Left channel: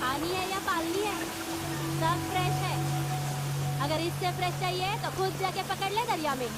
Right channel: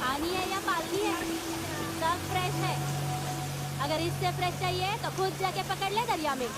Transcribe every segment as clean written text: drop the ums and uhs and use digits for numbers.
पानी है या पालनी है, सब फ्रेश है। अगर इससे फ्रेश चाहिए तो खुद जाके पकड़ ले दरिया में।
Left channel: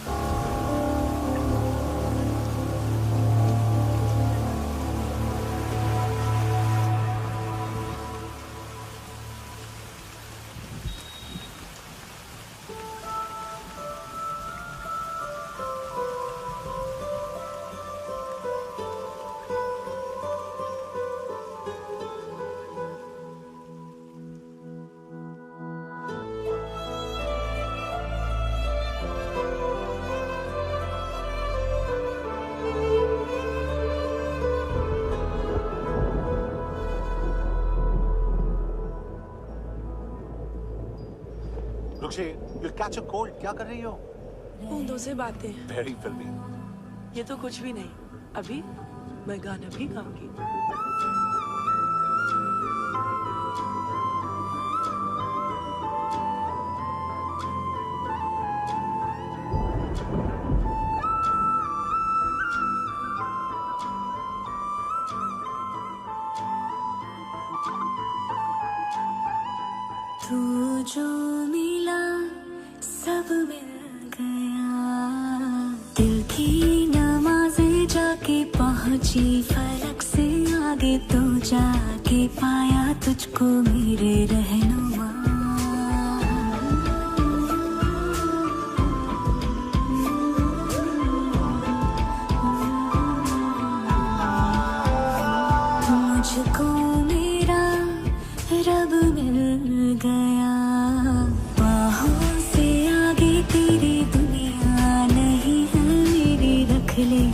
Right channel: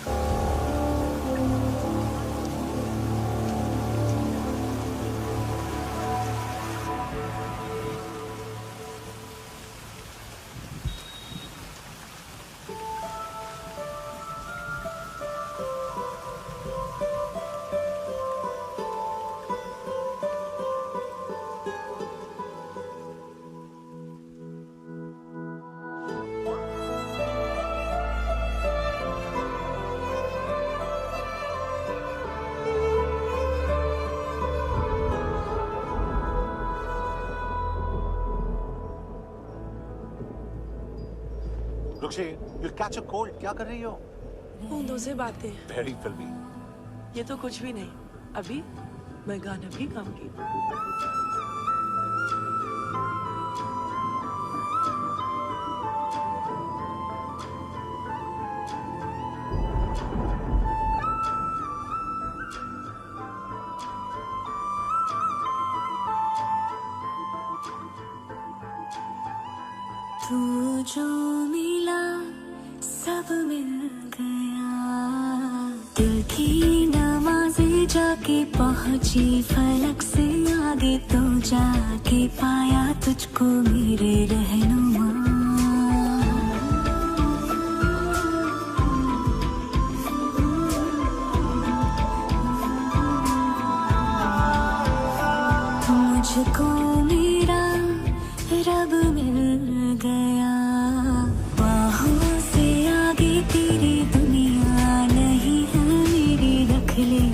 रुक्षी, you'll catch a cold. क्या कर रही हो? बूंदों से बातें। Very filmy. ये तो कुछ भी नहीं। अभी मैं गाना भी गाऊंगी। तू जो मिला सब मिल गया, दिल की नमाज़ें जाके पहुंची फलक से आगे, तो जाके पाया तुझको मेरे रहनुमा। मुझको मेरा रब मिल गया, बाहों से आगे तेरी दुनिया नहीं है मेरी, रख ले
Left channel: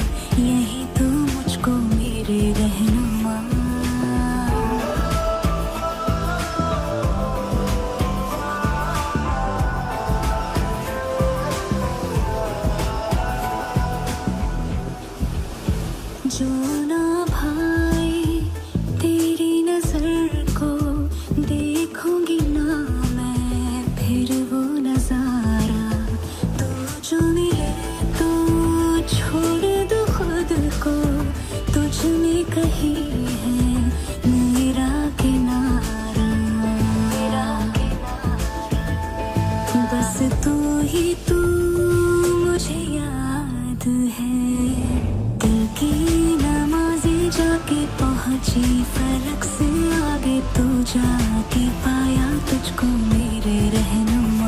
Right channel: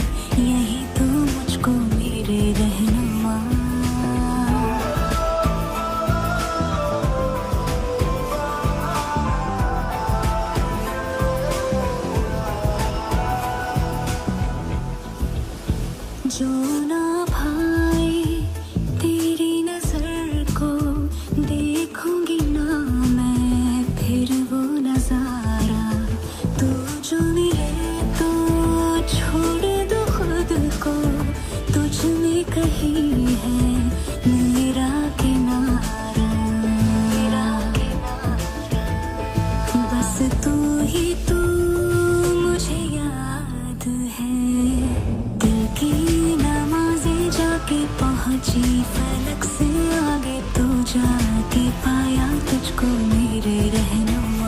यही तो मुझको मेरे रहनुमा। जो ना भाई तेरी नजर को देखूंगी ना मैं फिर वो नजारा, तू जो मिले तो छोड़ दो खुद को, तुझ में कहीं है मेरा किनारा। बस तू ही तू मुझे याद है, दिल की नमाज़ें जाके पहुंची फलक से आगे, तो जाके पाया तुझको मेरे रहनुमा।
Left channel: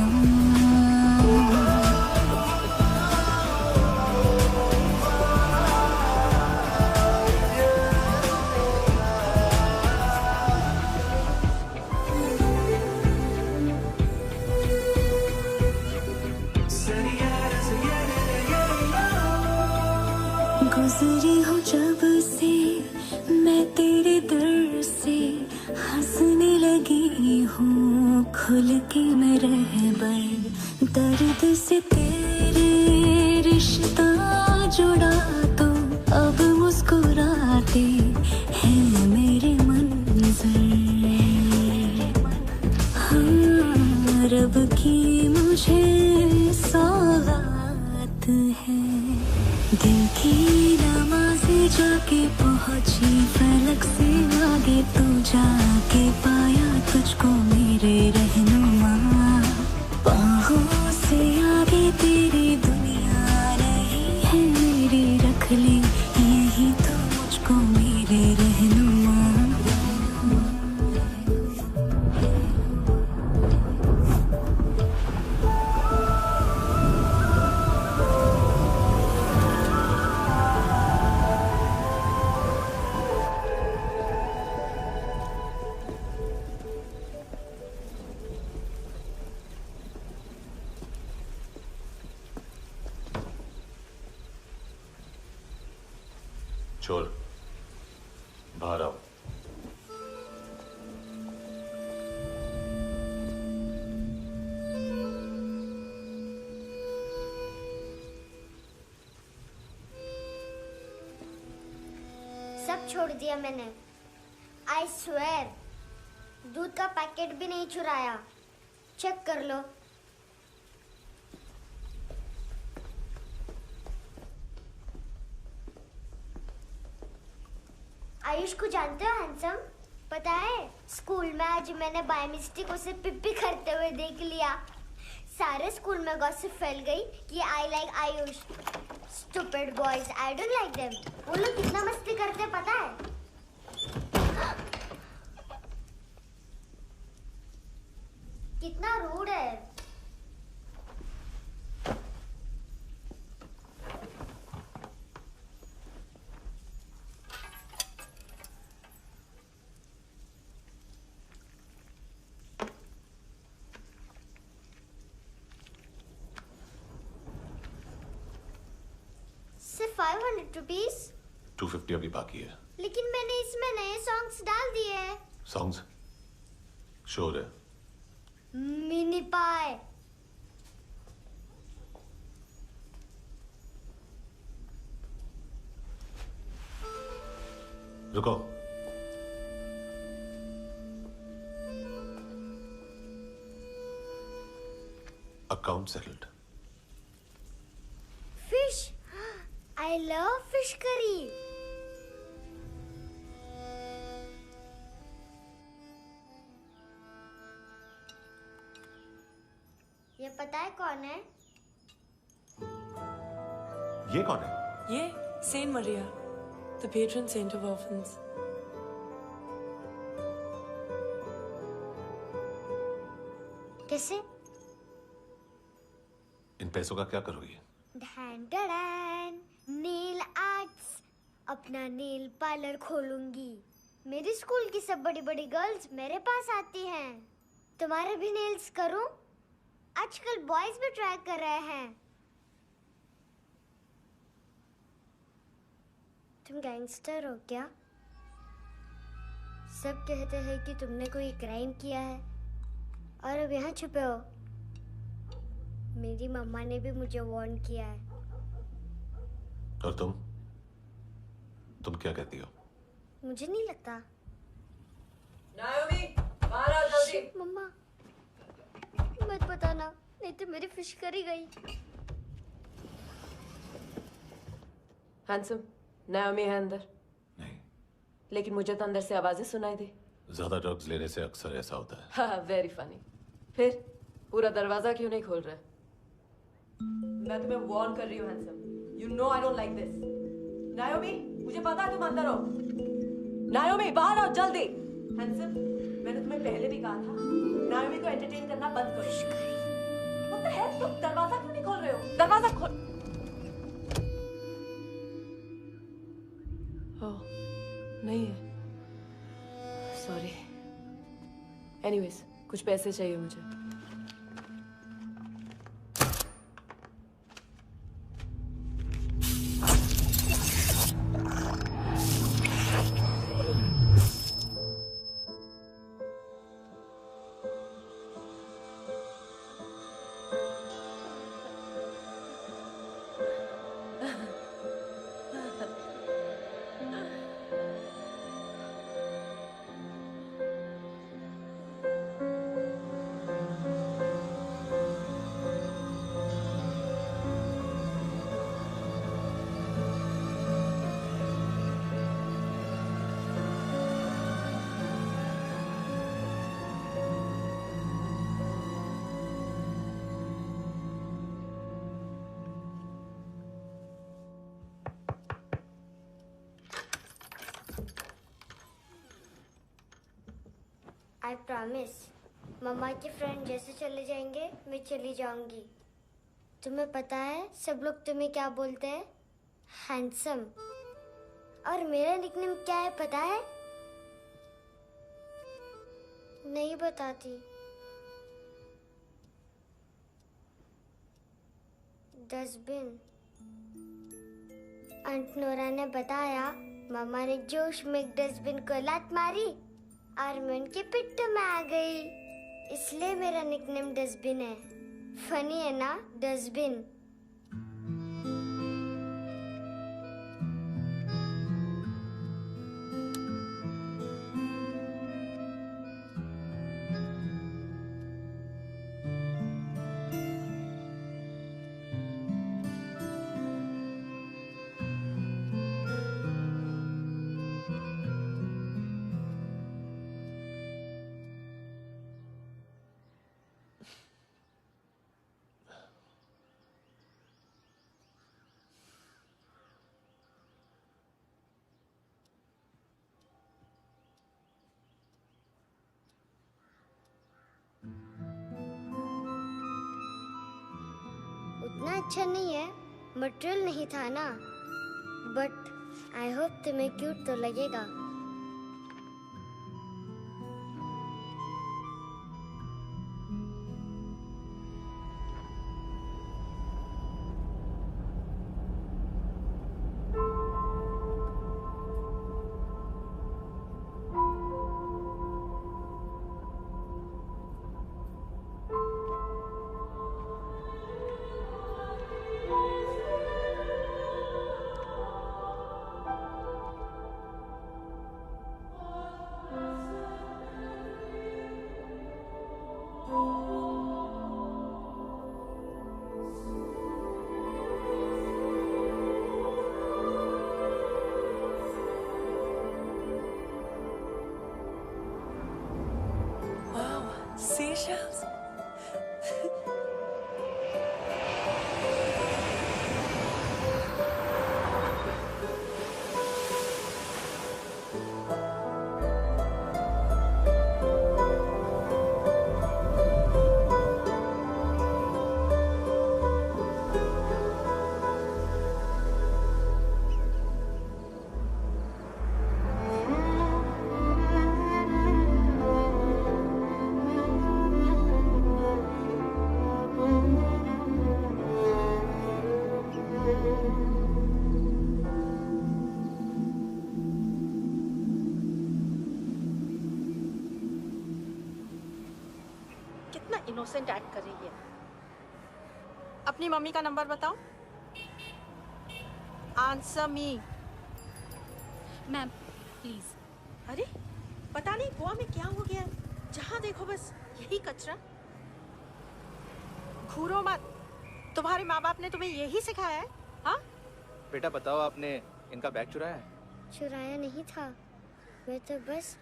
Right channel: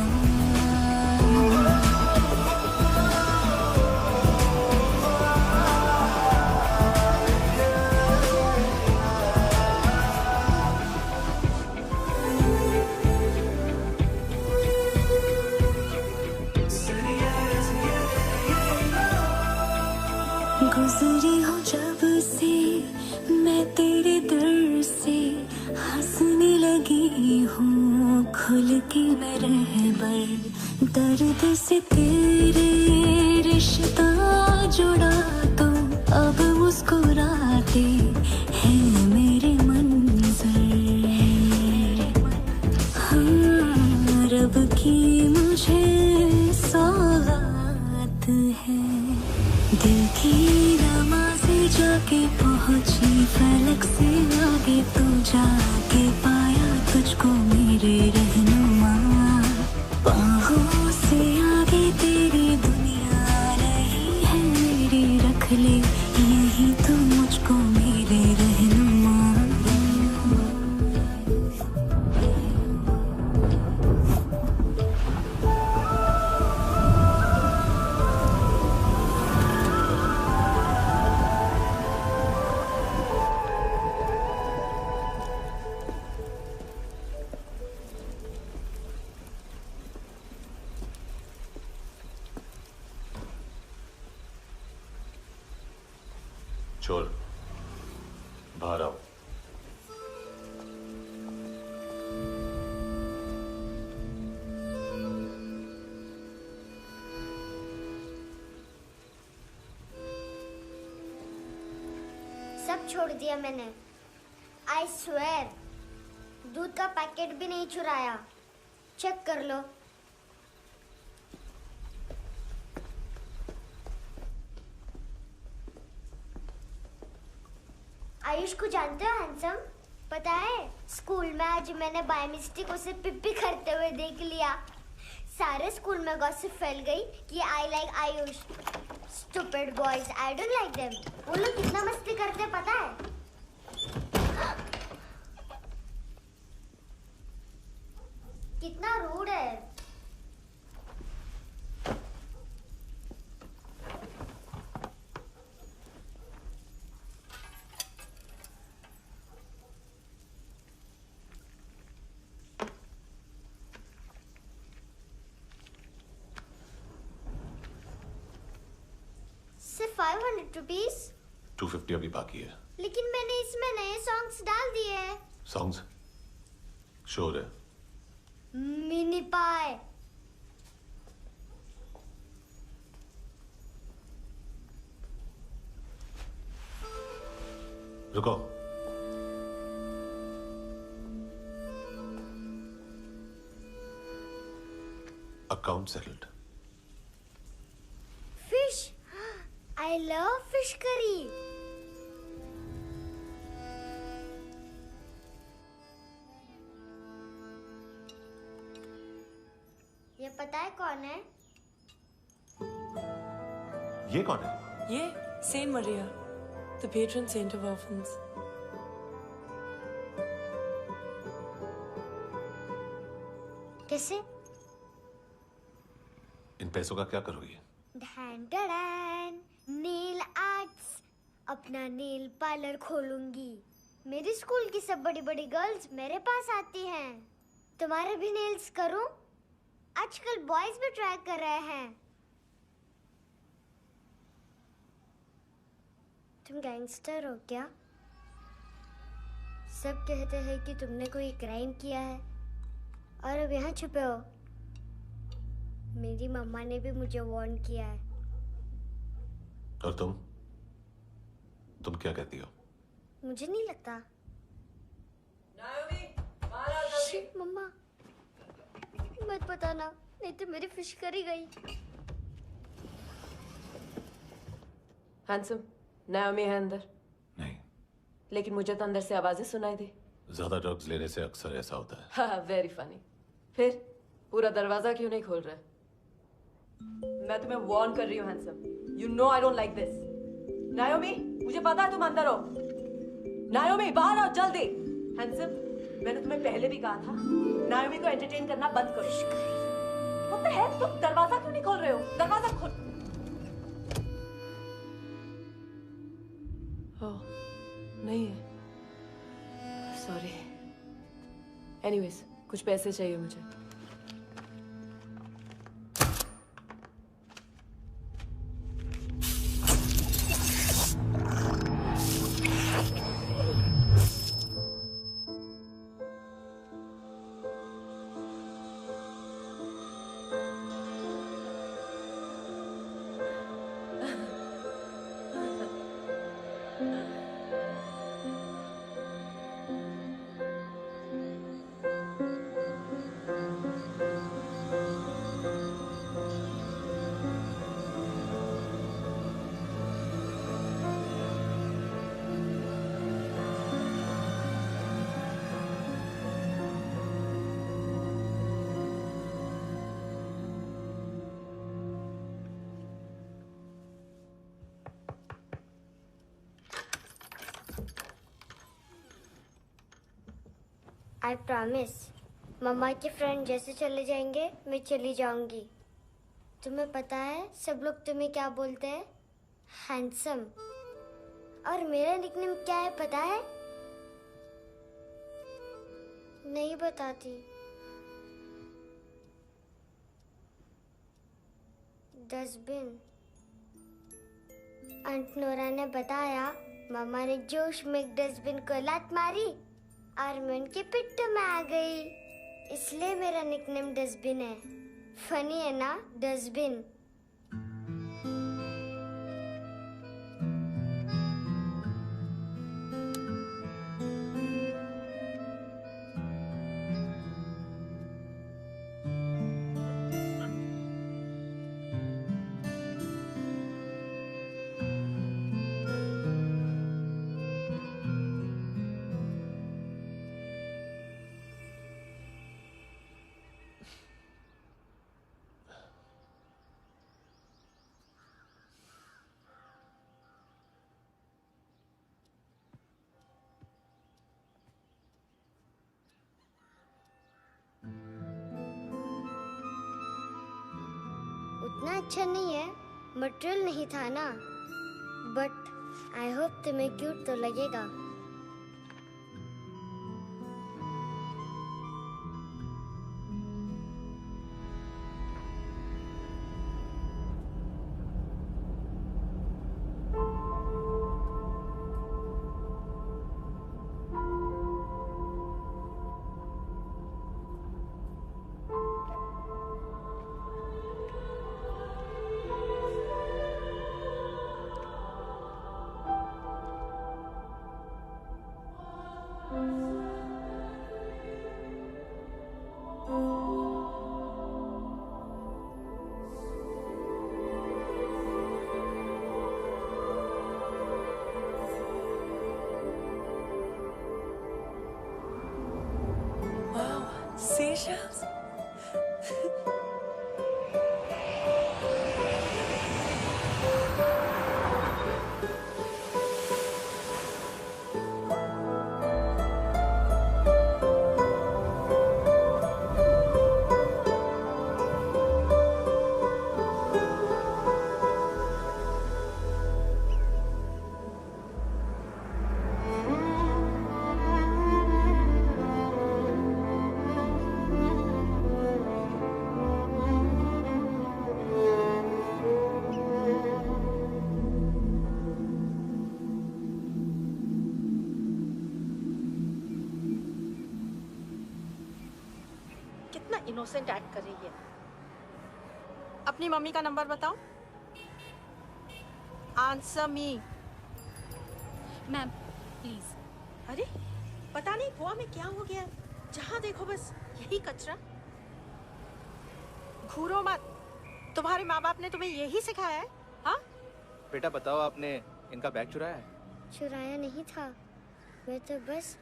गुजरी हूँ जब से मैं तेरे दर से, हंसने लगी हूँ खुल के मैं रहबर, दर्द से तेरे रिश्ता जुड़ा तो अब मुस्कुराते हैं मेरे मंजर। हाँ, रब की मुझे सौगात है, दिल की नमाज़ें जाके पहुंची फलक से आगे, तो जाके पाया तुझको मेरे रहनुमा। बाहों से आगे तेरी दुनिया नहीं है मेरी, रख ले यही तो मुझको मेरे रहनुमा। चोर, बाहर आओ। छोड़ दिया मैंने। आई स्वेयर, दूध का पैकेट भी नहीं चुराया। चेक कर लो। आयुष को जानते हो हैंडसम? पता है, स्कूल में आज मैंने बाय मिस्टेक उसे पिप्पी करते हुए देख लिया। सारे स्कूल में गॉसिप फैल गई कि I like Ayush. Stupid boys, I don't like them. वो लोग कितना मस्ती करते पता है? कितना रूड है। सिर्फ 500 रुपीस? 250 अभी बाकी है। लेकिन मैंने इसमें नए सॉन्ग्स डाल दिए हैं। सॉन्ग्स? श्योर है? मिनी पाए। रुको। Account settled. Fish, I love fish curry. ये पता है कौन है? ये कौन है? ये Saint Maria, the patron saint of orphans. कैसे? इन पैसों का क्या करोगी? ढैन ढैन, नेल आर्ट्स। अपना नेल पार्लर खोलूंगी। मेरे स्कूल की सब बड़ी बड़ी गर्ल्स मेरे पास आती हैं। तुम्हारे भी नेल्स करूं? आजकल बॉयज भी ट्राई कर रहे हैं। तुम गैंगस्टर हो क्या? सब कहते हैं कि तुमने कोई क्राइम किया है और अब यहाँ छुपे हो। मेरी मम्मा ने भी मुझे वार्न किया है। और तुम क्या कहती हो? मुझे नहीं लगता। नायोमी, बाहर आओ जल्दी। शिट, मम्मा मत बताना, नहीं तो मेरी फिश करी गई। हैंडसम, नायोमी है अंदर। नहीं। लेकिन मुझे तो अंदर से आवाजें सुनाई दी। ज्यादा ड्रग्स लेने से अक्सर ऐसा होता है। हाँ, वेरी फनी। फिर पूरा दरवाजा क्यों नहीं खोल रहे? मैं तुम्हें वार्न कर रही हूँ handsome. You know I don't like this. नायोमी, मुझे पता है तुम अंदर हो। नायोमी, बाहर आओ जल्दी। हैंडसम, मैंने तुम्हें पहले भी कहा था नायोमी को एंटरटेन करना बंद करो। What the hell? तुम दरवाजा क्यों नहीं खोल रहे हो? दरवाजा खोल। ओह, नहीं है। सॉरी। एनीवेज, कुछ पैसे चाहिए मुझे। आई प्रॉमिस, मम्मा के फ्रेंड जैसे चले जाएंगे मैं चली जाऊंगी। तुम्हें पता है सब लोग तुम्हें क्या बोलते हैं? हैंडसम। और मेरा निकनेम क्या है पता है? नहीं बताती। डस्टबिन। आंट नोरा ने बताया, मम्मा ने जोश में एक डस्टबिन को लात मारी और मैं उनके पिट्ठू में आ गई, इसलिए मेरा निकनेम डस्टबिन है। फनी है ना, डस्टबिन। उतना अच्छा नहीं है, मटेरियल नहीं था ना, बट आई होप तुम्हें क्यूट तो लगेगा। Wow, seashells? कितना इनोसेंट एक्ट कर रही है। अपनी मम्मी का नंबर बताओ। Answer me. Ma'am please. अरे पता नहीं गोवा में क्या हो गया है, जहाँ देखो बस यही कचरा। घूरो मत, तुम्हारे माँ बाप ने तुम्हें यही सिखाया है? हाँ बेटा बताओ, आपने इनका बैग चुराया है? चुराया नहीं था, मैं तो बस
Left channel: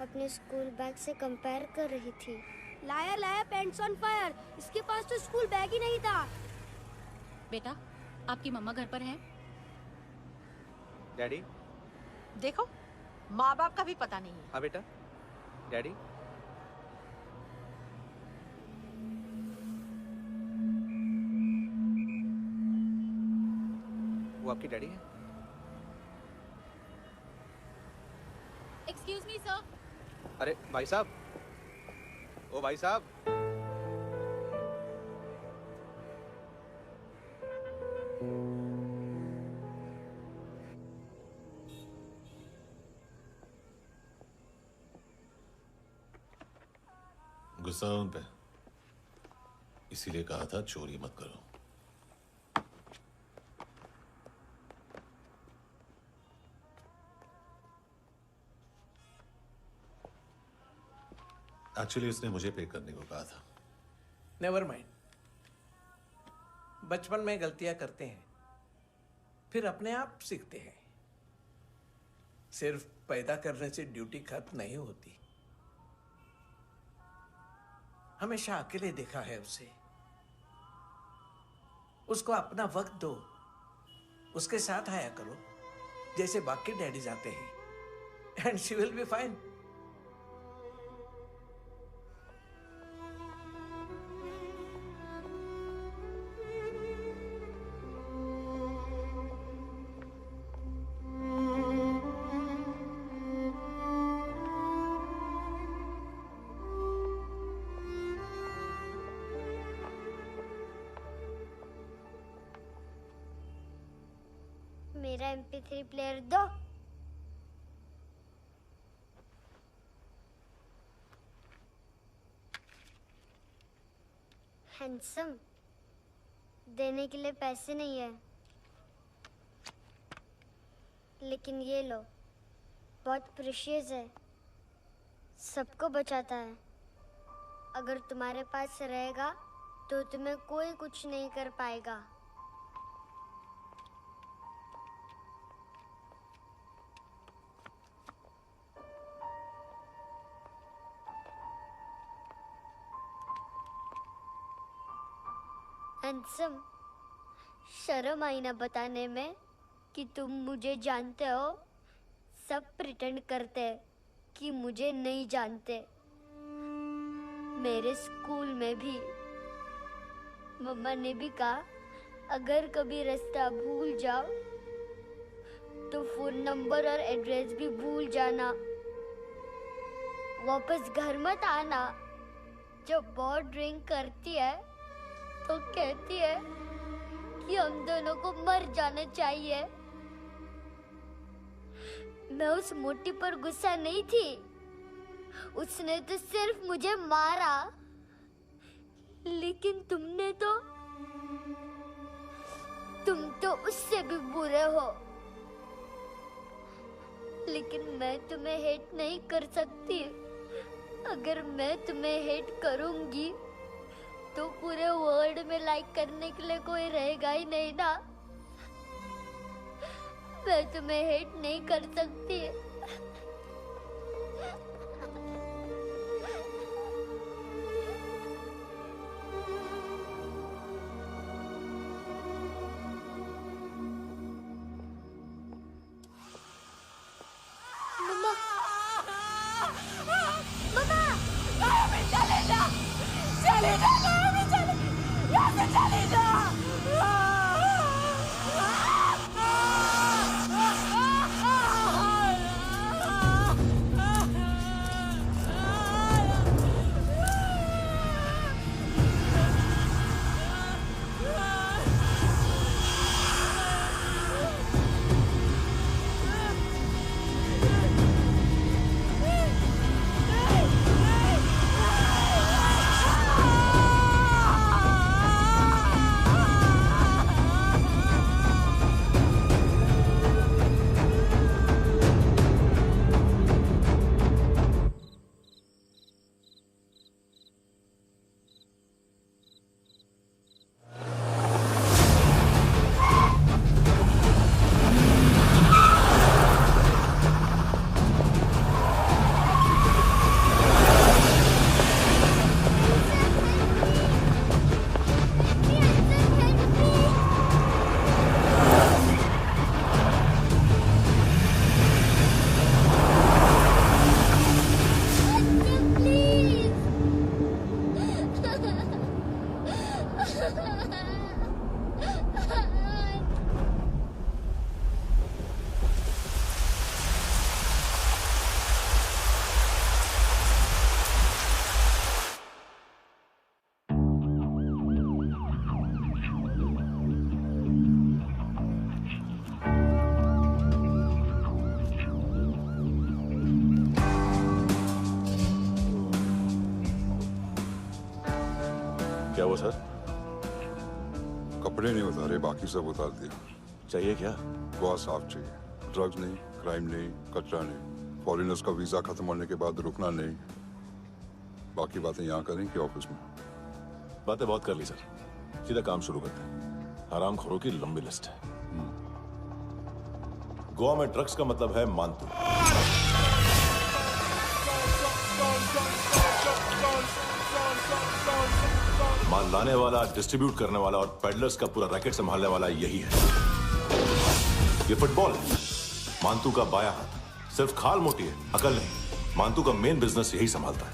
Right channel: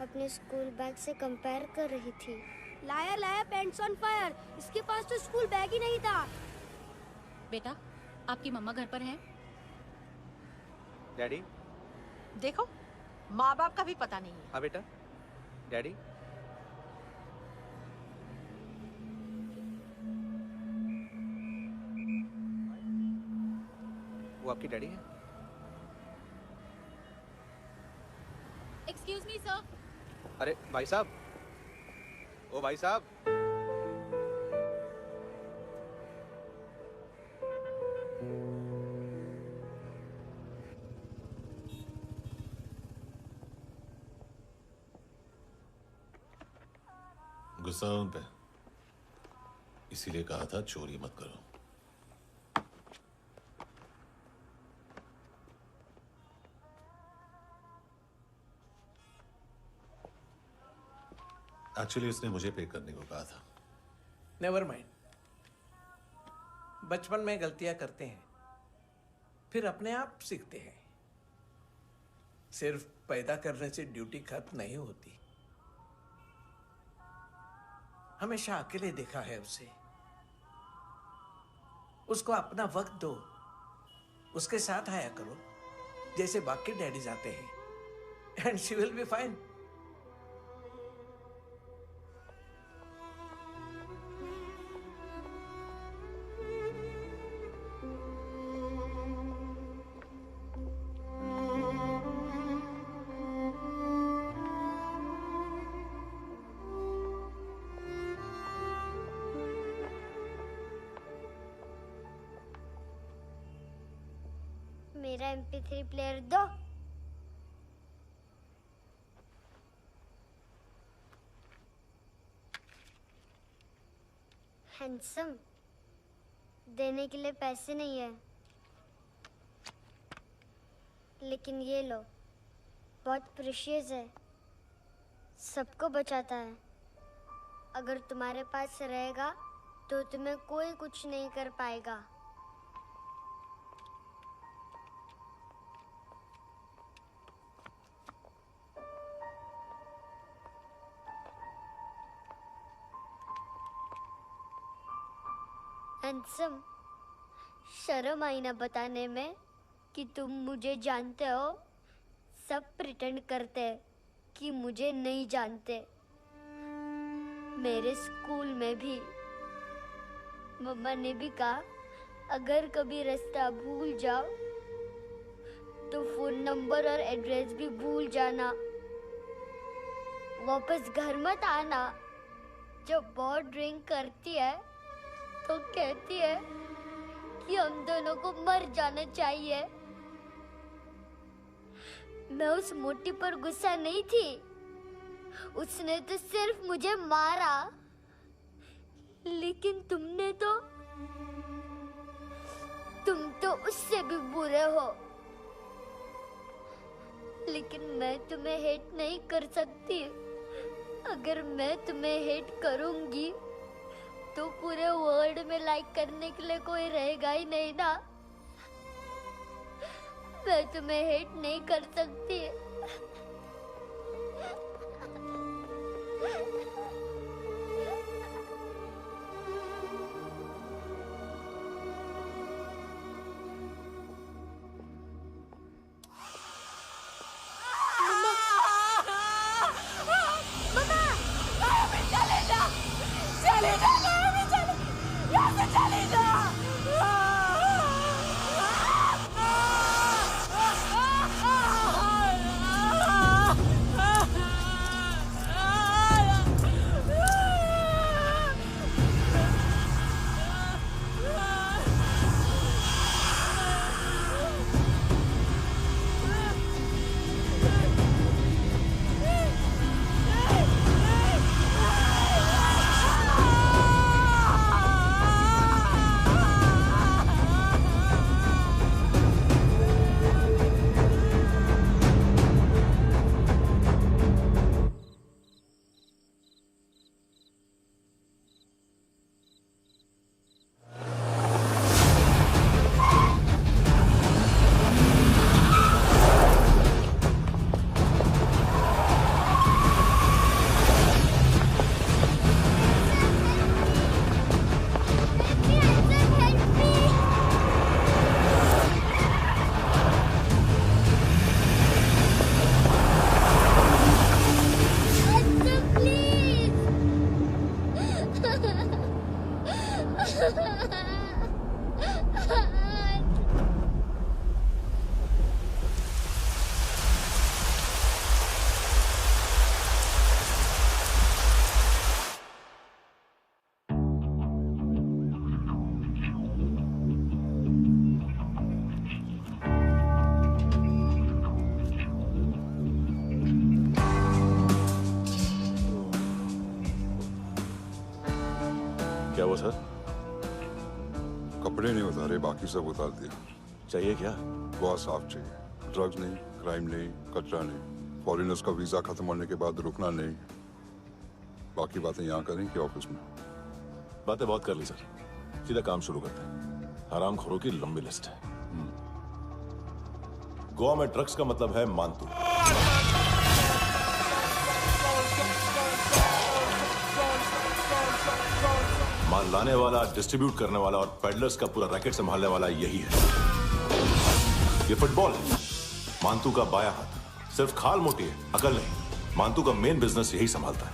अपने स्कूल बैग से कंपेयर कर रही थी। लाया लाया पैंट्स ऑन फायर, इसके पास तो स्कूल बैग ही नहीं था। बेटा आपकी मम्मा घर पर हैं? डैडी? देखो माँ बाप का भी पता नहीं है। हाँ बेटा। डैडी? वो आपकी डैडी है? Excuse me sir. अरे भाई साहब, ओ भाई साहब। गुस्सा उन पे, इसीलिए कहा था चोरी मत करो। एक्चुअली उसने मुझे पे करने को कहा था। नेवर माइंड, बचपन में गलतियां करते हैं, फिर अपने आप सीखते हैं। सिर्फ पैदा करने से ड्यूटी खत्म नहीं होती। हमेशा अकेले देखा है उसे। उसको अपना वक्त दो, उसके साथ आया करो जैसे बाकी डैडीज आते हैं, and she will be fine. मेरा MP3 प्लेयर दो। हैंडसम, देने के लिए पैसे नहीं है, लेकिन ये लो, बहुत प्रेशियस है, सबको बचाता है। अगर तुम्हारे पास रहेगा तो तुम्हें कोई कुछ नहीं कर पाएगा। हैंडसम, शर्म आई ना बताने में कि तुम मुझे जानते हो। सब प्रिटेंड करते हैं कि मुझे नहीं जानते। मेरे स्कूल में भी मम्मा ने भी कहा अगर कभी रास्ता भूल जाओ तो फोन नंबर और एड्रेस भी भूल जाना। वापस घर मत आना। जब बहुत ड्रिंक करती है तो कहती है कि हम दोनों को मर जाना चाहिए। मैं उस मोटी पर गुस्सा नहीं थी, उसने तो सिर्फ मुझे मारा। लेकिन तुम तो उससे भी बुरे हो। लेकिन मैं तुम्हें हेट नहीं कर सकती। अगर मैं तुम्हें हेट करूंगी तो पूरे वर्ल्ड में लाइक करने के लिए कोई रहेगा ही नहीं ना। मैं तुम्हें हेट नहीं कर सकती। क्या हुआ सर? कपड़े नहीं उतारे, बाकी सब उतार दिया। चाहिए क्या? गोवा साफ चाहिए। ड्रग्स नहीं, क्राइम नहीं, कचरा नहीं। फॉरेनर्स का वीजा खत्म होने के बाद रुकना नहीं। बाकी बातें यहाँ करें कि ऑफिस में? बातें बहुत कर ली सर, सीधा काम शुरू करते हैं। हरामखोरों की लंबी लिस्ट है। गोवा में ड्रग्स का मतलब है मानतू। माल लाने वाला, डिस्ट्रीब्यूट करने वाला और पेडलर्स का पूरा रैकेट संभालने वाला यही है। ये फुटबॉल है, मानतू का बायां हाथ। सिर्फ खाल मोटी है, अकल नहीं। मानतू का मेन बिजनेस यही संभालता है।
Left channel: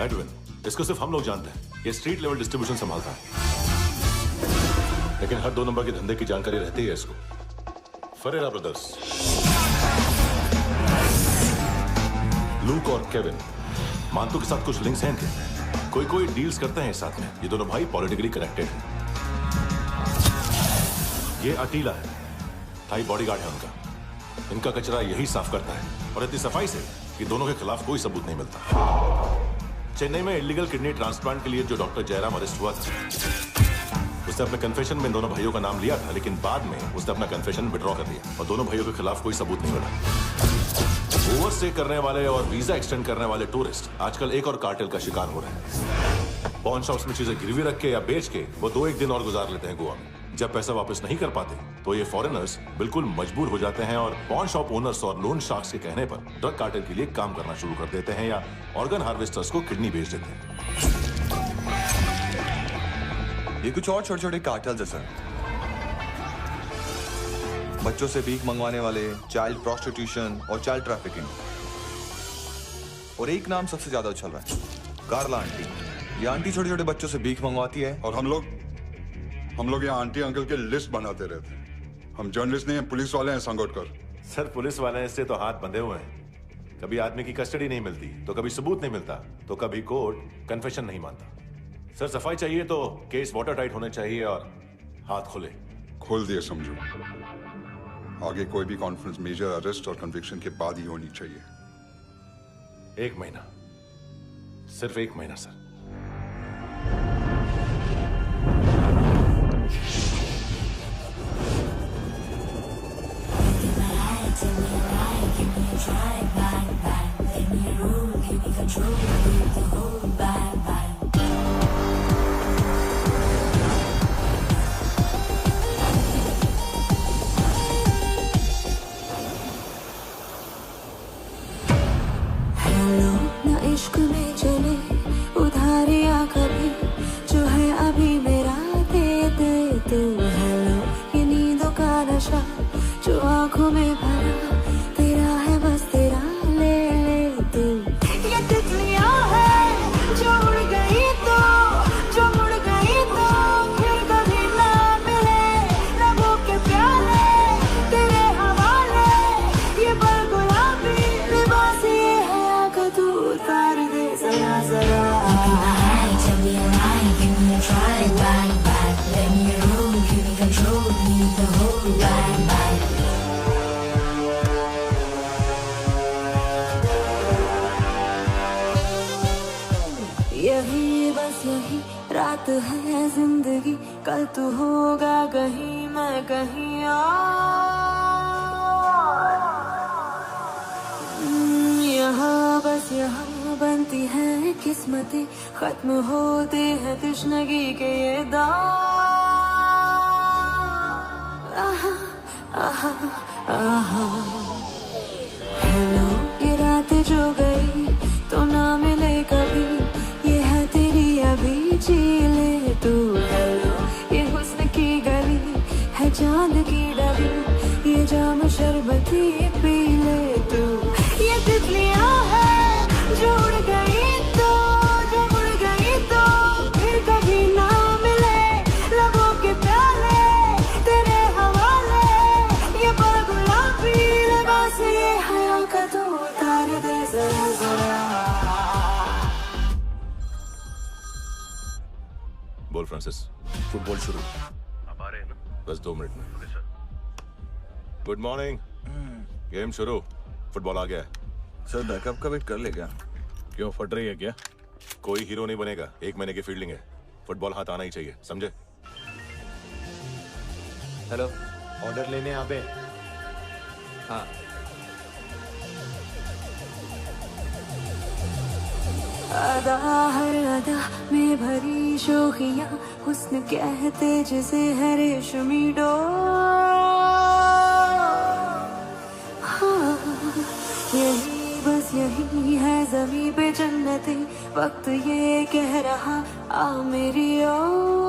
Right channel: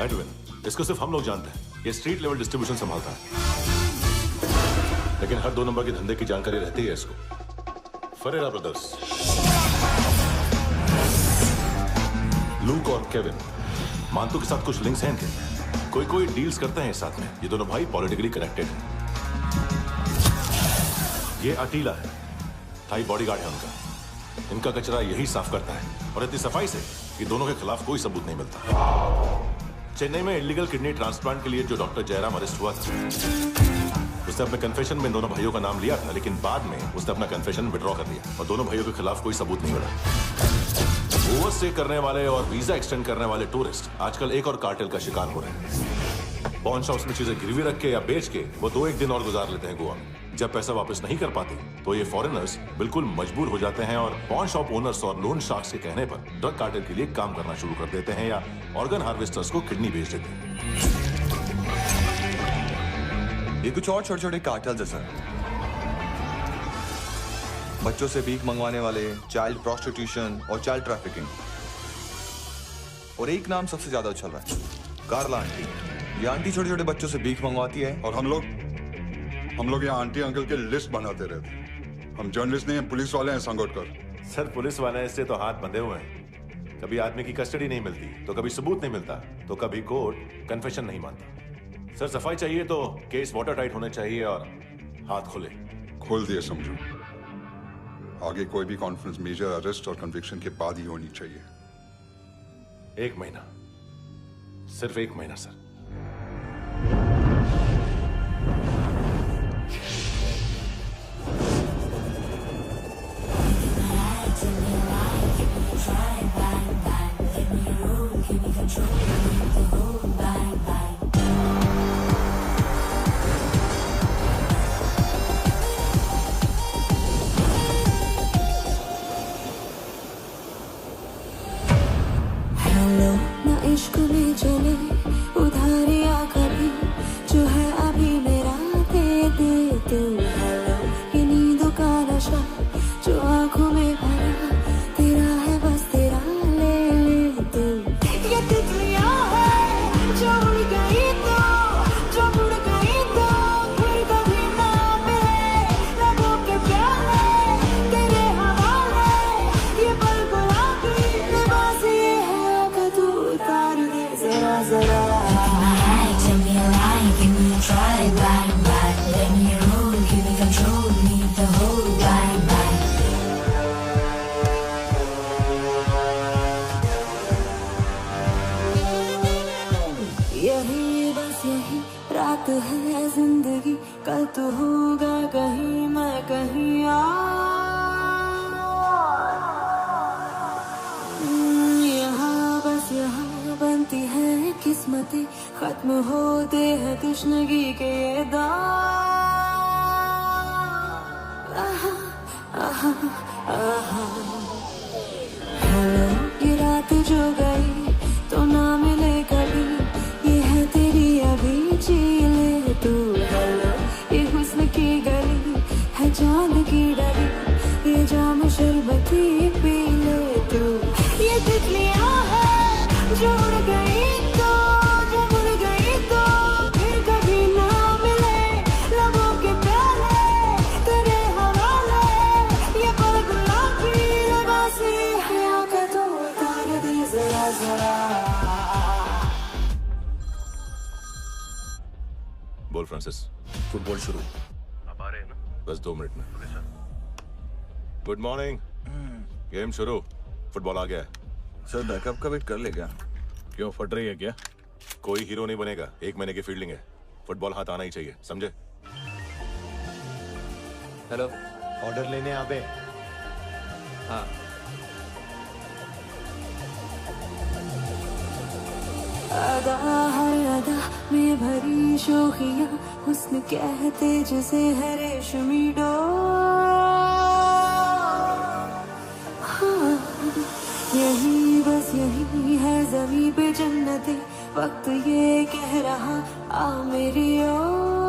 एडविन, इसको सिर्फ हम लोग जानते हैं। ये स्ट्रीट लेवल डिस्ट्रीब्यूशन संभालता है, लेकिन हर 2 नंबर के धंधे की जानकारी रहती है इसको। फरेरा ब्रदर्स, लूक और केविन, मानतू के साथ कुछ लिंक्स हैं इनके। कोई डील्स करते हैं साथ में। ये दोनों भाई पॉलिटिकली कनेक्टेड हैं। ये अटीला है, थाई बॉडीगार्ड है उनका। इनका कचरा यही साफ करता है और इतनी सफाई से कि दोनों के खिलाफ कोई सबूत नहीं मिलता। चेन्नई में इलीगल किडनी ट्रांसप्लांट के लिए जो डॉक्टर जयराम अरेस्ट हुआ था, उसने अपने कन्फेशन में दोनों भाइयों का नाम लिया था, लेकिन बाद में उसने अपना कन्फेशन विड्रॉ कर दिया और दोनों भाइयों के खिलाफ कोई सबूत नहीं मिला। ओवरस्टे करने वाले और वीजा एक्सटेंड करने वाले टूरिस्ट आजकल एक और कार्टेल का शिकार हो रहे हैं। पॉन शॉप्स में चीजें गिरवी रख के या बेच के वो 2-1 दिन और गुजार लेते हैं गोवा में। जब पैसा वापस नहीं कर पाते तो ये फॉरेनर्स बिल्कुल मजबूर हो जाते हैं और पॉन शॉप ओनर्स और लोन शार्क्स के कहने पर ड्रग कार्टेल के लिए काम करना शुरू कर देते हैं या ऑर्गन हार्वेस्टर्स को किडनी बेच देते हैं। ये कुछ और छोटे छोटे कार्टेल्स है सर। बच्चों से भीख मंगवाने वाले, चाइल्ड प्रोस्टिट्यूशन और चाइल्ड ट्रैफिकिंग। और एक नाम सबसे ज्यादा उछल रहा है, कार्ला आंटी। ये आंटी छोटे छोटे बच्चों से भीख मंगवाती है। और हम लोग यहाँ आंटी अंकल के लिस्ट बनाते रहते हैं। हम जर्नलिस्ट नहीं हैं, पुलिस वाले हैं संगोटकर। सर पुलिस वाले इससे तो हाथ बंधे हुए हैं। कभी आदमी की कस्टडी नहीं मिलती, तो कभी सबूत नहीं मिलता, तो कभी कोर्ट कन्फेशन नहीं मानता। सर सफाई चाहिए तो केस वाटर टाइट होने चाहिए और हाथ खुले। खोल दिए समझो। आगे कोई भी कॉन्फ्रेंस मेजर अरेस्ट और कन्विक्शन के बाद ही होनी चाहिए। 1 महीना, सिर्फ 1 महीना सर। हेलो ना इश्क में चले उधारिया कभी, जो है अभी मेरा दे दे तू। हेलो ये नींदों का नशा जो आंखों में भरा, तेरा है बस तेरा, ले ले तू। ये तितलियां है जो उड़ गई तो, जो उड़ गई तो फिर कभी ना मिले। लबों के प्याले तेरे हवाले, ये पल गुलाबी लिबास ये है आका, तू उतार दे जरा जरा। Tell me a lie, give me a try, bye bye. Let me roll, give me control, need the whole bye bye. यही बस यही रात है जिंदगी, कल तो होगा कहीं मैं कहीं और। यहाँ बस यहाँ बनती है किस्मतें, खत्म होते हैं तश्नगी के ये दाग। आहा आहा आहा। हेलो ये रात जो गई तो ना मिले कभी, ये है तेरी अभी, जी ले तू। हेलो ये हुस्न की गली है चांद की डली, ये जाम शरबती पी ले तू। ये तितलियां है जो उड़ गई तो, जो उड़ गई तो फिर कभी ना मिले। लबों के प्याले तेरे हवाले, ये पल गुलाबी लिबास ये हया का, तो उतार दे जरा जरा। बोल फ्रांसिस। फुटबॉल शुरू। आप आ रहे हैं ना? बस 2 मिनट में। Good morning. गेम शुरू, फुटबॉल आ गया है। सर बैकअप का वेट कर ले क्या? क्यों फट रही है क्या? कोई हीरो नहीं बनेगा, 1 महीने की फील्डिंग है। फुटबॉल हाथ आना ही चाहिए, समझे? हेलो, ऑर्डर लेने आबे। हाँ। अदा हर अदा में भरी शोखियां, हुस्न कहते जिसे है रेशमी डोर। हाँ, यही बस यही है ज़मीं पे जन्नते, वक्त ये कह रहा आ मेरी ओर।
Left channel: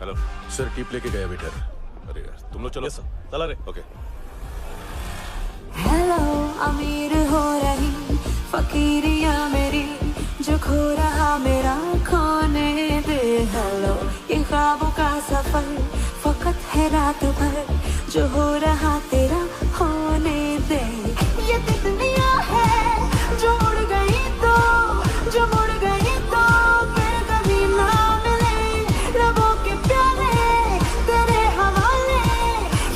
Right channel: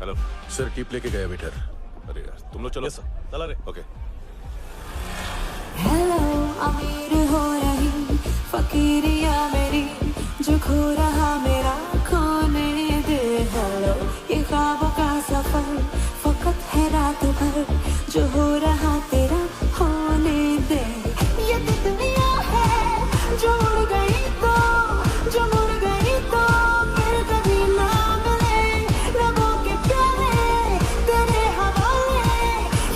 हेलो सर, टिप लेके गया वेटर। अरे यार तुम लोग चलो। चला रे। ओके। हेलो अमीर हो रही फकीरिया मेरी, जो खो रहा मेरा खोने दे। हेलो ये ख्वाबों का सफर फकत है रात भर, जो हो रहा तेरा होने दे। ये तितलियां है जो उड़ गई तो, जो उड़ गई तो फिर कभी ना मिले। रबों के प्याले तेरे हवाले,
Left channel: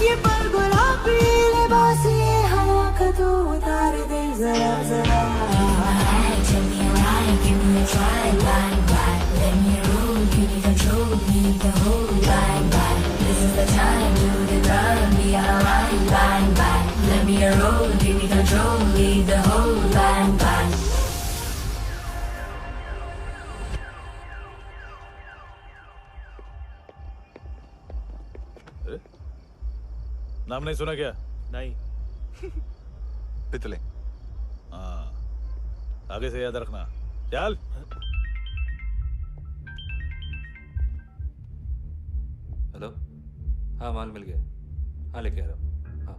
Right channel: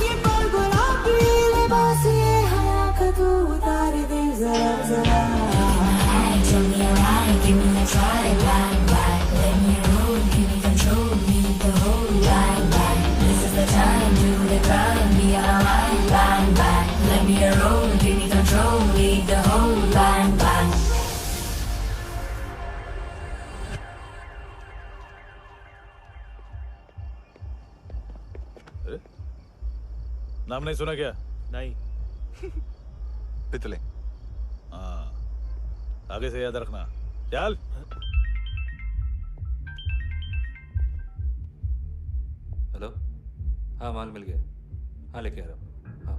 ये पल गुलाबी लिबास ये हवा का, तू उतार दे जरा जरा। Tell me a lie, give me a try, bye bye. Let me roll, give me control, need the whole bye bye. This is the time, do the crime, be online, bye bye. Let me roll, give me control, leave the whole bye bye. नाम नहीं सुना क्या? नहीं। पितले। हाँ, आगे से याद रखना। चल। हेलो, हाँ माल मिल गया, हाँ लेके आ रहा हूँ, हाँ।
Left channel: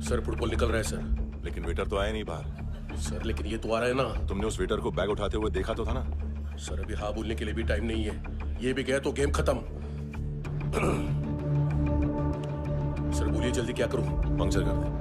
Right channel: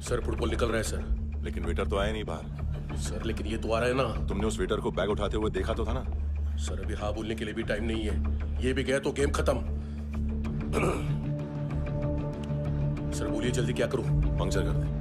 सर फुटबॉल निकल रहा है सर। लेकिन वेटर तो आया नहीं बाहर। सर लेकिन ये तो आ रहा है ना। तुमने उस वेटर को बैग उठाते हुए देखा तो था ना। सर अभी हाँ बोलने के लिए भी टाइम नहीं है, ये भी गया तो गेम खत्म। सर बोलिए जल्दी क्या करूं? पंक्चर कर दे।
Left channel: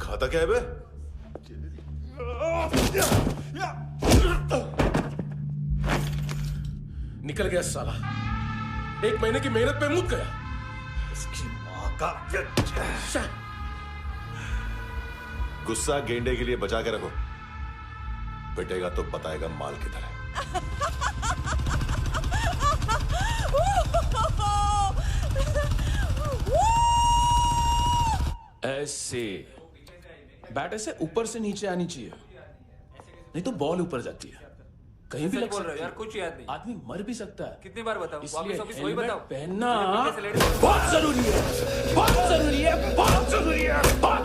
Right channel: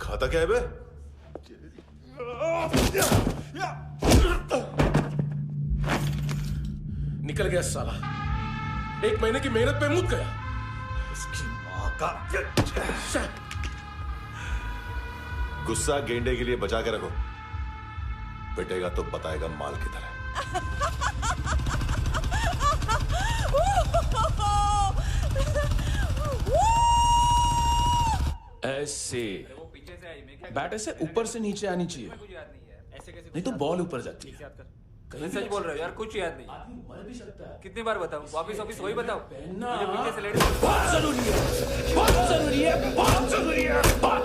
खाता क्या है बे? निकल गया साला, 1 महीने की मेहनत पे मुद गया। इसकी माँ का गुस्सा गेंडे के लिए बचा के रखो, पिटेगा तो बताएगा माल किधर है। ऐसे बैट ऐसे ऊपर से नीचे आनी चाहिए, नहीं तो बॉल ऊपर जाती है। कहीं भी बोल रहे हो यार, कुछ याद नहीं। आदमी मर भी सकता है। कितनी बार बताऊं? वापिस वही बताओ। पहनना बहुत जरूरी है, बहुत जरूरी है, बहुत जरूरी है, बहुत।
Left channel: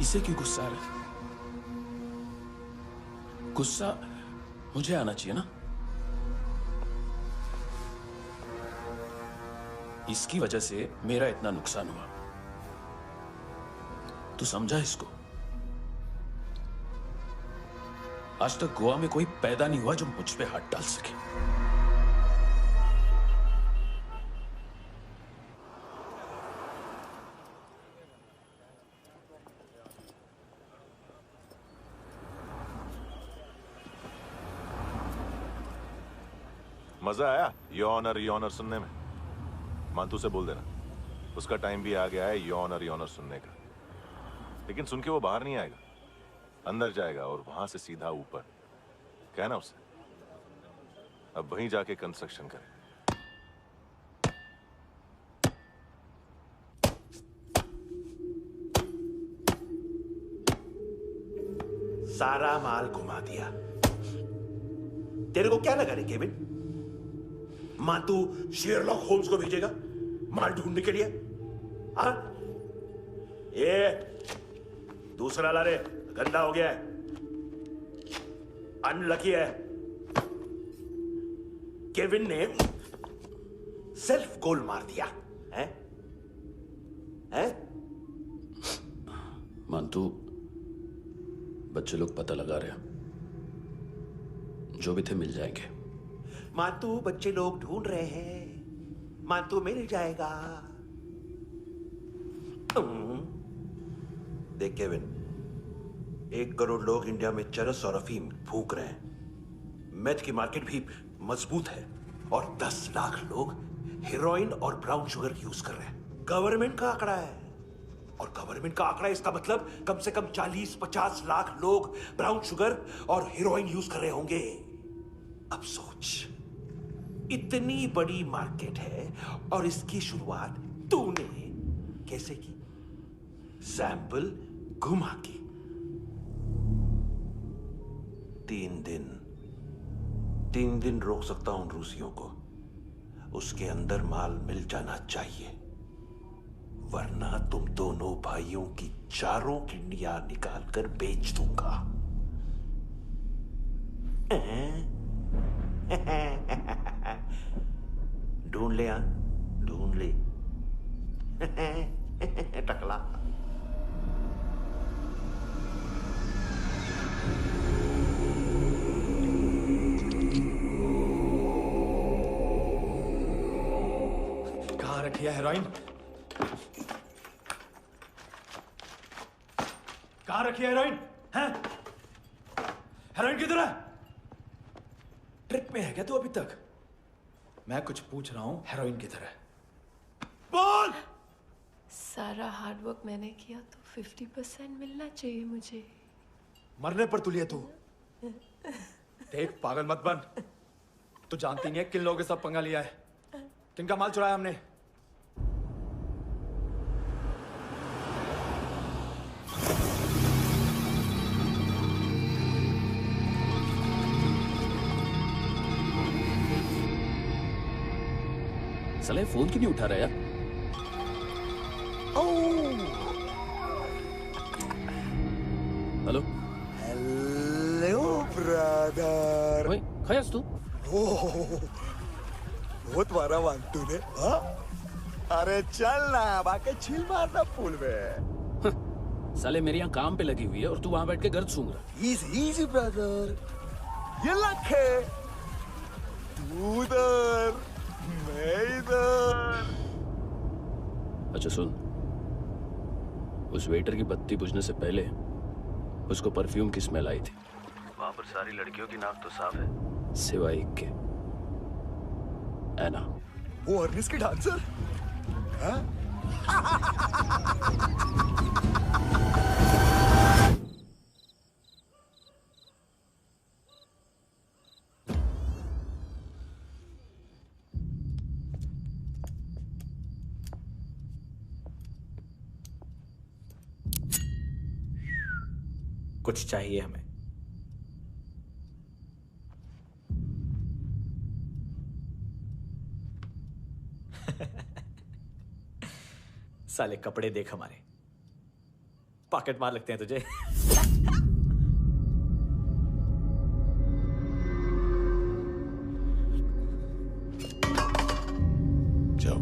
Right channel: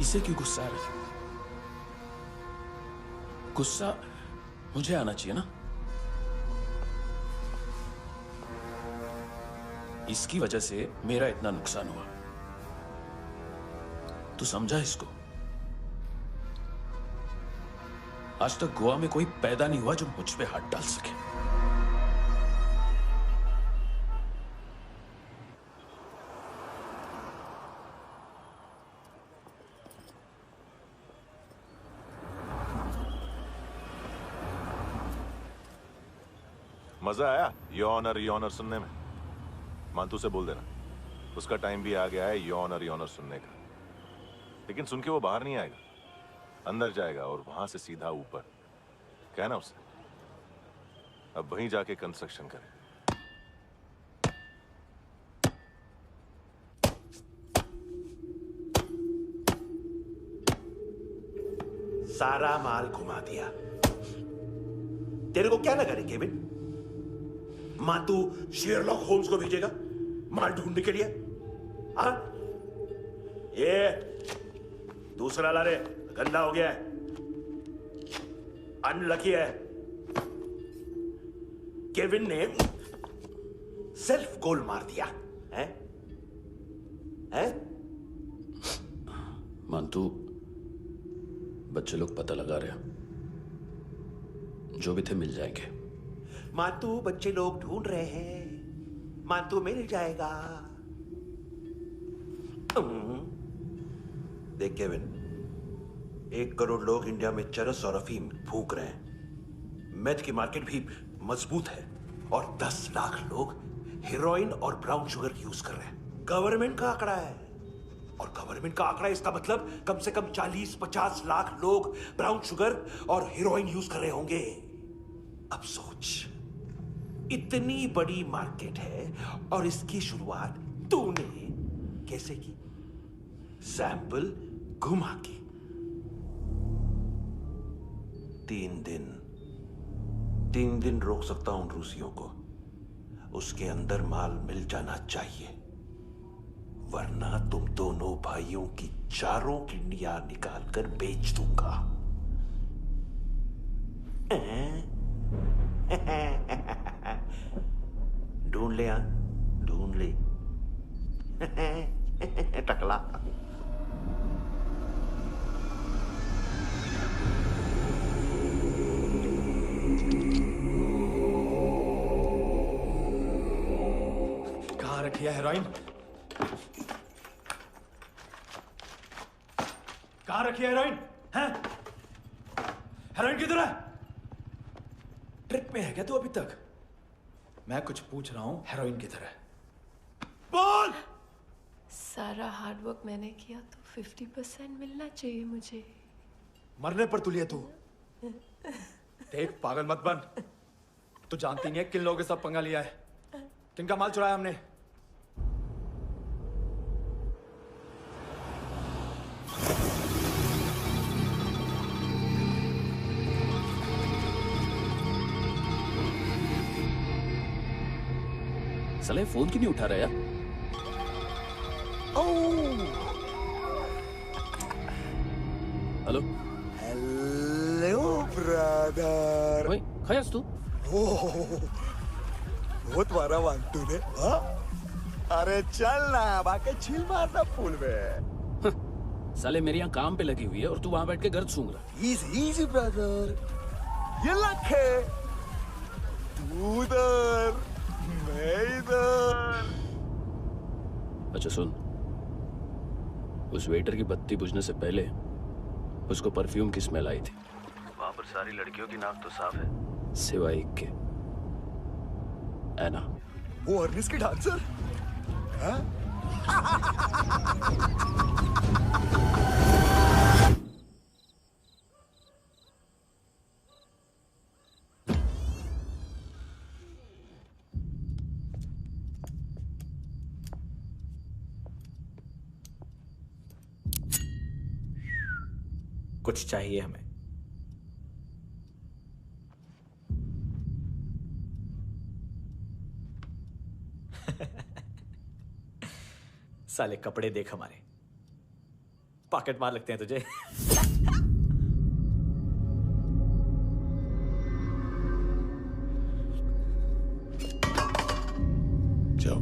इसे क्यों गुस्सा आ रहा है? गुस्सा मुझे आना चाहिए ना। इसकी वजह से मेरा इतना नुकसान हुआ, तू समझा इसको? आज तक गोवा में कोई पैदा नहीं हुआ जो मुझ पे हाथ डाल सके। मजा आया यॉनर सुनने में? मांतू से बोल देना उसका टाइम भी आ गया है यॉनर सुनने का। लेकिन सुन के वो बाहर नहीं आएगा, अंदर जाएगा और वहां से सीधा ऊपर। कहना उससे अब वहीं जाके कंस्ट्रक्शन करे। सारा माल घुमा दिया। तेरे को क्या लगा रे केविन, मातू शेरलॉक होम्स को भेजेगा माल ढूंढने के लिए? हाँ, ये दूसरा ला रे, गंदा हो गया है, अनलकी है। केविन ने सेल्फ गोल मार दिया है? हैं? मानतू, बच्चे लोग पता लगा रहे हैं, जो भी थे मिल जाएंगे। मातू बच्चे लोग ढूंढ रहे हैं, मातू मिल जाएगा। देख केविन, 1 करोड़ लोग इंडिया में चरस और अफीम फूंक रहे हैं। मेथ की मार्केट भी मजबूत है और 10 लाख लोग हेरोइन और ब्राउन शुगर यूज कर रहे हैं। गवर्नमेंट का आंकड़ा है, और गवर्नमेंट का आंकड़ा इसका मतलब कम से कम 40-50 लाख लोग ब्राउन शुगर और हेरोइन यूज कर रहे होंगे। अब सोच, इतनी बड़ी मार्केट है और इसकी शुरुआत तूने कैसे की? सैंपल घुमा के। 3 दिन रोक सकता हूं रूसियों को, उसके अंदर माल मिल जाना चाहिए, वरना तुम दोनों भाइयों की 4 किडनियां निकालकर बेच दूंगा। ढूंढ ले, ढूंढ ले। टकला। कहाँ रखी है हेरोइन? कहाँ रखी है हेरोइन? हैं? हेरोइन किधर है? ट्रिप पे है क्या तू अभी तक? मैं कुछ पूछ रहा हूँ, हेरोइन किधर है? बोल! सारा हार्डवर्क मैंने किया तो 50% मिलना चाहिए मुझे। मरने पर तुलिए तू। देख पागल मत बन। तू जानती नहीं है किन लोगों के साथ पंगा लिया है, किनका माल चुराया हमने। साले फोन क्यों नहीं उठा रहा यार? Hello hello brother. ओए खयास तू? बहुत मारा वांग तूने, हाँ? अरे चल ना, बाकी छील मारना पुल में। साले मेरी यहाँ काम पे लगी हुई है और तू वहां बैठ के गर्द सूंघ रहा। इजी ब्रदर, ये लक है। तू उधर, मैं इधर। अच्छा सुन, उस वेटर की बत्ती बुझने से पहले उसको परफ्यूम की स्मेल आई थी। वहां पर सारी लड़कियों की नाक तो साफ है, सिवाय एक के, एना। वो अर्निस की डांसर? हाँ? कुछ चाहिए हमें। साले कपड़े देख हमारे, पॉकेट मार लगते हैं तुझे। जाओ।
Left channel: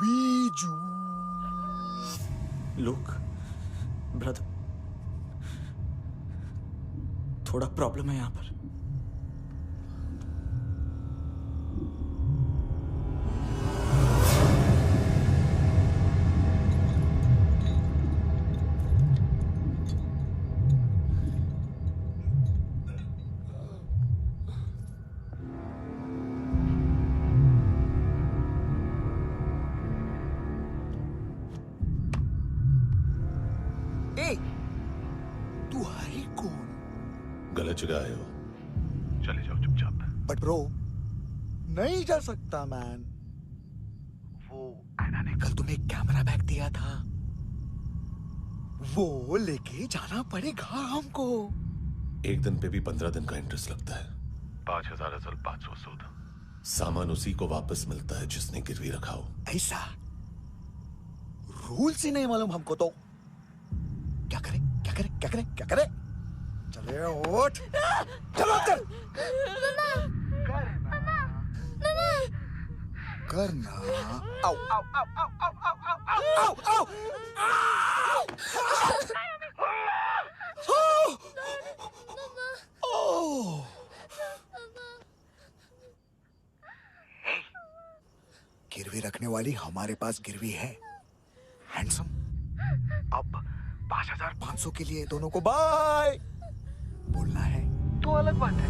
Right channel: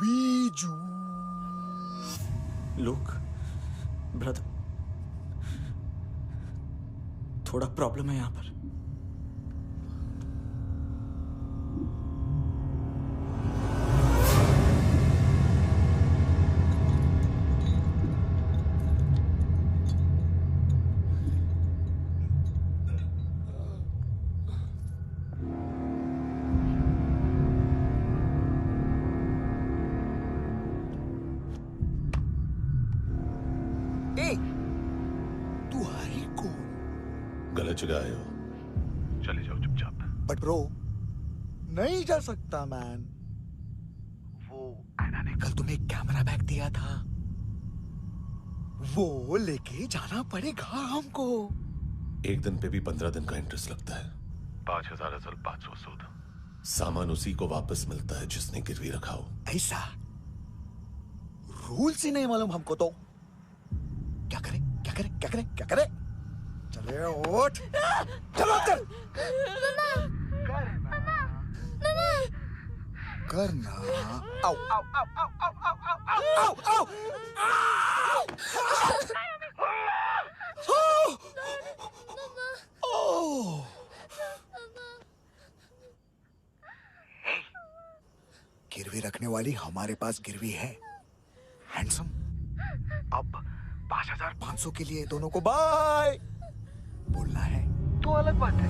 वीजू। लुक ब्रदर, थोड़ा प्रॉब्लम है यहां पर। तू है कौन? गलत जगह आए हो, चले जाओ चुपचाप। बट ब्रो, नहीं जा सकता मैन। वो एना ने कल तुम्हें कैमरा बैग दिया था, वो लेके जाना पड़ेगा हमको। एक दिन पे भी 15 दिन का इंटरेस्ट लगता है। 5000 असल 500 सूद। सामान उसी को वापस मिलता है जिसने गिरवी रखा हो। ऐसा रूल्स ही नहीं मालूम हमको तो। क्या करें क्या करें क्या करें क्या करें? चले उठ, चलो कर करना। आओ आओ आओ आओ आओ आओ आओ आओ। गिरवी रखने वाली हमारे पास गिरवी है हैंडसम। अब 5500 के लिए दोनों को बाय बोलना है तो अलग बात है।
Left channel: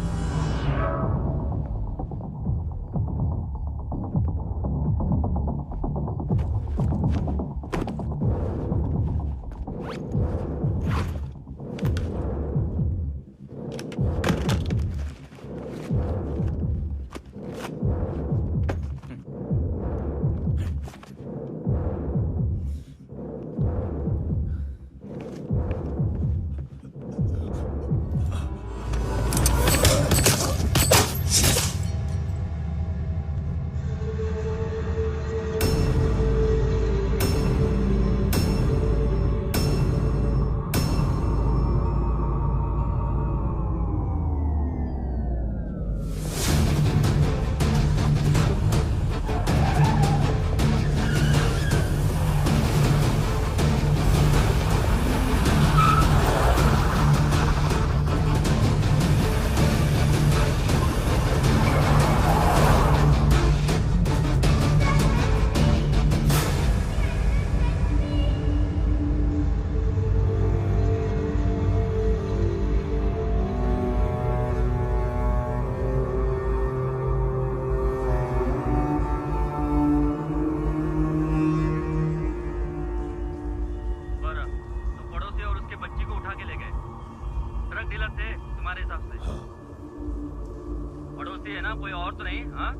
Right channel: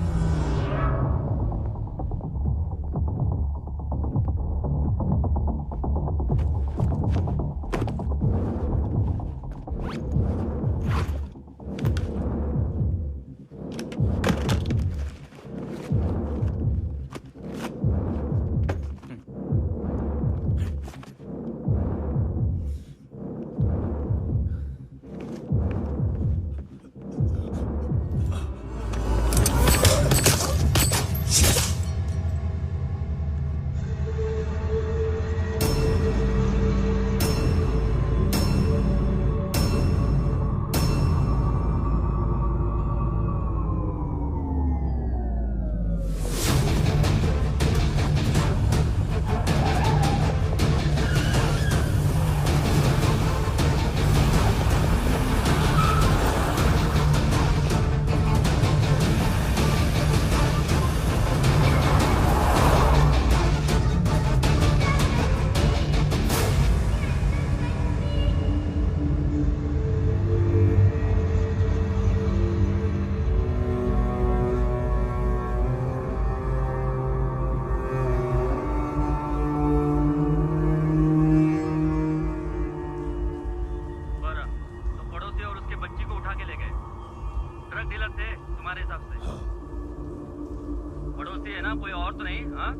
ड्रग डीलर थे तुम्हारे हिसाब से? हाँ। पड़ोसी है ना, कोई और तो नहीं? हाँ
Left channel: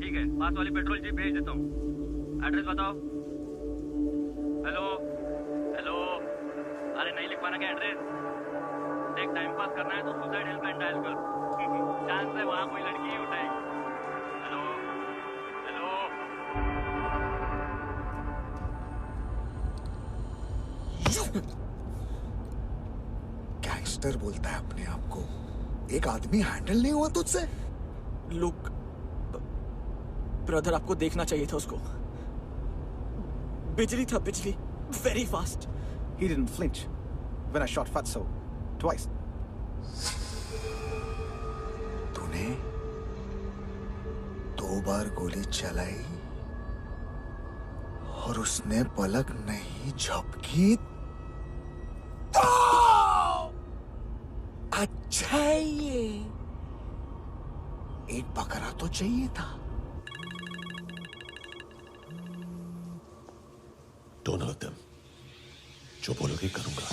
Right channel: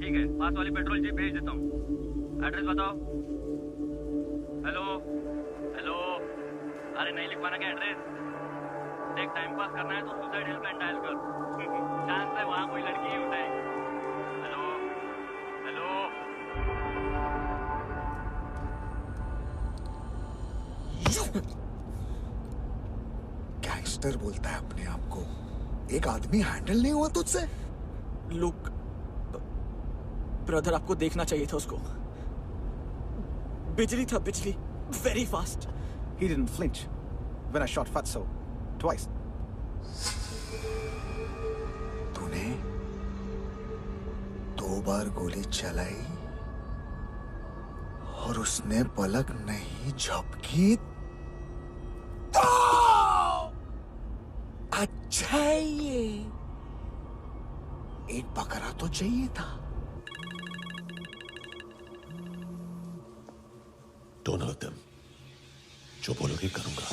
ठीक है, पास वाली पेट्रोल जीप भेज देता हूँ। एड्रेस बताओ। हेलो हेलो, अरे नहीं लिख पाना क्या एड्रेस? देख टाइम पास करना है तो सुसाइड हेल्पलाइन डायल कर। चांस है वहाँ कोई लड़की ही उठाएगी। Hello hello. गैंगस्टर बोलता है अपने आप को। एक आदमी हैंडल नहीं हुआ तुझसे? लुक ब्रदर, आपको देखना चाहिए था उसको। बिजली था, बिजली, very fast. He didn't flinch when I shot Fatso twice. तूने 2 बार गोली चलाई और उसने पलक नहीं झपकी तो अच्छा ये एक बकरा तो चाहिए था। Don't hurt them. जो बोलोगे करूंगा।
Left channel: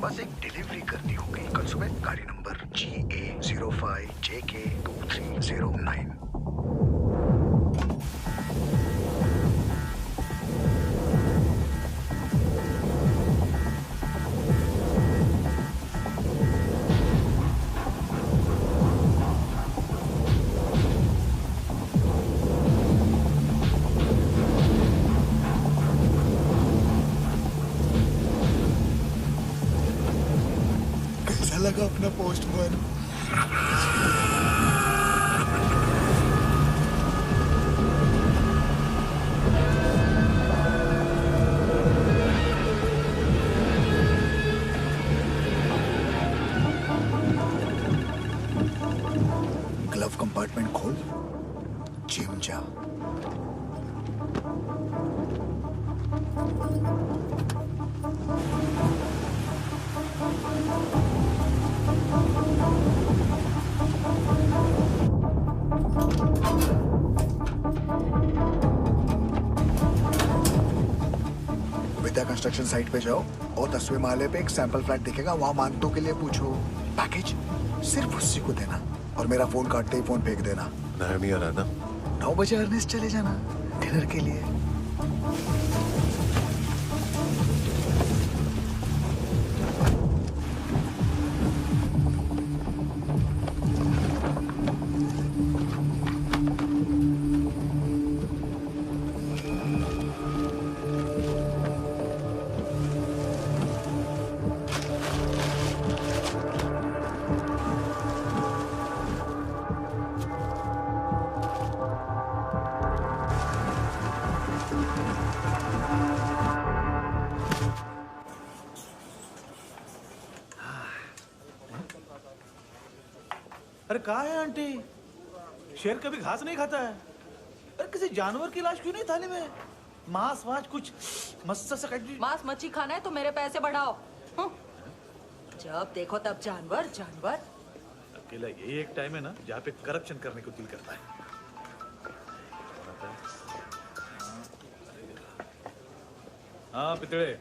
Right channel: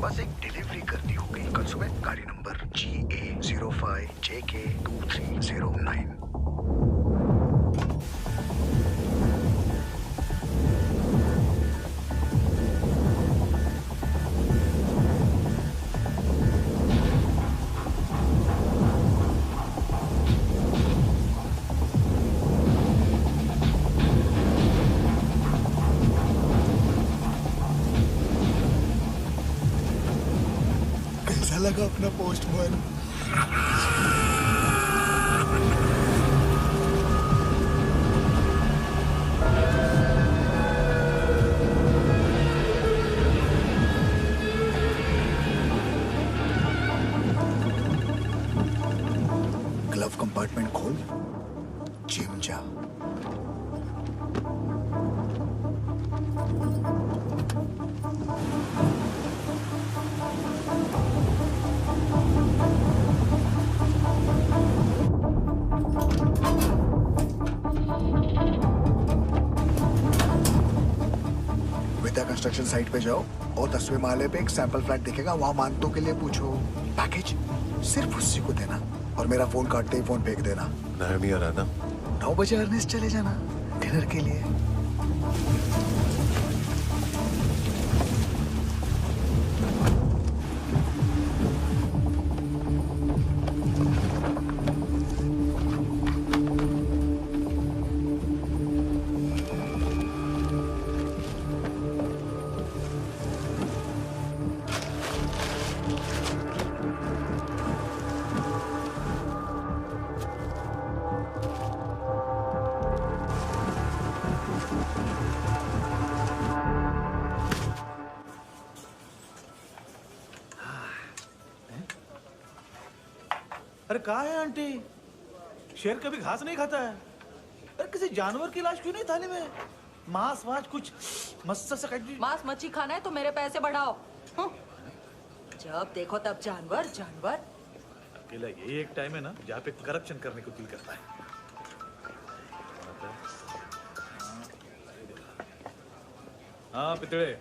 बस एक डिलीवरी करनी होगी कल सुबह। गाड़ी नंबर GA05JK2309। कैसा लगा अपना पोस्टमैन? ग्लव कंपार्टमेंट खोल, जिम जा। विद्या कंस्ट्रक्शन साइट पे जाओ और 10वें माले पे एक सैंपल फ्लैट दिखेगा, वहां मानतों के लिए पूछो। पैकेज सिर्फ उसी को देना और मेरा फोन काटते ही फोन फेंक देना। नायमी आ रहा ना? 9 बजे अर्नेस्ट चले जाना डिनर के लिए। अरे कहाँ है आंटी? शेर कभी घास नहीं खाता है। अरे किसी जानवर की लाश क्यों नहीं थाली में? मांस वास कुछ मस्त सा मांस मच्छी खाना है तो मेरे पैसे बढ़ाओ। जब देखो तब जानवर जानवर। अकेला यही एक टाइम है ना जहाँ पे करप्शन करने को दिल करता है। हाँ पितड़े,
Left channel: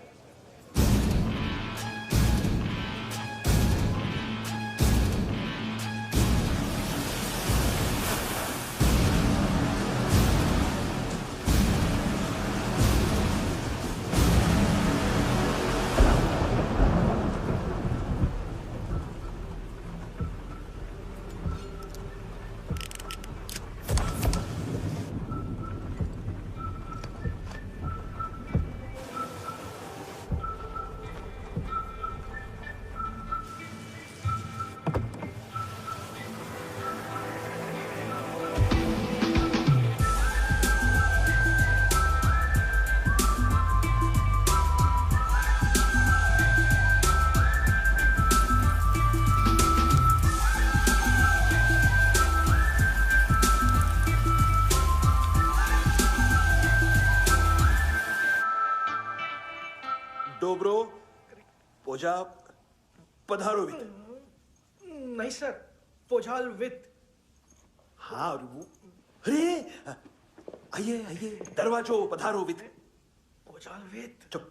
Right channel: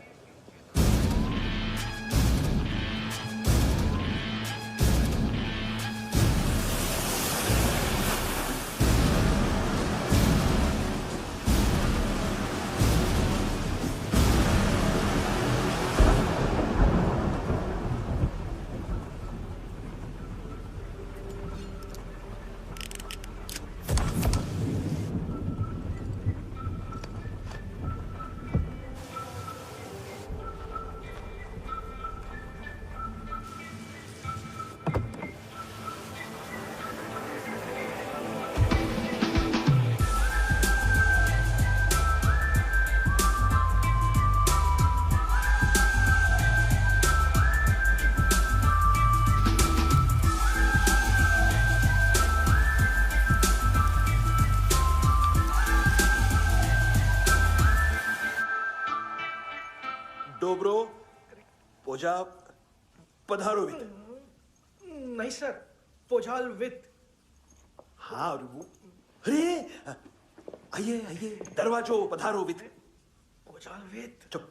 डोब्रो पोजा पधारोवित। नहीं सर, पोझाल विथ। हाँ अरे आइए आइए, दरवाजो पधारोवित। पोझाल विथ। चुप,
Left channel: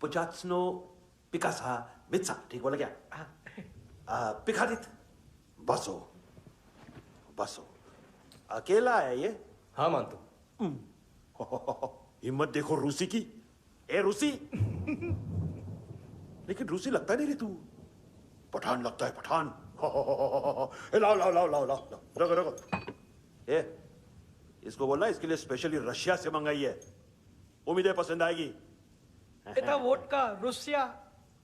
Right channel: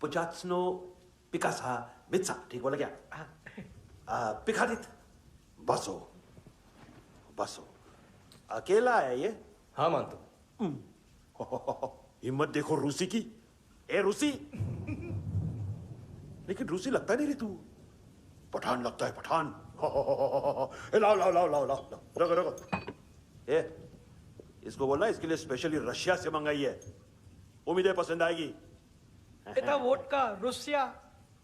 पुचात्सनो पिकासा मित्सा, ठीक बोला क्या? पिखादित बसो बसो। अकेला है ये? हाँ मानतो। हिम्मत देखो रूसी की। ए रूसी, लेकिन रूसी लगता नहीं रे तू, पठान लगता है, पठान। लाओ लाओ लाओ लाओ लाओ, रखो रखो। ए, इसको बोलना इसके लिए स्पेशली रशिया से मंगाई है, उम्मीद है पसंद आएगी। इतना वोडका रुसिया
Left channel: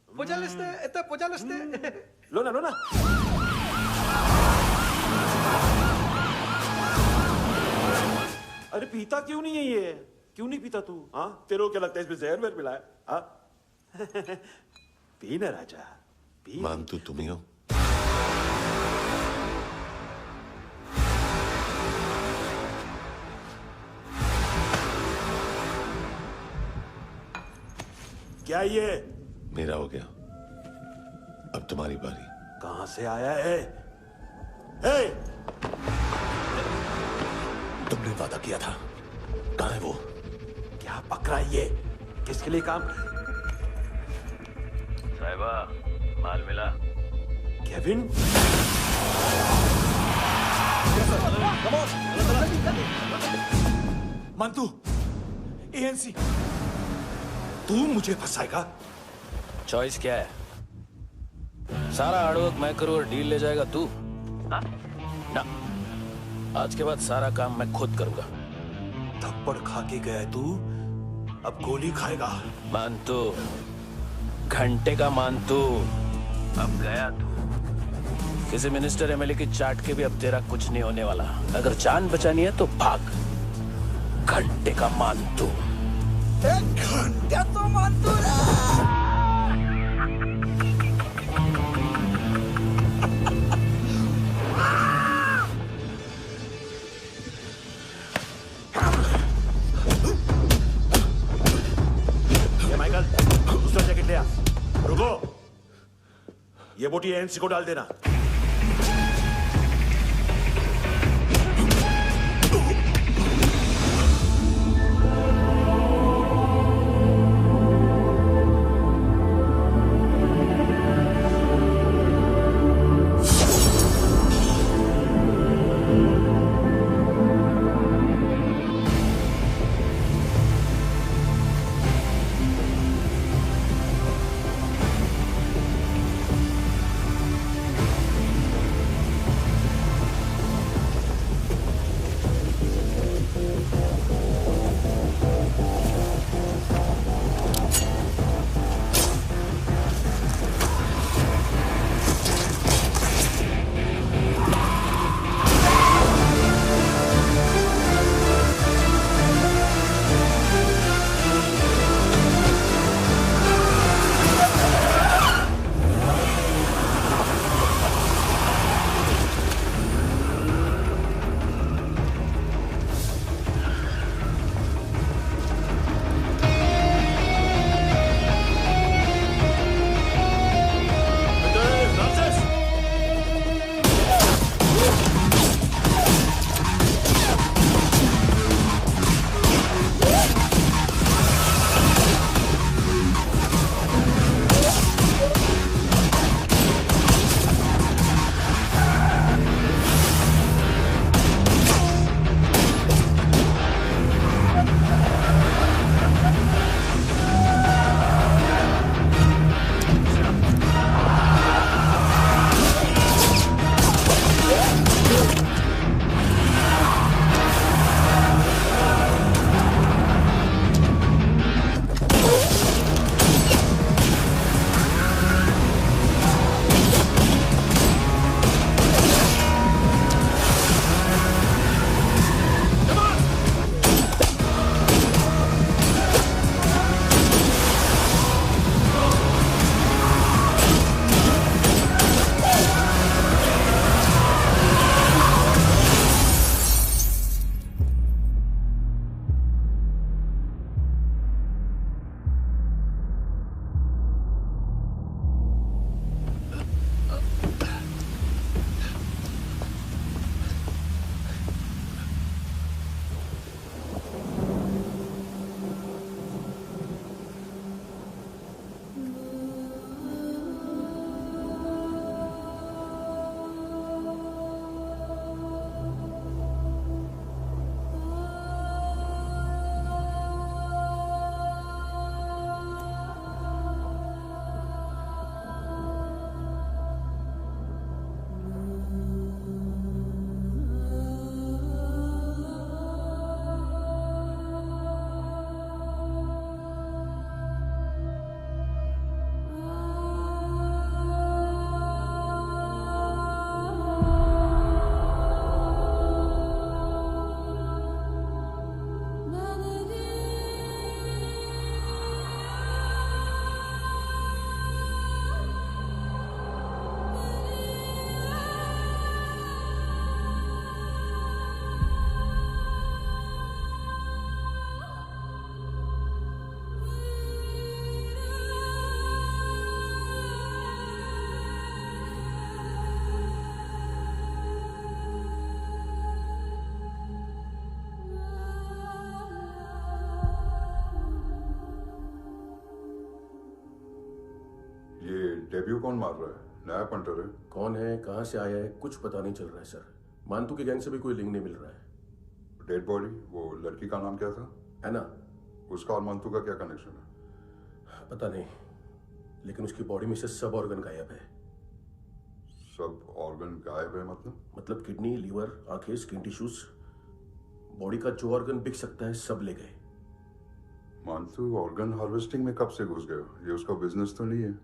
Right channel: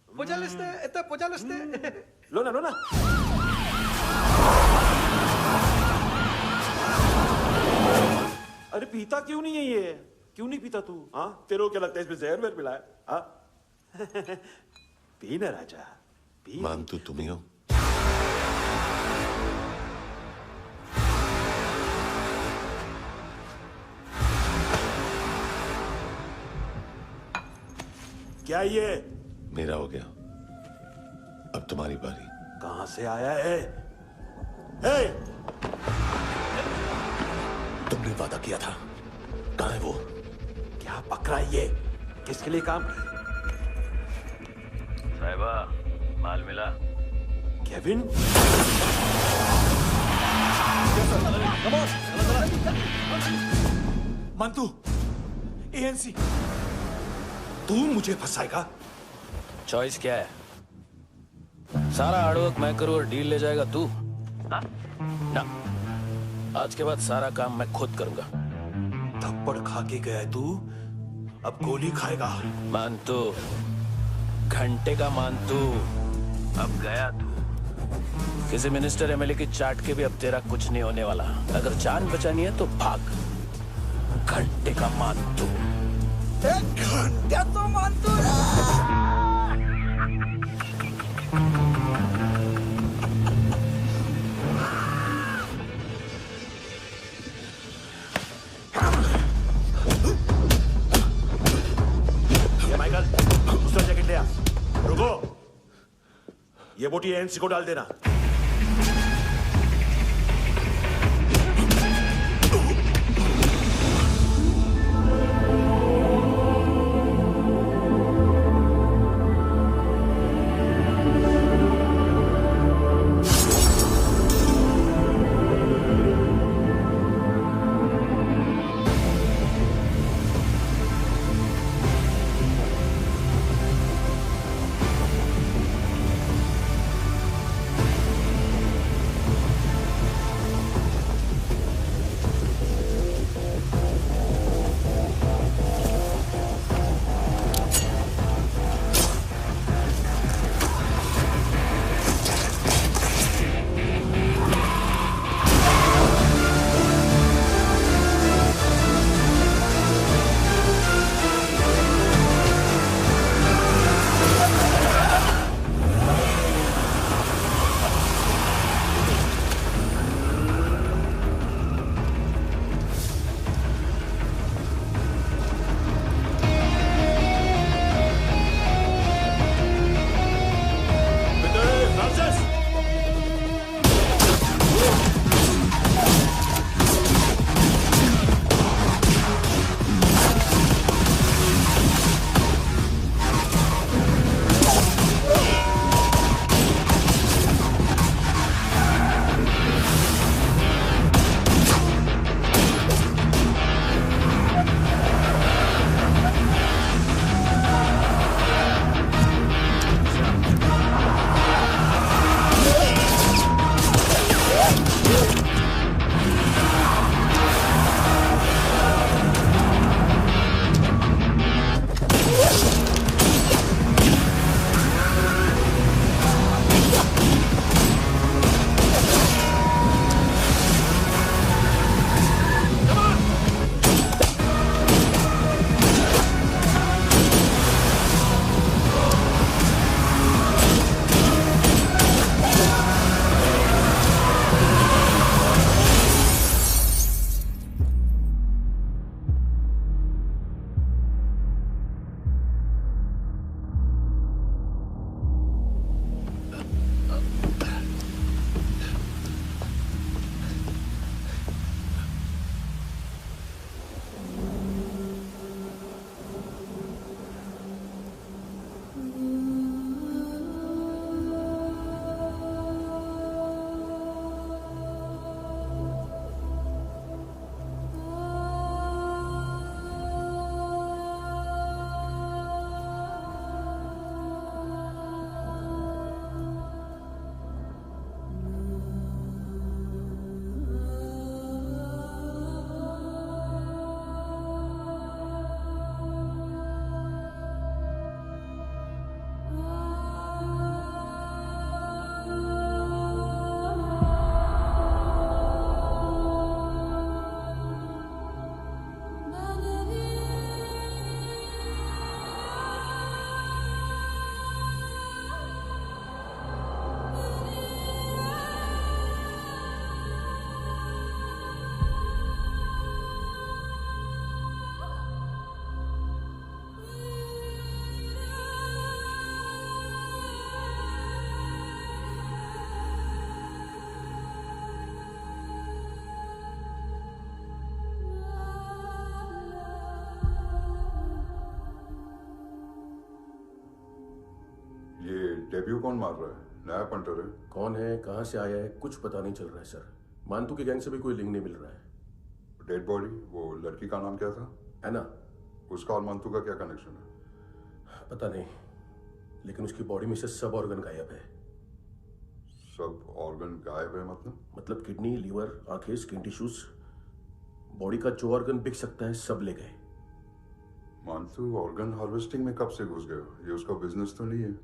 पोजालिस्ते, इतना पोजालिस्ते। लो ना लो ना। अरे पीता क्यों नहीं है ये? क्यों नहीं पीता तू? हाँ, तेरे को क्या लगता है इसमें जहर वहर मिला है? हाँ? पी ना राजा, पी। मानतू तुम ही हो। क्या ये? मेरा हो गया, अब तुम्हारी बारी। कहां से आया है? हे! तुमने वादा किया था, कहां है वो? क्या पकड़ा ये? किसके लिए काम? साहिबा, माल मिला? केविन? मंतू, एएनसी। तू मुझे फंसाएगा? चॉइस क्या है? सारा हार्डवर्क मैं करूं और डील ले जाएगा तू? ना, आज के बाद सारा काम मैं खुद करूंगा। थप्पड़ खा के गया तू, अब गोली खाएगा। मानतू, घंटे का मानतू, अब गया तू। किसी मिनिस्टर एमएलए की चाट के भी अब तेरा कुछ नहीं होने वाला। अगर जान बचानी है तो भाग। घंटे का मानतू। एक घंटा तो मानतू ना। ये माइकल, दूसरा जैकेट ले आ। रुको, ये बोटी एएनसी को डाल देना। डेब्यू कौन मार रहा है? नया पंटर है। कौन है, कहाँ से आया है, कुछ पता नहीं चल रहा है सर। मानतू के गैंग से भी कोई लिंक नहीं मिल रहा है। डेड बॉडी, वो लड़की का नाम क्या था? एना। उसका और मानतू का क्या कनेक्शन है? पता नहीं, लेकिन उसकी बॉडी में से सब ऑर्गन गायब है। सब ऑर्गन गायब है मतलब किडनी, लीवर, आंखें, स्किन टिश्यूज, बॉडी का जो ऑर्गन बिक सकता है सब ले गए। मानतू ऑर्गन हार्वेस्टिंग में कब से घुस गए? ये उसका बिजनेस तो नहीं है?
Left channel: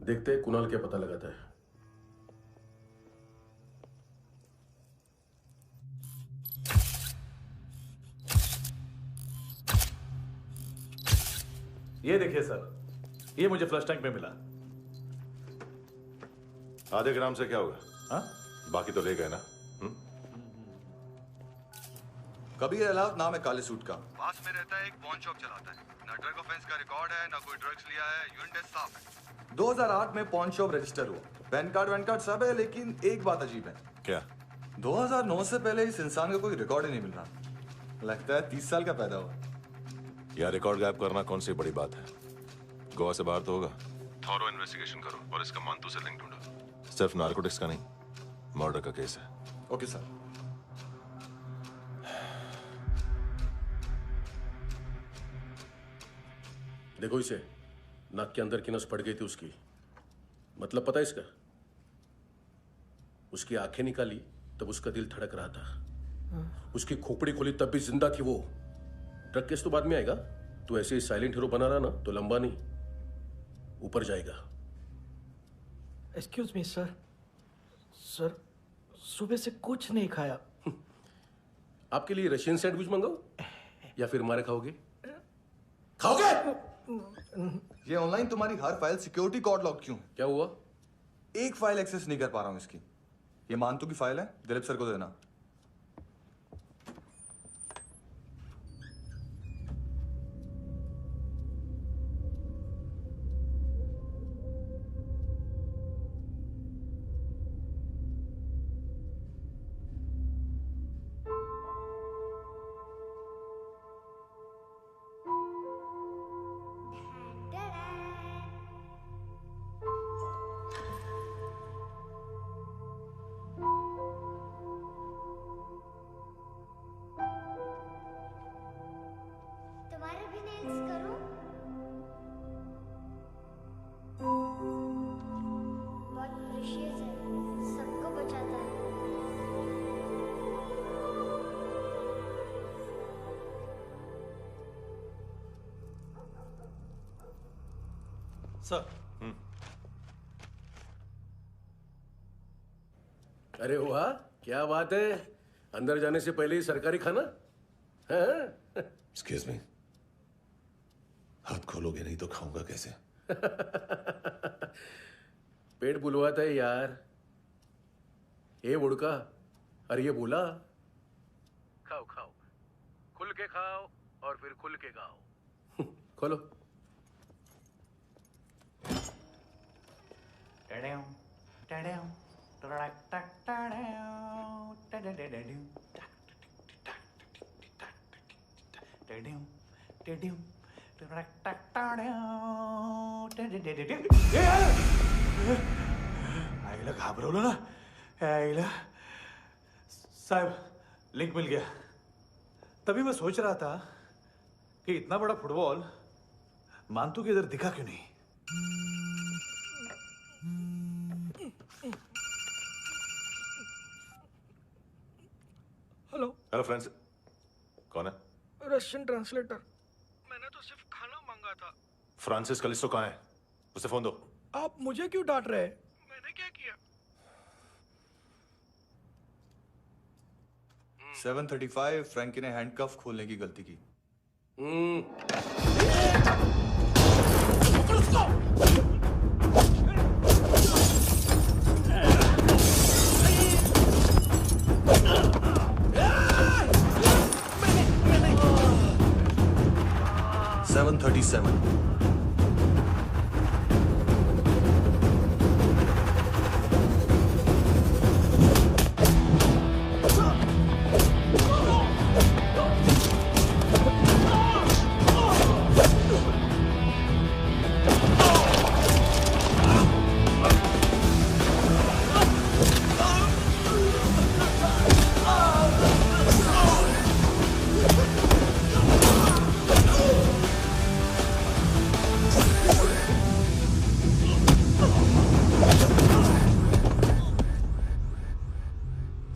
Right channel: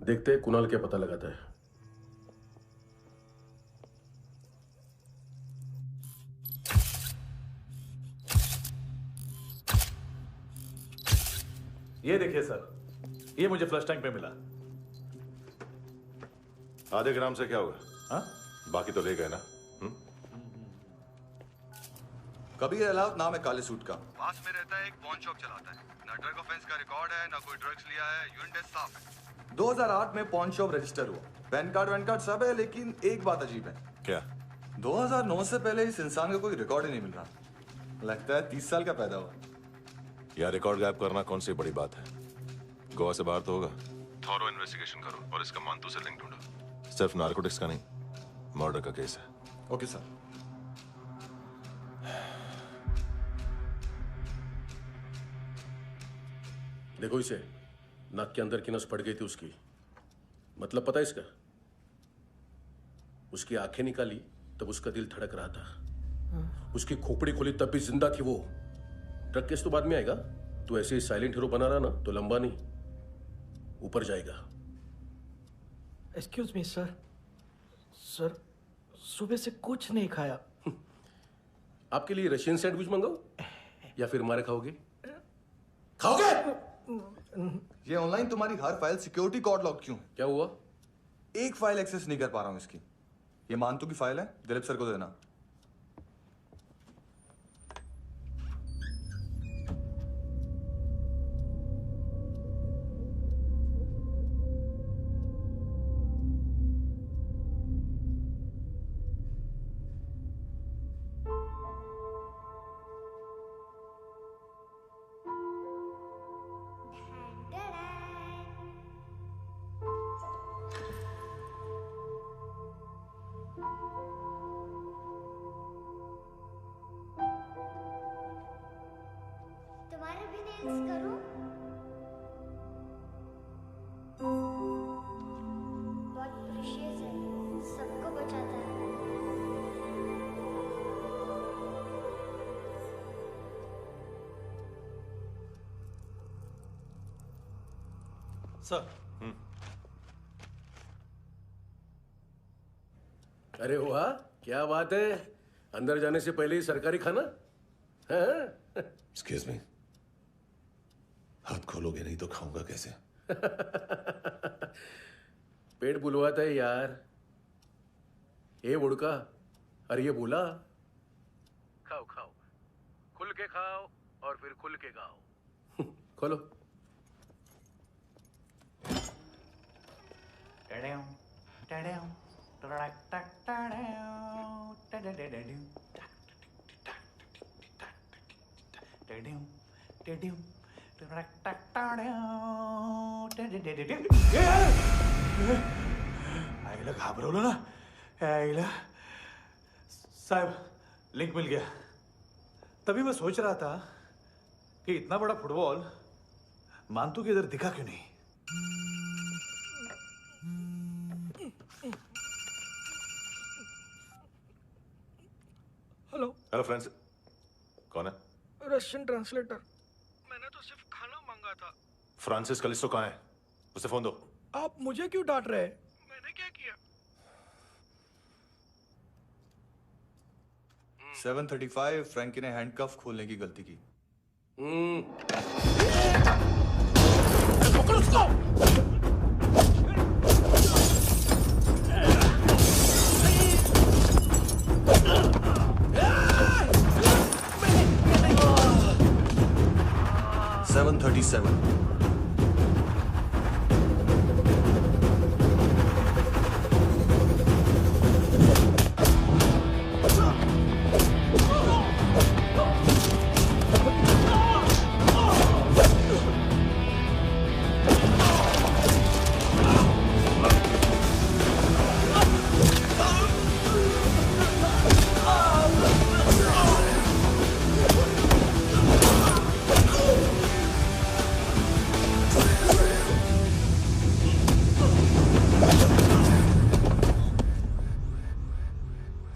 देखते हैं कुणाल क्या पता लगाता है। ये देखिए सर, ये मुझे फ्लश टैंक में मिला। आधे ग्राम से क्या होगा? हाँ? बाकी तो ले गए ना? कबीर अलाउद्दीन नाम है काले सूट का। पास में रहता है, एक पॉन शॉप चलाता है। ना ड्रग ऑफेंस का रिकॉर्ड है, ना कोई ड्रग्स लिया है। यूरिन टेस्ट साफ है। 2008 में पॉन शॉप रजिस्टर हुआ। पैन कार्ड सब है, लेकिन एक बात अजीब है। क्या? 2009 से पहले इस इंसान का कोई रिकॉर्ड ही नहीं मिल रहा। लगता है 30 साल का पैदा हुआ। यह रिकॉर्ड गायब करना कौन सी बड़ी बात है? गोवा से बाहर तो होगा। थॉरो इन्वेस्टिगेशन करो और इसका मानतू से लिंक ढूंढो। सिर्फ नारकोटिक्स का नहीं, मर्डर का केस है। Okay sir. देखो इसे, नाक के अंदर की नस पड़ गई थी उसकी। मतलब पता है इसका? उसकी आंखें निकाली तब उसका दिल धड़क रहा था। उसकी खोपड़ी खोली तब भी जिंदा थी वो। ड्रग केस तो बाद में आएगा। तो ऐसे ही साइलेंट हीरो बना रहा ना तो लंबा नहीं, ऊपर जाएगा। Excuse me sir. सर, सुबह से कुछ नहीं खाया। आपके लिए रशियन सैंडविच मंगाओ या फिर हमारे खाओगे? खाओगे? ये ऑनलाइन तुम्हारी हर फाइल सिक्योरिटी कोड लॉक क्यों है? क्या हुआ? एक फाइल एक्सेस नहीं कर पा रहा हूं इसकी। ये मानतू की फाइल है, दिलीप सर को देना। तुम्हारे भी नेल्स करूं? बहुत प्रेशियस है, सबको बचाता है। सर। अरे वाह, क्या बात है। अंदर जाने से पहले ही सरकारी खाना। एक्सक्यूज मी, हाथ खोलोगे नहीं तो खाऊंगा कैसे? पेट बुलवाता है यार। ये बुड़का, अरे ये बोला। खाओ खाओ, खुल के खाओ और फिर खुल के गाओ। खोलो। आईला घाबरवलं ना। आईला साहब, लिंक मिल गया। तभी मैं सोच रहा था कि इतना बड़ा फुटबॉल मानतू के इधर दिखा क्यों नहीं। हेलो। हेलो फ्रेंड्स, कौन है? Russian translator. मैंने तो सिर्फ खाना मांगा था। फ्रांसिस कलिस्टो कहाँ है? उसे फोन दो। आप मुझे क्यों डांट रहे हैं? मैंने क्या किया? 735 फ्रैंकी ने हैंडकफ खोलने की गलती की। पकड़ो उसको। 737 737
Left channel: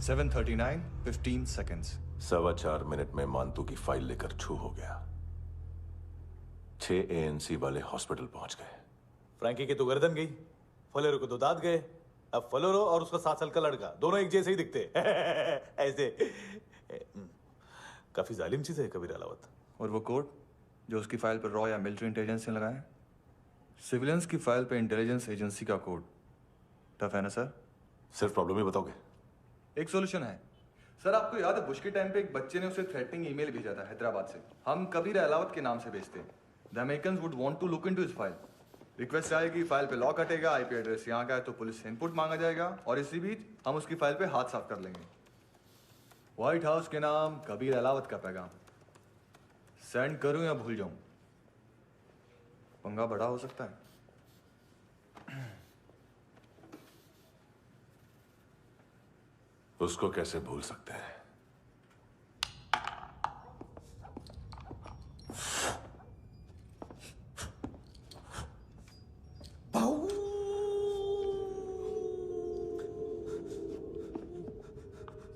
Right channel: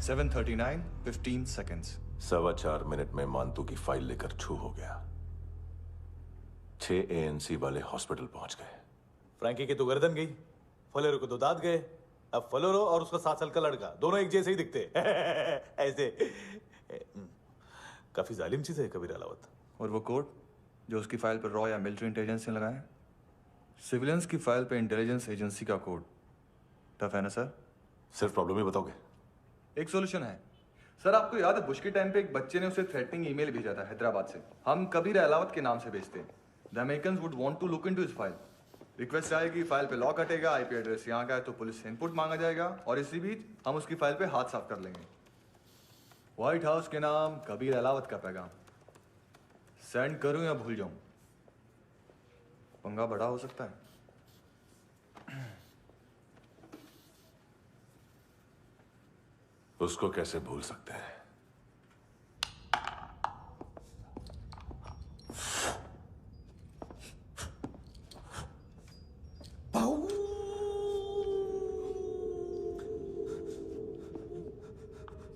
7:39, 15 seconds. 4.25 मिनट में मानतू की फाइल लेकर छू हो गया। 6 ANC वाले हॉस्पिटल पहुंच गए। फ्रैंकी की तो गर्दन गई, फलेरो को तो दांत गए। अब फलेरो और उसका 7 साल का लड़का दोनों एक जैसे ही दिखते ऐसे। काफी जालिम चीज है कबीर अलावत। और वो कोड जो उसकी फाइल पर रॉ या मिलिट्री इंटेलिजेंस ने लगाया, सिविलियंस की फाइल पे इंटेलिजेंस एजेंसी का कोड। टफ है ना सर? सिर्फ प्रॉब्लम ही बताओगे? एक सॉल्यूशन है सर। आपको याद है बुश के टाइम पे एक बच्चे ने उसे थ्रेटनिंग ईमेल भेजा था हैदराबाद से। हम कबीर अलावत के नाम से भेजते हैं। The Americans would want to look into his file. Request आएगी, फाइल पे लॉक हटेगा, आईपी एड्रेस यहाँ का है तो पुलिस से इनपुट मांगा जाएगा और इसी बीच हम उसकी फाइल पे हाथ साफ कर लेंगे। व्हाइट हाउस के नाम कबीर अलावत का पैगाम। सेंड करूं या भूल जाऊं? पंगा बड़ा हो सकता है। उसको कैसे भूल सकते हैं?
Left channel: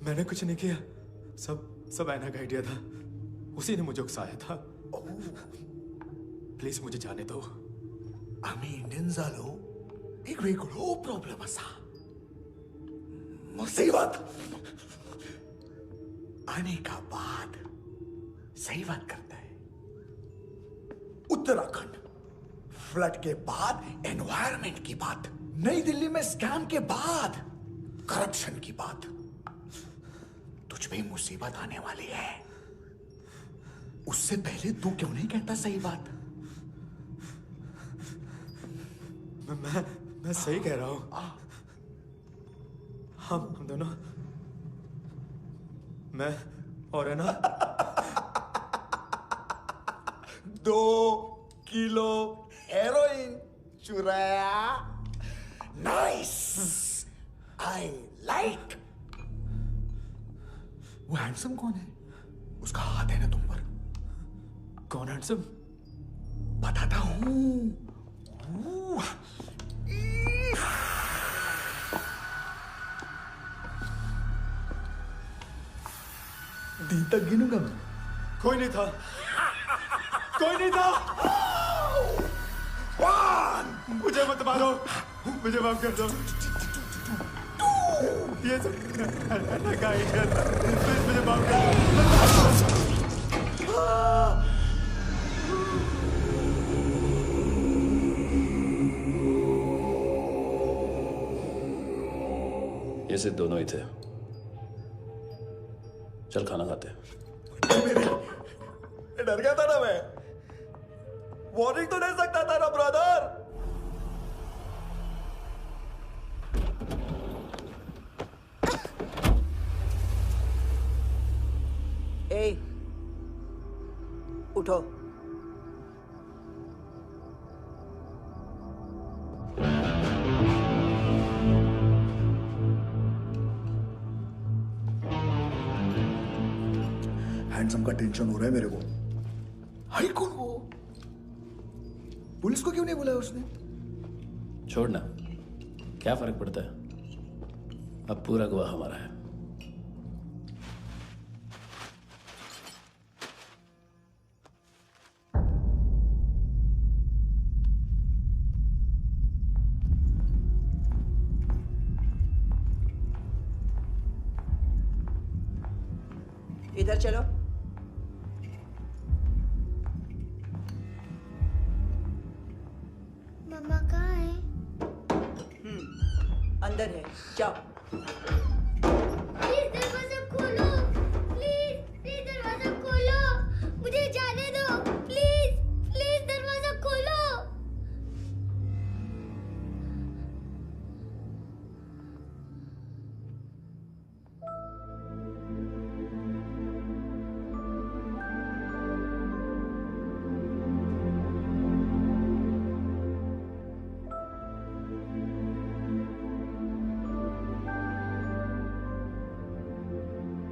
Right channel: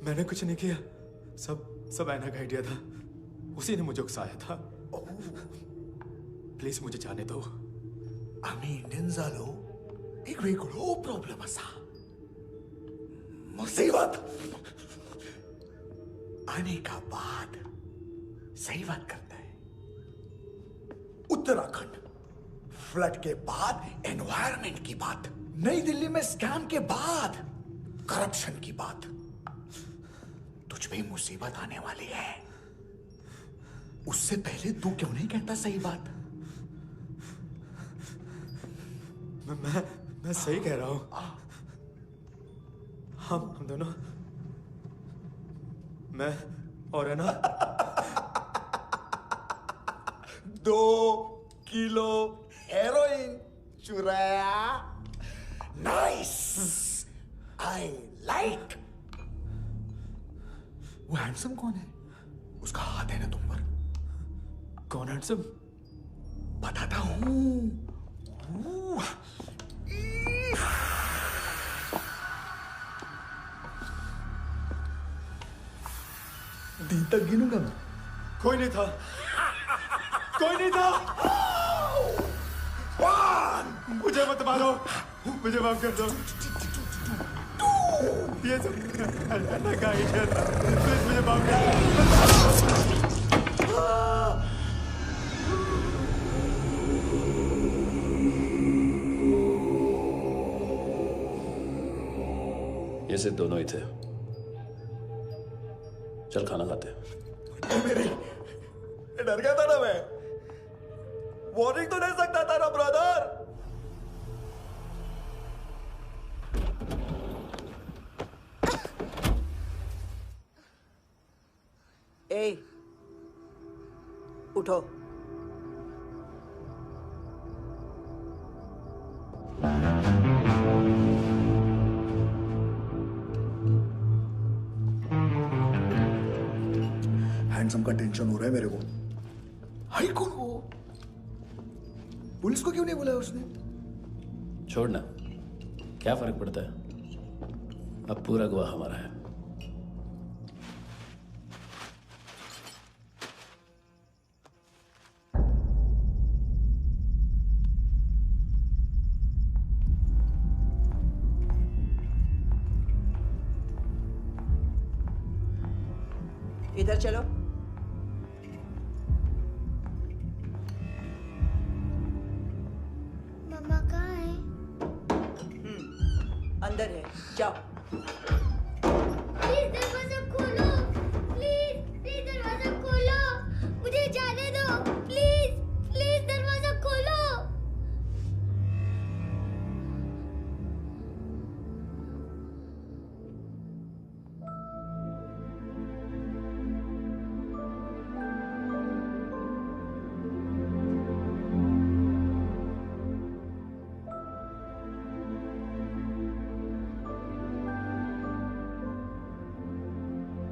मैंने कुछ नहीं किया, सब ऐना का आइडिया था। उसी ने मुझे उकसाया था। प्लीज मुझे जाने दो। आम्ही इंडियन झालो एक वेगळो प्रॉब्लेम असा, मुसीबत आने का बाद। सही बात करता है। उत्तराखंड फ्लड के बाद एनवायरनमेंट की बात, नई दिल्ली में स्कैम के बाद करप्शन की बात। तुझ पे मुसीबत आने वाली है, उससे पहले तू क्यों नहीं कहता सही बात? मैं सही कह रहा हूं। हम दोनों, मैं और है ना 2 किलो हेरोइन चुराया। Nice, I like. वो हैंडसम कौन है? उसका हाथ है ना तुम पर। कौन हैंडसम? बताता हूं। दिन तक गिनूंगा मैं। कोई नहीं था, कोई नहीं था। मुझे मत मारो, मुझे माफ कर दो। ये सब अन्ना का आइडिया था। प्लीज मुझे माफ कर दो। ये सिर्फ दोनों ही थे। चल खाना खाते हैं। मेरी डर गया था ना मैं। वार्निंग तो दे सकता था ना ब्रदर। ए, उठो। हैंडसम का टेंशन हो रहा है मेरे को। हाई कौन वो? पुलिस को क्यों नहीं बुलाया उसने? छोड़ना, क्या फर्क पड़ता है? अब पूरा गवाह हमारा है। इधर चलो। मम्मा कहाँ है? अंदर है, जाओ। प्लीज दरवाजा खोलो, प्लीज दरवाजा खोलो, मुझे जाने दो। प्लीज दरवाजा खोलो।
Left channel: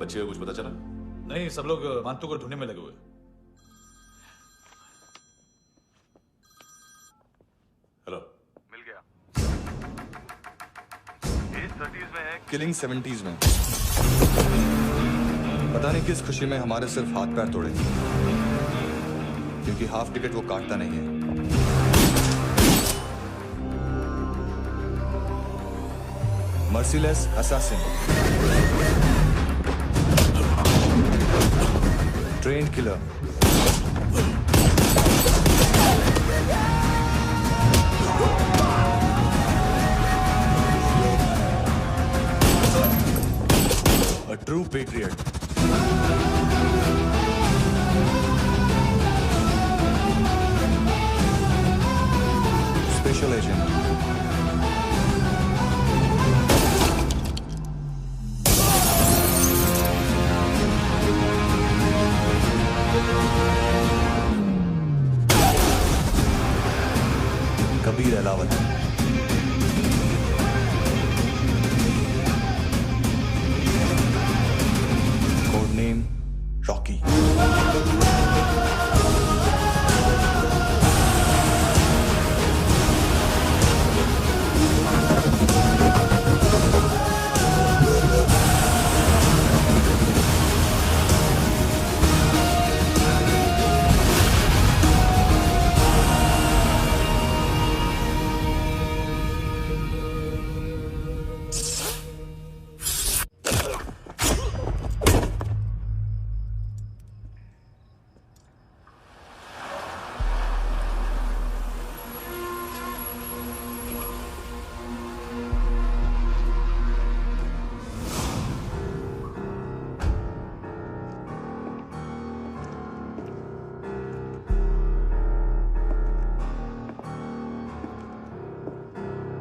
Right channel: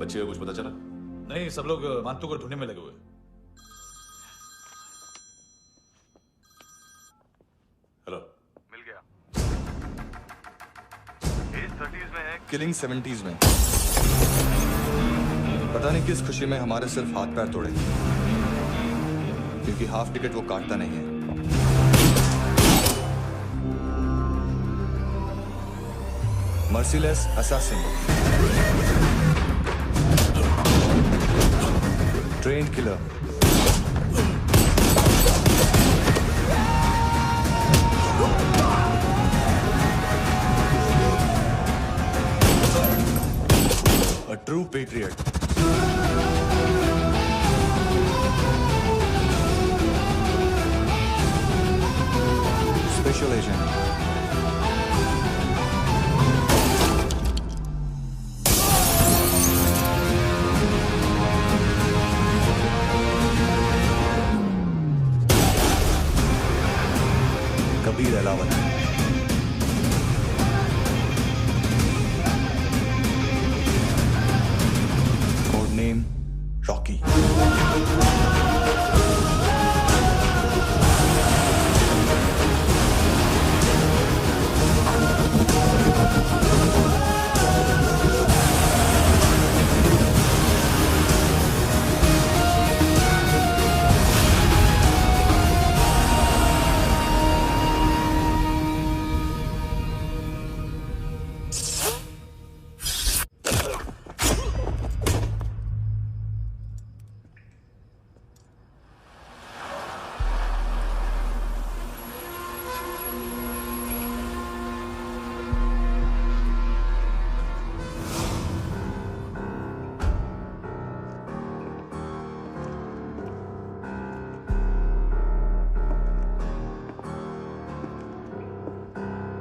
बच्चे को कुछ पता चला? नहीं, सब लोग मानतू को ढूंढने में लगे हुए। हेलो, मिल गया। एज 30s में है, किलिंग 70s में। पता नहीं किस खुशी में हमारे सिर्फ हाथ पैर तोड़े, क्योंकि हाफ टिकट वो काटता नहीं है। Merciless assassin, trained killer, A true patriot. Special agent. Kabir Alawat. Code name Rocky.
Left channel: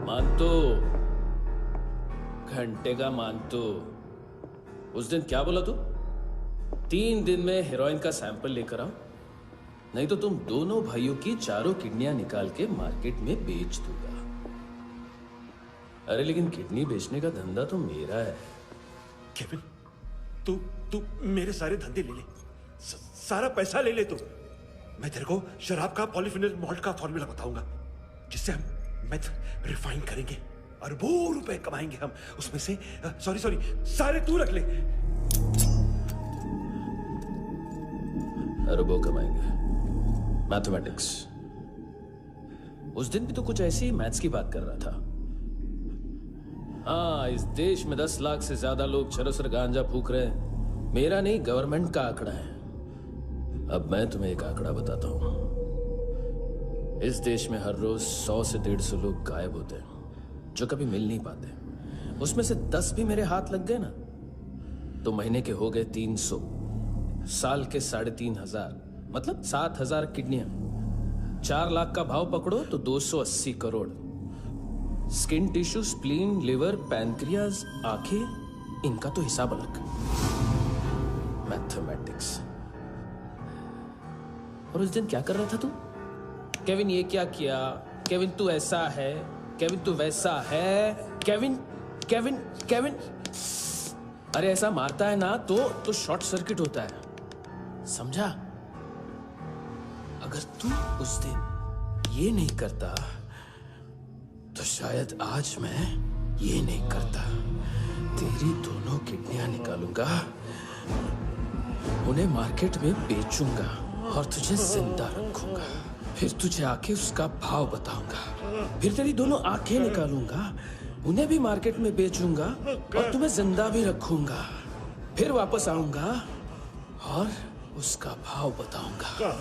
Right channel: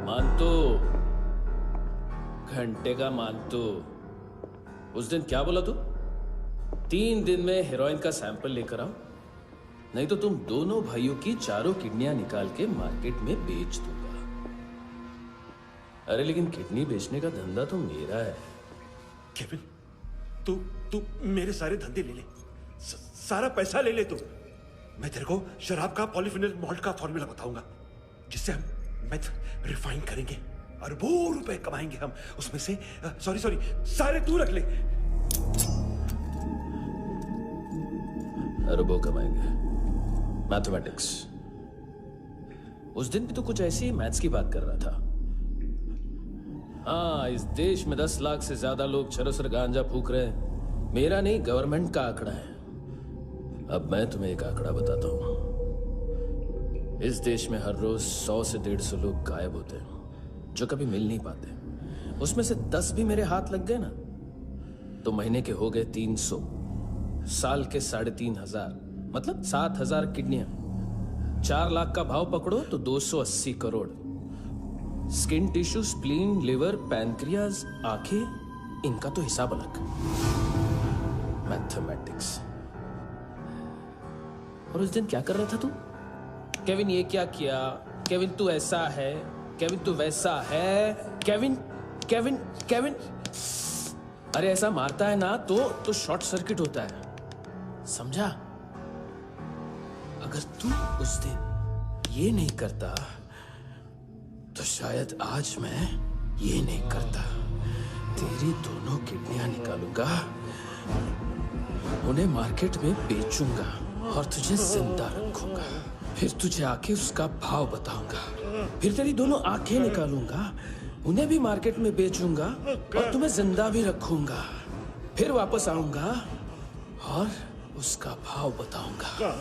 मानतो, घंटे का मानतो। उस दिन क्या बोला तू? 3 दिन में हेरोइन का सैंपल लेकर आओ, नहीं तो तुम दोनों भाइयों की चारों किडनियां निकाल के मार्केट में बेच दूंगा। अरे लेकिन किडनी बेचने का धंधा तो मेरा है। केविन, तू मेरे सारे धंधे ले ले, सारा पैसा ले ले तू। मैं तेरे को शराब का पॉलीफिनल मॉल्ट का फॉर्मूला बताऊंगा, जिससे हम मेथ रिफाइन करेंगे, अरबों रुपए कमाएंगे हम उसमें से। सॉरी सारे तू रख ले। अरबों कमाएंगे, मैथमेटिक्स। उस दिन भी तो कुछ ऐसी ही मैथ्स की बात कर रहा था। हाँ, इस देश में 10 लाख से ज्यादा लोग चरस और गांजा फूक रहे हैं। मेरा नहीं, गवर्नमेंट का आंकड़ा है। अब मैं तुम्हें एक आंकड़ा बताता हूं। इस देश में हर रोज 100 से 150 लोग गायब होते हैं, जो कभी मिल नहीं पाते। उसमें से 10 भी मेरे हाथ लग गए ना, तो महीने के हो गए 300, साल के 3,500, मतलब 7,000 किडनियां। 4 लाख का भाव पकड़ो तो 280 crore. Skin tissue, spleen, liver, pancreas, आंखें, इनका तो हिसाब अलग। मैथमेटिक्स। और उस दिन क्या कर रहा था तू? केविन ये क्या किया, केविन तू ऐसा है, केविन तू वैसा है, केविन केविन केविन। अरे ऐसा मारता है ना तो शॉर्ट सर्किट होता है, समझा? अगर तू उस दिन ये नहीं करता तो शायद आज मैं ये नहीं करता। तेरी दोनों किडनियां निकालूंगा, उन्हें मार्केट में बेचूंगा और तुझे जिंदा रखूंगा। फिर तुझे आके उसका भाव बताऊंगा। फिर तेरी दोनों आंखें निकालूंगा, उन्हें भी मार्केट में बेचूंगा और तुम्हें जिंदा भी रखूंगा। फिर वापस आऊंगा और उसका भाव बताऊंगा।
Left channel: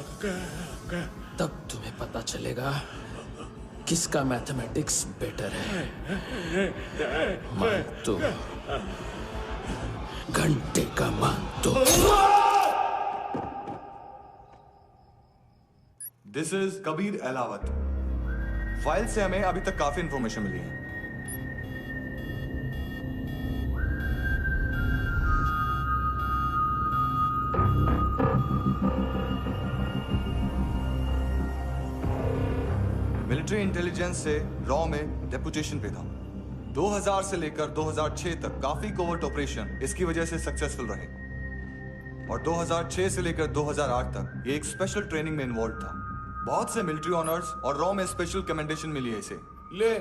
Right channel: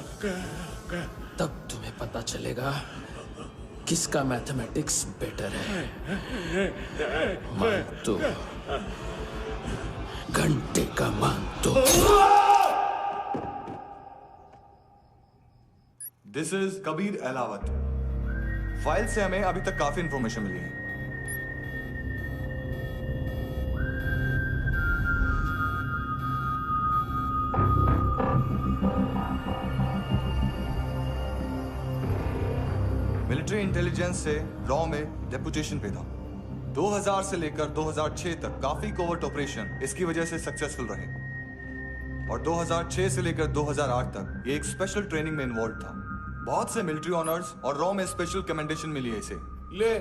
तब तुम्हें पता चलेगा किसका मैथमेटिक्स बेटर है। मानतो, घंटे का मानतो। This is Kabir Ahlawat. File से हमें अभी तक काफी इंफॉर्मेशन मिली है। मिलिट्री इंटेलिजेंस से रॉ में डेपुटेशन पे था। 2000 से लेकर 2006 तक काफी कोवर्ट ऑपरेशन इसकी वजह से सक्सेसफुल रहे, और 2006 से लेकर 2008 तक ये एक स्पेशल ट्रेनिंग में इन्वॉल्व था। बहुत से मिलिट्री ऑनर्स और रॉ में स्पेशल कमेंडेशन मिली है इसे। ले,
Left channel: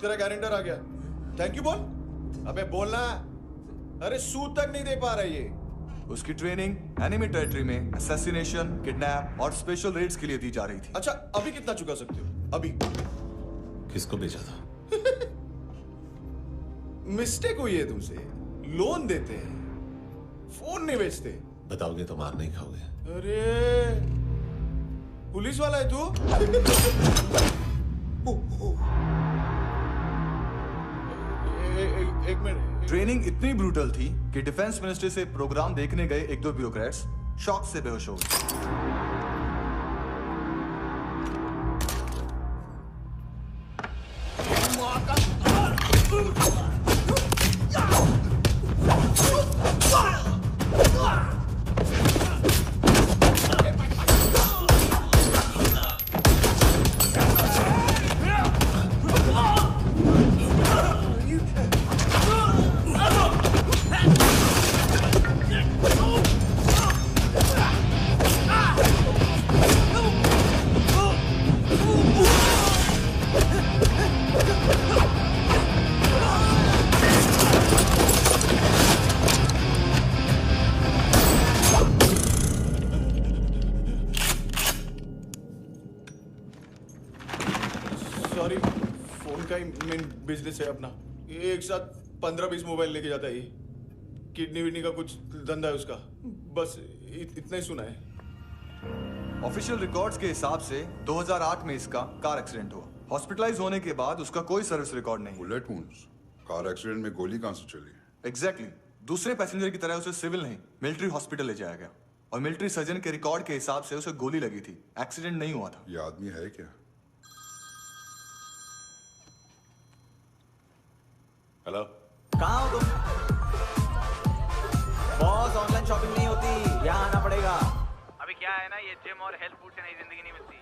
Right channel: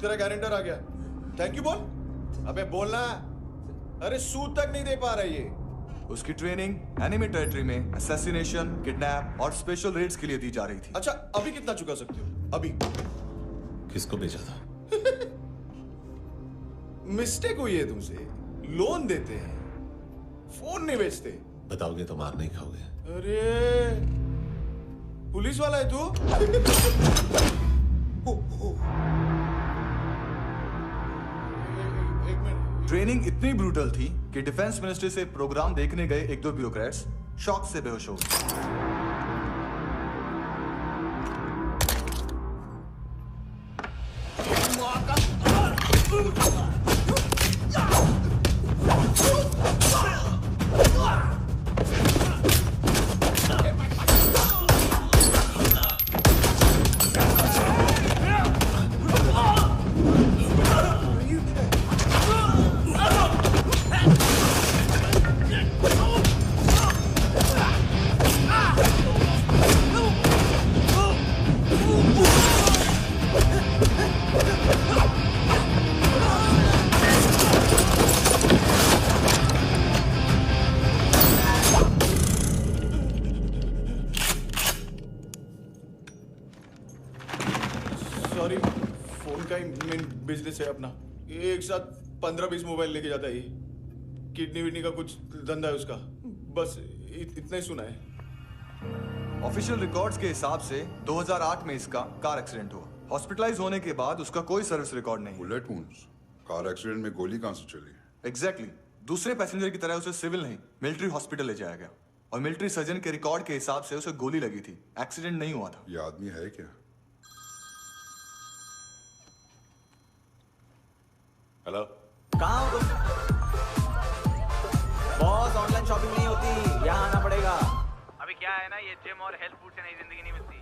तेरा गारंटर आ गया। थैंक यू बोल। अबे बोलना। अरे सूद तक नहीं दे पा रहा ये। उसकी ट्रेनिंग एनिमी टेरिटरी में असैसिनेशन, किडनैप और स्पेशल रेड्स के लिए दी जा रही थी। अच्छा, अभी कितना चुका सकते हो? अभी किसको भेजा था? मिस्टेक हुई है तुमसे। लोन देते हैं, फोन नहीं बेचते। बताओगे तो मार नहीं खाओगे। अरे पुलिस वाला है तू? एक मिनट। ट्रेनिंग इतनी ब्रूटल थी कि डिफेंस मिनिस्ट्री से प्रोग्राम देखने गए एक दो ब्यूरोक्रेट्स शॉक से बेहोश हो गए। बिजनेस है अपना, एक साथ 15-20 मोबाइल लेके जाता है ये। किडनी विडनी का कुछ धंधा है उसका, बस इतना ही सुना है। ऑफिशियल रिकॉर्ड्स के हिसाब से 2008 में इसका कार एक्सीडेंट हुआ। हॉस्पिटलाइज होने के बाद उसका कोई सर्विस रिकॉर्ड नहीं। बुलेट वुंड्स, कार एक्सीडेंट में गोली कहां से चली? एग्जैक्टली। दूसरे पैसेंजर की तरह उसे सिविल नहीं मिलिट्री हॉस्पिटल ले जाया गया और मिलिट्री सर्जन के रिकॉर्ड के हिसाब से उसे गोली लगी थी, एक्सीडेंट नहीं हुआ था। ये आदमी है क्या? हेलो, कहाँ हो तुम? बॉस, ऑनलाइन शॉपिंग नहीं होती, यहाँ आना पड़ेगा। अभी क्या है ना, ये जिम और हेल्थ फूड से नई जिंदगी नहीं मिलती।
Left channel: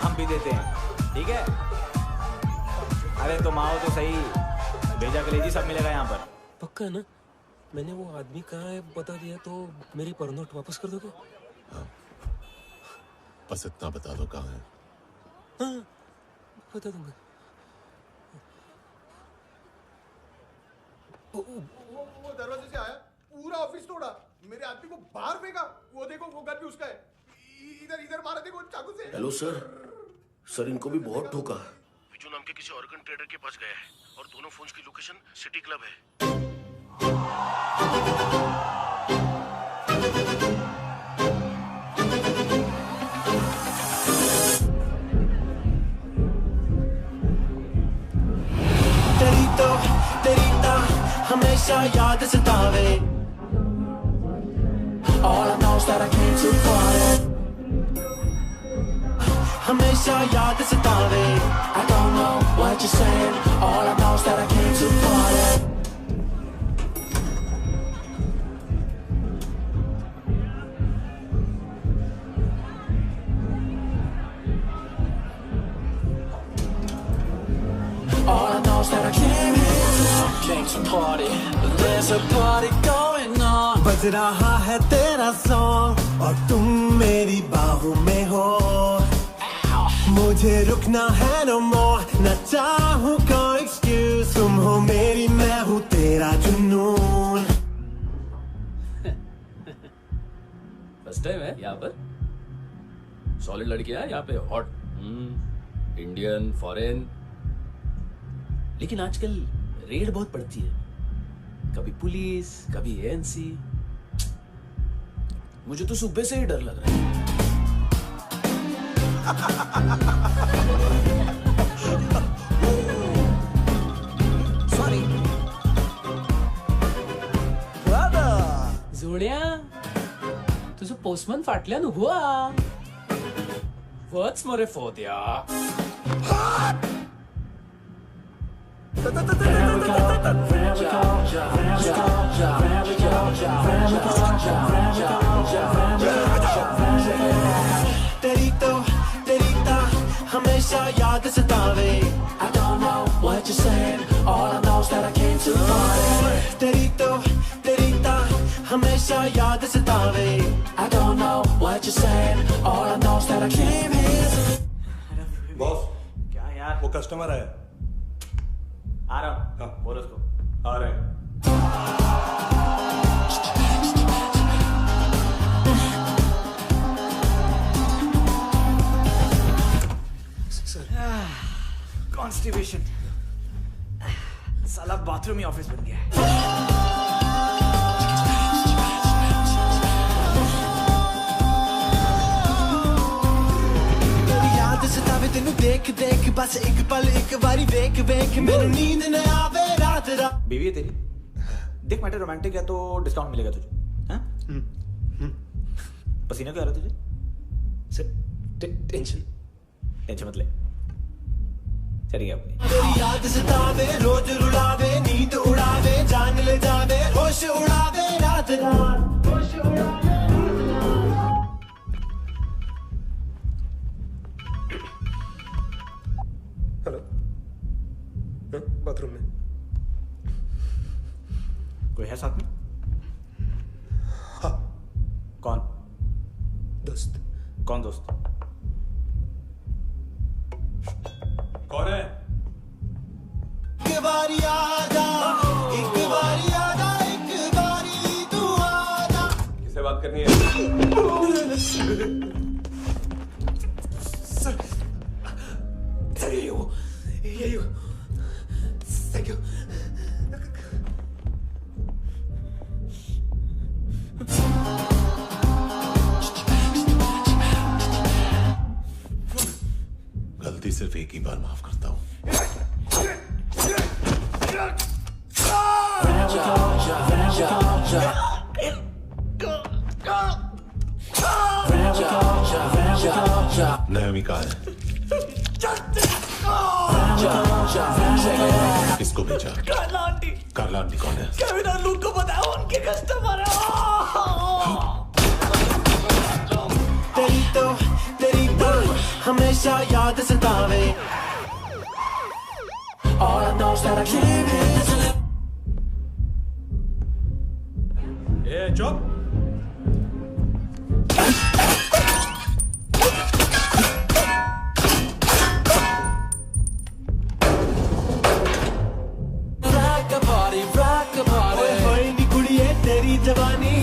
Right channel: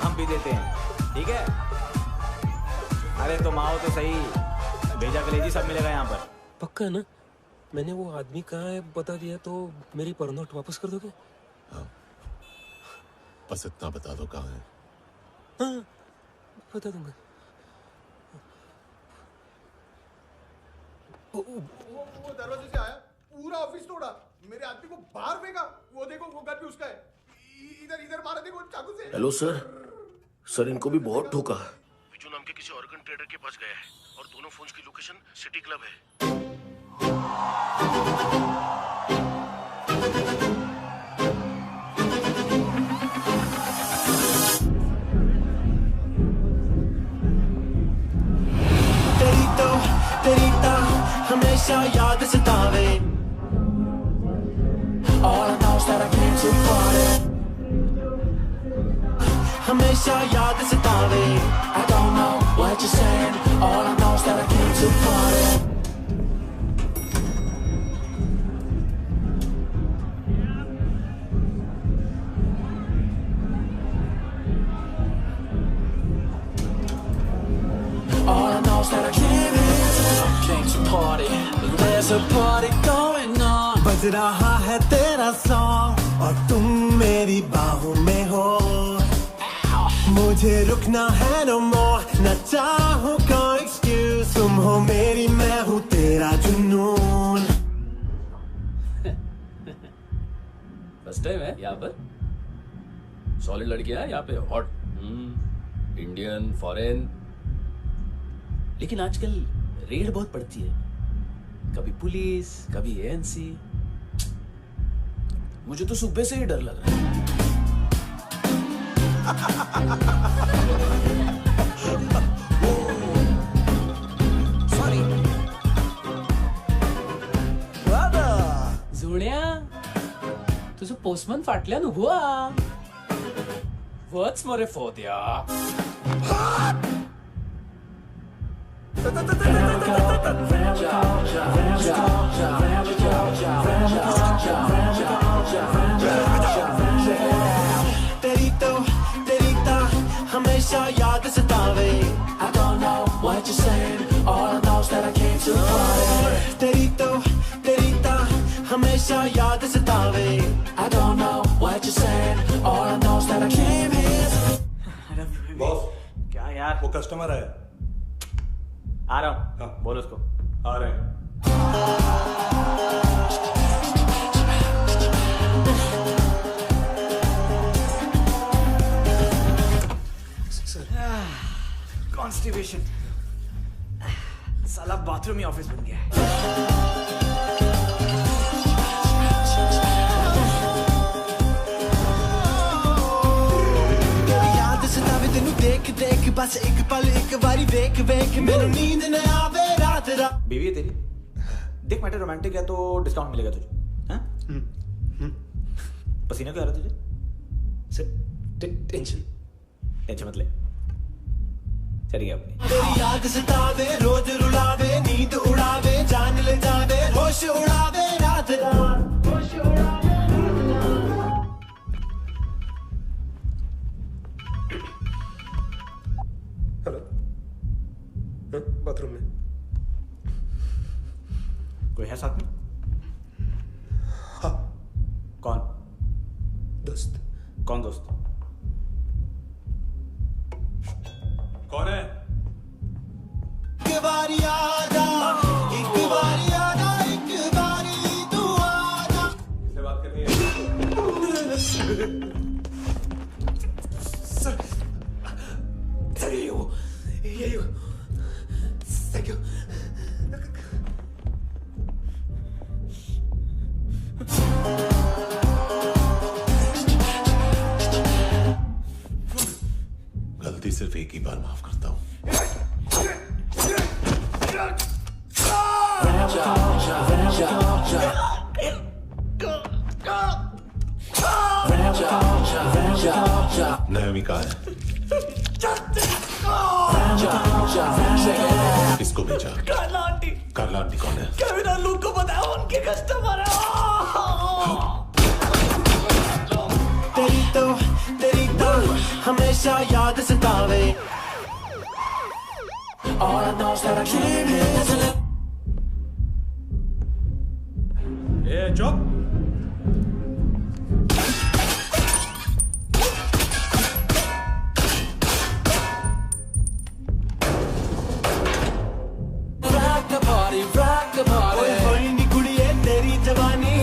हम भी देते हैं, ठीक है? अरे तुम आओ तो सही, भेजा कलेजी सब मिलेगा यहाँ पर। पक्का ना? मैंने वो आदमी कहाँ है बता दिया तो मेरी परनोट वापस कर दोगे? हाँ, बस इतना बता दो कहाँ है। हाँ, बता दूंगा। वो दरवाजे से आया, पूरा ऑफिस तोड़ा, मेरे आदमी को बाहर फेंका। वो देखो, वो गन भी उसका है। इधर इधर मारा देखो चाकू से। हेलो सर, इनको भी बहुत ठोका। विजू नाम के किसी ऑर्गन ट्रेडर के पास गया है और दोनों फोन्स की लोकेशन सिटी क्लब है। तेरी ता हमेशा याद सतावे। All I know is that I came to party. हमेशा याद सतावे। I don't know what you're saying. All I know is that I came to party. All I know is that I came to party. There's a party going on. बज रहा है तेरा song और तुम मेरी बाहों में हो। मुझे रुकना है no more, न चाहूँ कोई excuse। तुम हो मेरी, मैं हूँ तेरा जुनून। फर्स्ट टाइम है यहाँ पर? सॉलिड लड़कियां यहाँ पे, हॉट इंडियन, फॉरेन। लेकिन आजकल रेड बहुत पड़ती है, कभी पुलिस, कभी एएनसी। मुझे तो सुबह से ही डर लग रहा है। सॉरी जुण्या, तुझं पोस्टमन फाटल्यान हुआ वच मरे फोद्या। तेरी ता हमेशा याद सतावे। I don't know what you're saying. All I know is that I came to party. तेरी ता हमेशा याद सतावे। I don't know what you're saying. All I know is that I came here. Boss, क्या यार? वो कस्टमर है। आ रहा हूँ। बोल उसको। आ रहे हैं। मोटिवेशन। साला बाथरूम ही ऑफिस बन गया है। याद सतावे तेनू देख देख बस एक पल एक बारी वेख वेख मैनू नींद न आवे रात रात। बीवी है तेरी? देख मैटर रोमांटिक है तो डिस्काउंट मिलेगा तुझे। हाँ? पसीना क्यों आ रहा तुझे? टेंशन मत ले, चलिए अपनी। तेरी याद सतावे रोज रुलावे नींद उड़ावे जान ले जावे होश उड़ावे रात रात होश उड़ावे रात रात। हेलो, बाथरूम में कोई है साथ में? हाँ। कौन? दोस्त। कौन दोस्त? कौन है? एक बारी आजा, एक बारी आजा, एक बारी तू आजा। किससे बात करनी है? सर यही हो। Thank you. गलती सिर्फ एक ही बार माफ करता हूं। नयमी कहाँ है? किसको भेजा? कार्ला आंटी। कार्ला आंटी कौन है? केविन और लूक को बताया उनके कस्टमर है। तेरी तो हमेशा याद सतावे। All I know is that I can't handle it. ए चुप। rock the party. ओए होए नी कुड़िए तेरी जवानी।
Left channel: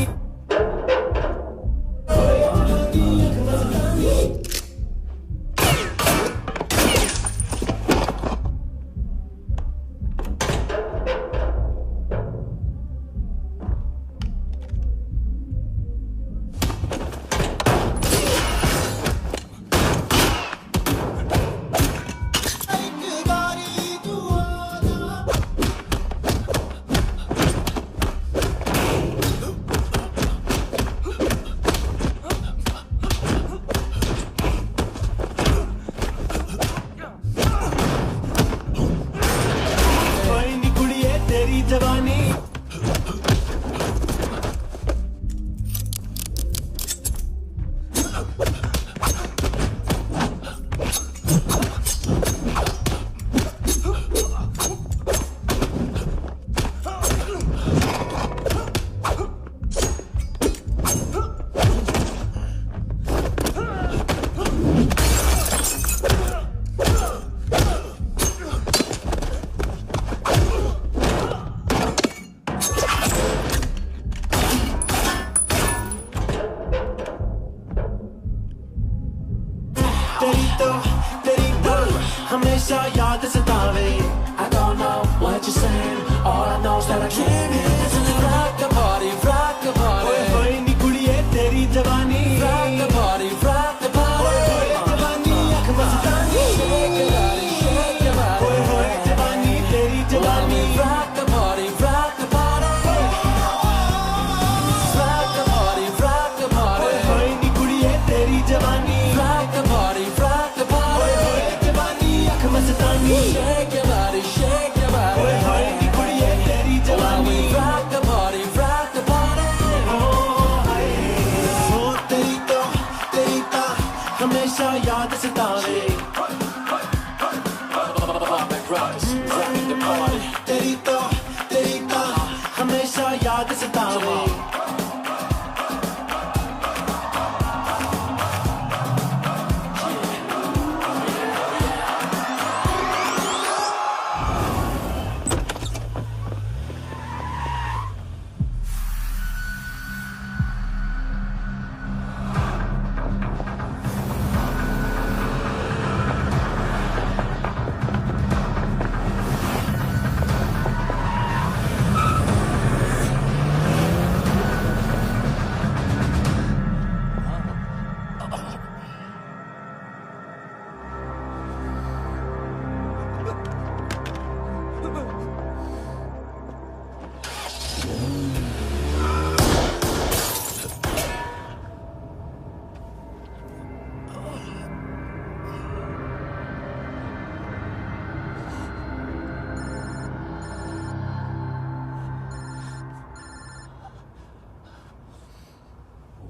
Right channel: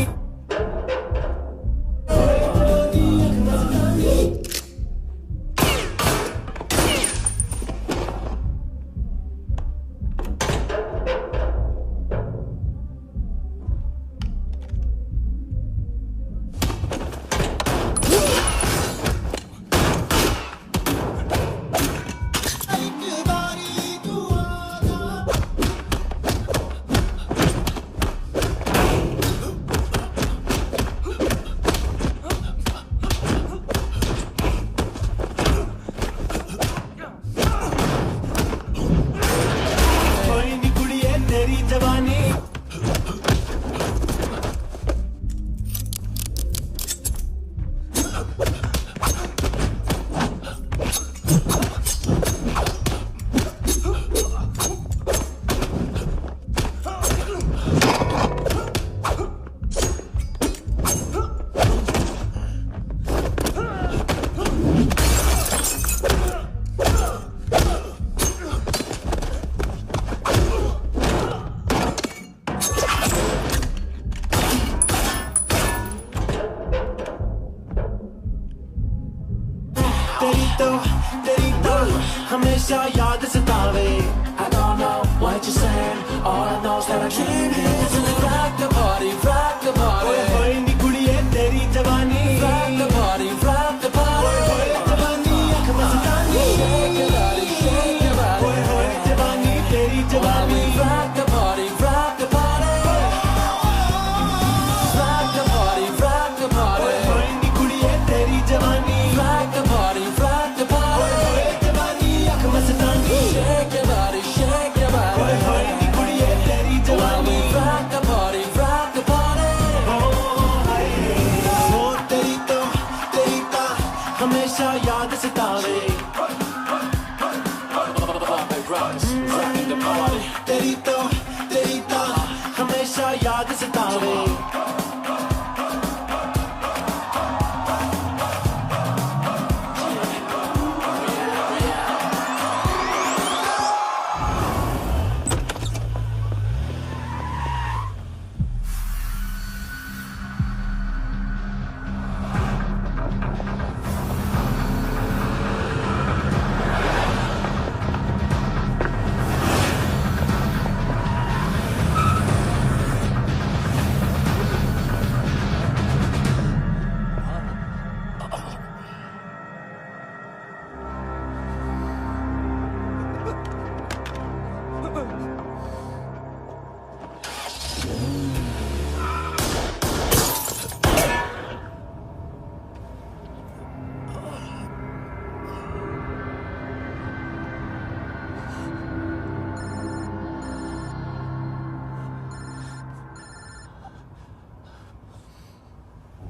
तेरी तो हमेशा याद सतावे। I don't know what you're saying, all I know is that I can't handle it. Rock the party, rock the party. ओए होए नी कुड़िए तेरी जवानी। Rock the party, rock the party. ओए होए जवानी आँख मस्तानी। Shake your body, shake your body. ओए होए जवानी तेरी जवानी। Rock the party, rock the party. Rock the party, rock the party. ओए होए नी कुड़िए तेरी जवानी। Rock the party, rock the party. ओए होए जवानी आँख मस्तानी। Shake your body, shake your body. ओए होए नी कुड़िए तेरी जवानी। Rock the party, rock the party. ओ तेरी तो हमेशा याद सतावे। तेरी तो हमेशा याद सतावे।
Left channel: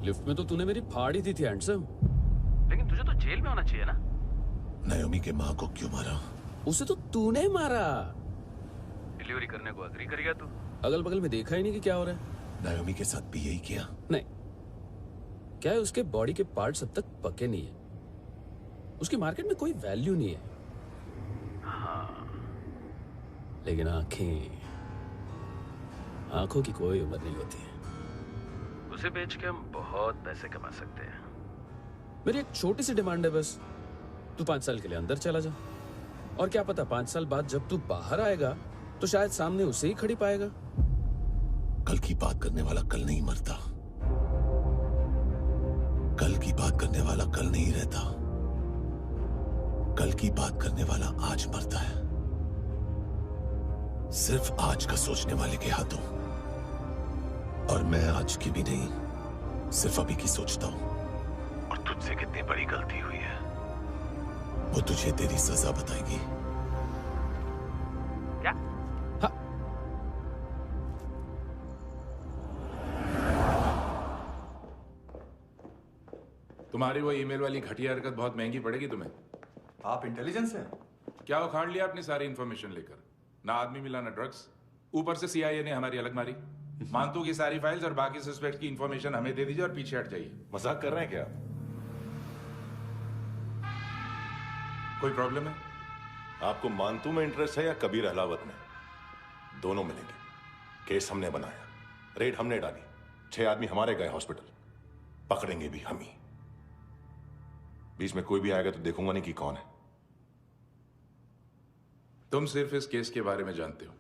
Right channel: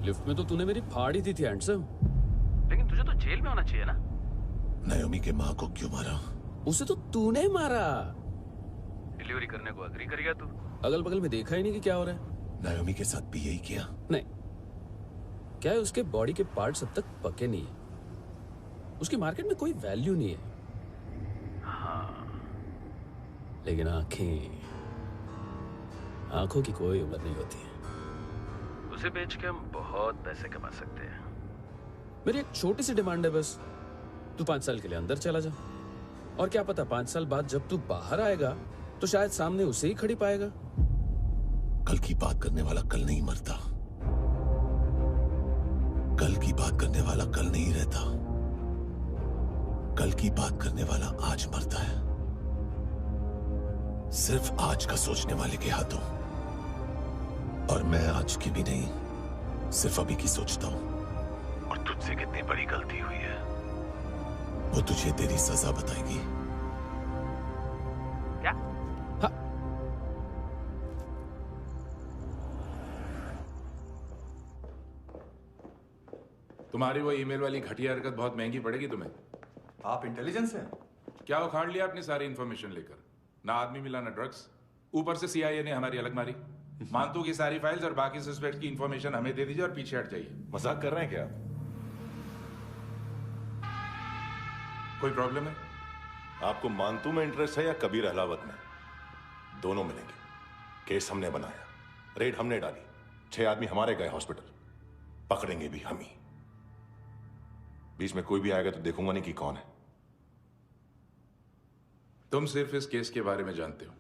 लिफ्ट में तो तूने मेरी फाड़ ही दी थी हैंडसम। लेकिन तुझे तो जेल में होना चाहिए ना। नायोमी के माँ को क्यों मारा? उसे तो तूने मारा। डिलीवरी करने को अग्री कर गया तू। अगल बगल में देखा ही नहीं कि क्या हो रहा है। नायोमी के साथ भी यही किया? नहीं, क्या है उसके बॉडी के पार्ट्स अब तक पके नहीं है। उसकी मार्केट में कोई वैल्यू नहीं है। हाँ, लेकिन आंखों की कोई उम्र नहीं होती है। उसे बेच के हम बहुत पैसे कमा सकते हैं। मेरी एक छोटी सी डिमांड है बस, तू 5 साल के लिए अंदर चला जा, और क्या पता 5 साल बाद जब तू बाहर आएगा तो शायद सामने उसे ही खड़ी पाएगा। कल की बात करने वाला कल नहीं मरता, कल की बात करने वाला कल नहीं रहता, कल की बात करने वाला आज मरता है। सिर्फ आज का सोचने वाले के हाथों। और मैं आज की भी नहीं, सिर्फ अभी की सोचता हूं। और तुझसे कितनी बड़ी गलती हुई है वो तुझे तेरी सजा बताएगी। क्या? हाँ। तुम्हारी वो ईमेल वाली घटिया हरकत बहुत महंगी पड़ेगी तुम्हें। आप इंटेलिजेंस हैं? क्या उखाड़ लिया अपनी सारी इंफॉर्मेशन लेकर? ना आदमी मिला ना ड्रग्स, ऊपर से CIA ने हमारी अलग मारी। मानतू की सारी फाइल्स और बाकी सस्पेक्ट की इंफॉर्मेशन हमें दे दीजिए और पीछे हट जाइए। मजाक कर रहे हैं क्या? कोई प्रॉब्लम है? आपको मानतू में इंटरेस्ट है या कबीर अहलावत में? दोनों मिलेंगे। केस हमने बनाया, रेड हमने डाली, 6 आदमी हमारे गए हॉस्पिटल, पकड़ेंगे भी हम ही। बीच में कोई भी आएगा तो देखूंगा नहीं कि कौन है। तुम सिर्फ इस केस के बारे में जानते हो,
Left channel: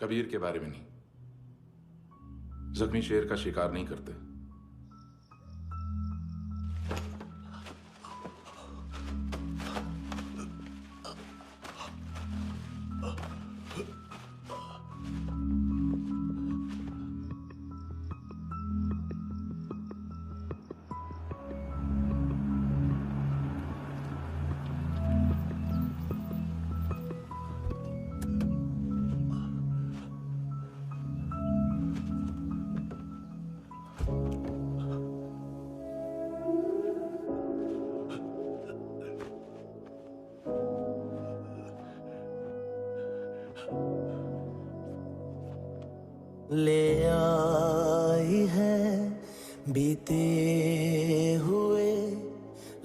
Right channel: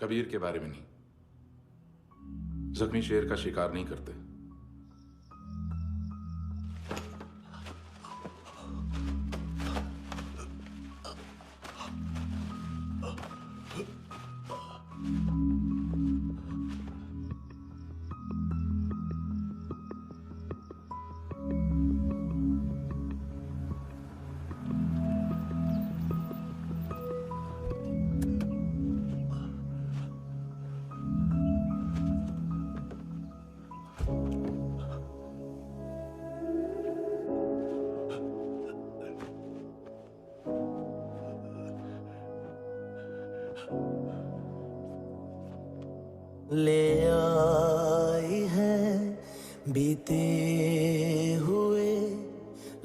कबीर के बारे में नहीं। जख्मी शेर का शिकार नहीं करते। ले आई है बीते हुए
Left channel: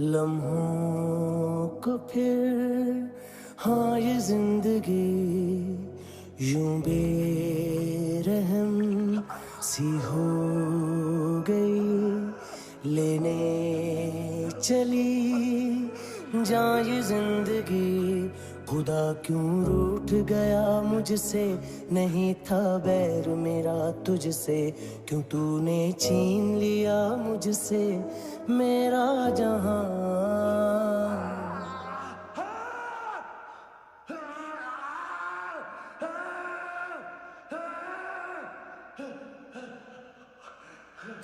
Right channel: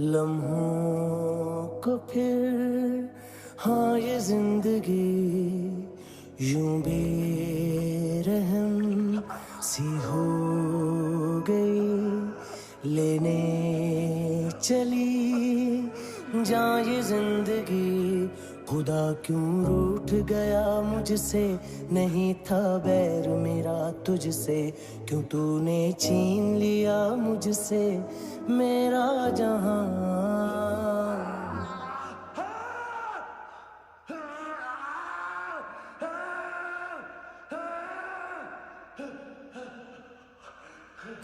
लम्हों को फिर, हाँ ये जिंदगी यूं बेरहम सी हो गई, लेने चली जा ये जिंदगी। खुदा क्यों रूठ गया मुझसे, नहीं था बैर मेरा तुझसे, क्यों तूने छीन लिया मुझसे मेरा जहां।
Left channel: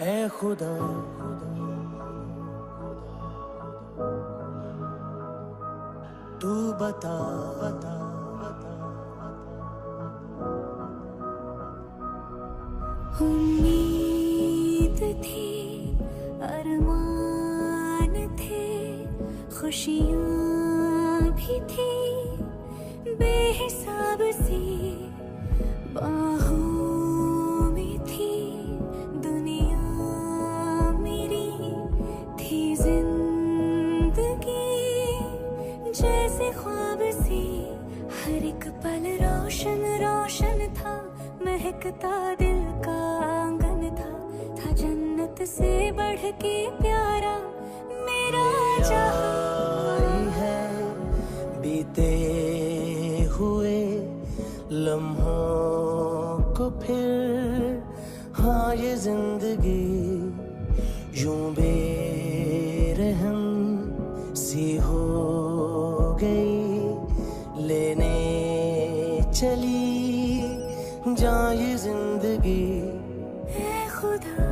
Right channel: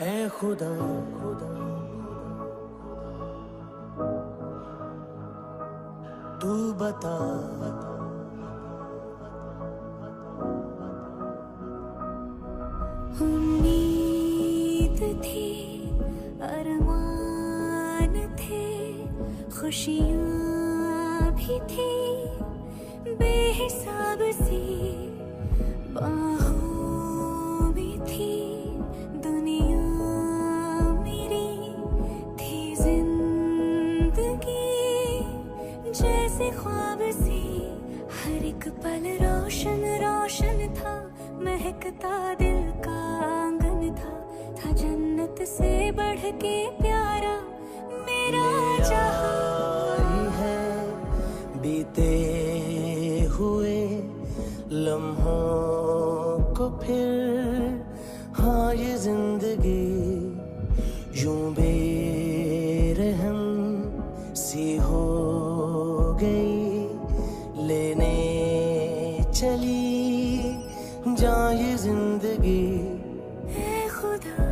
ऐ खुदा तू बता उम्मीद थी, अरमान थे, खुशियाँ भी थी, बेहिसाब सी बाहों में थी दुनिया मेरी, थी जिंदगी जैसे ख्वाब सी, हर एक पल रोशन रोशन था, महकता दिल का आंगन था जन्नत से बढ़ के प्यारा मेरा जहां है। बीते हुए लम्हों को फिर, हाँ ये जिंदगी यूं बेरहम सी हो गई, लेने चली जा ये जिंदगी। ऐ खुदा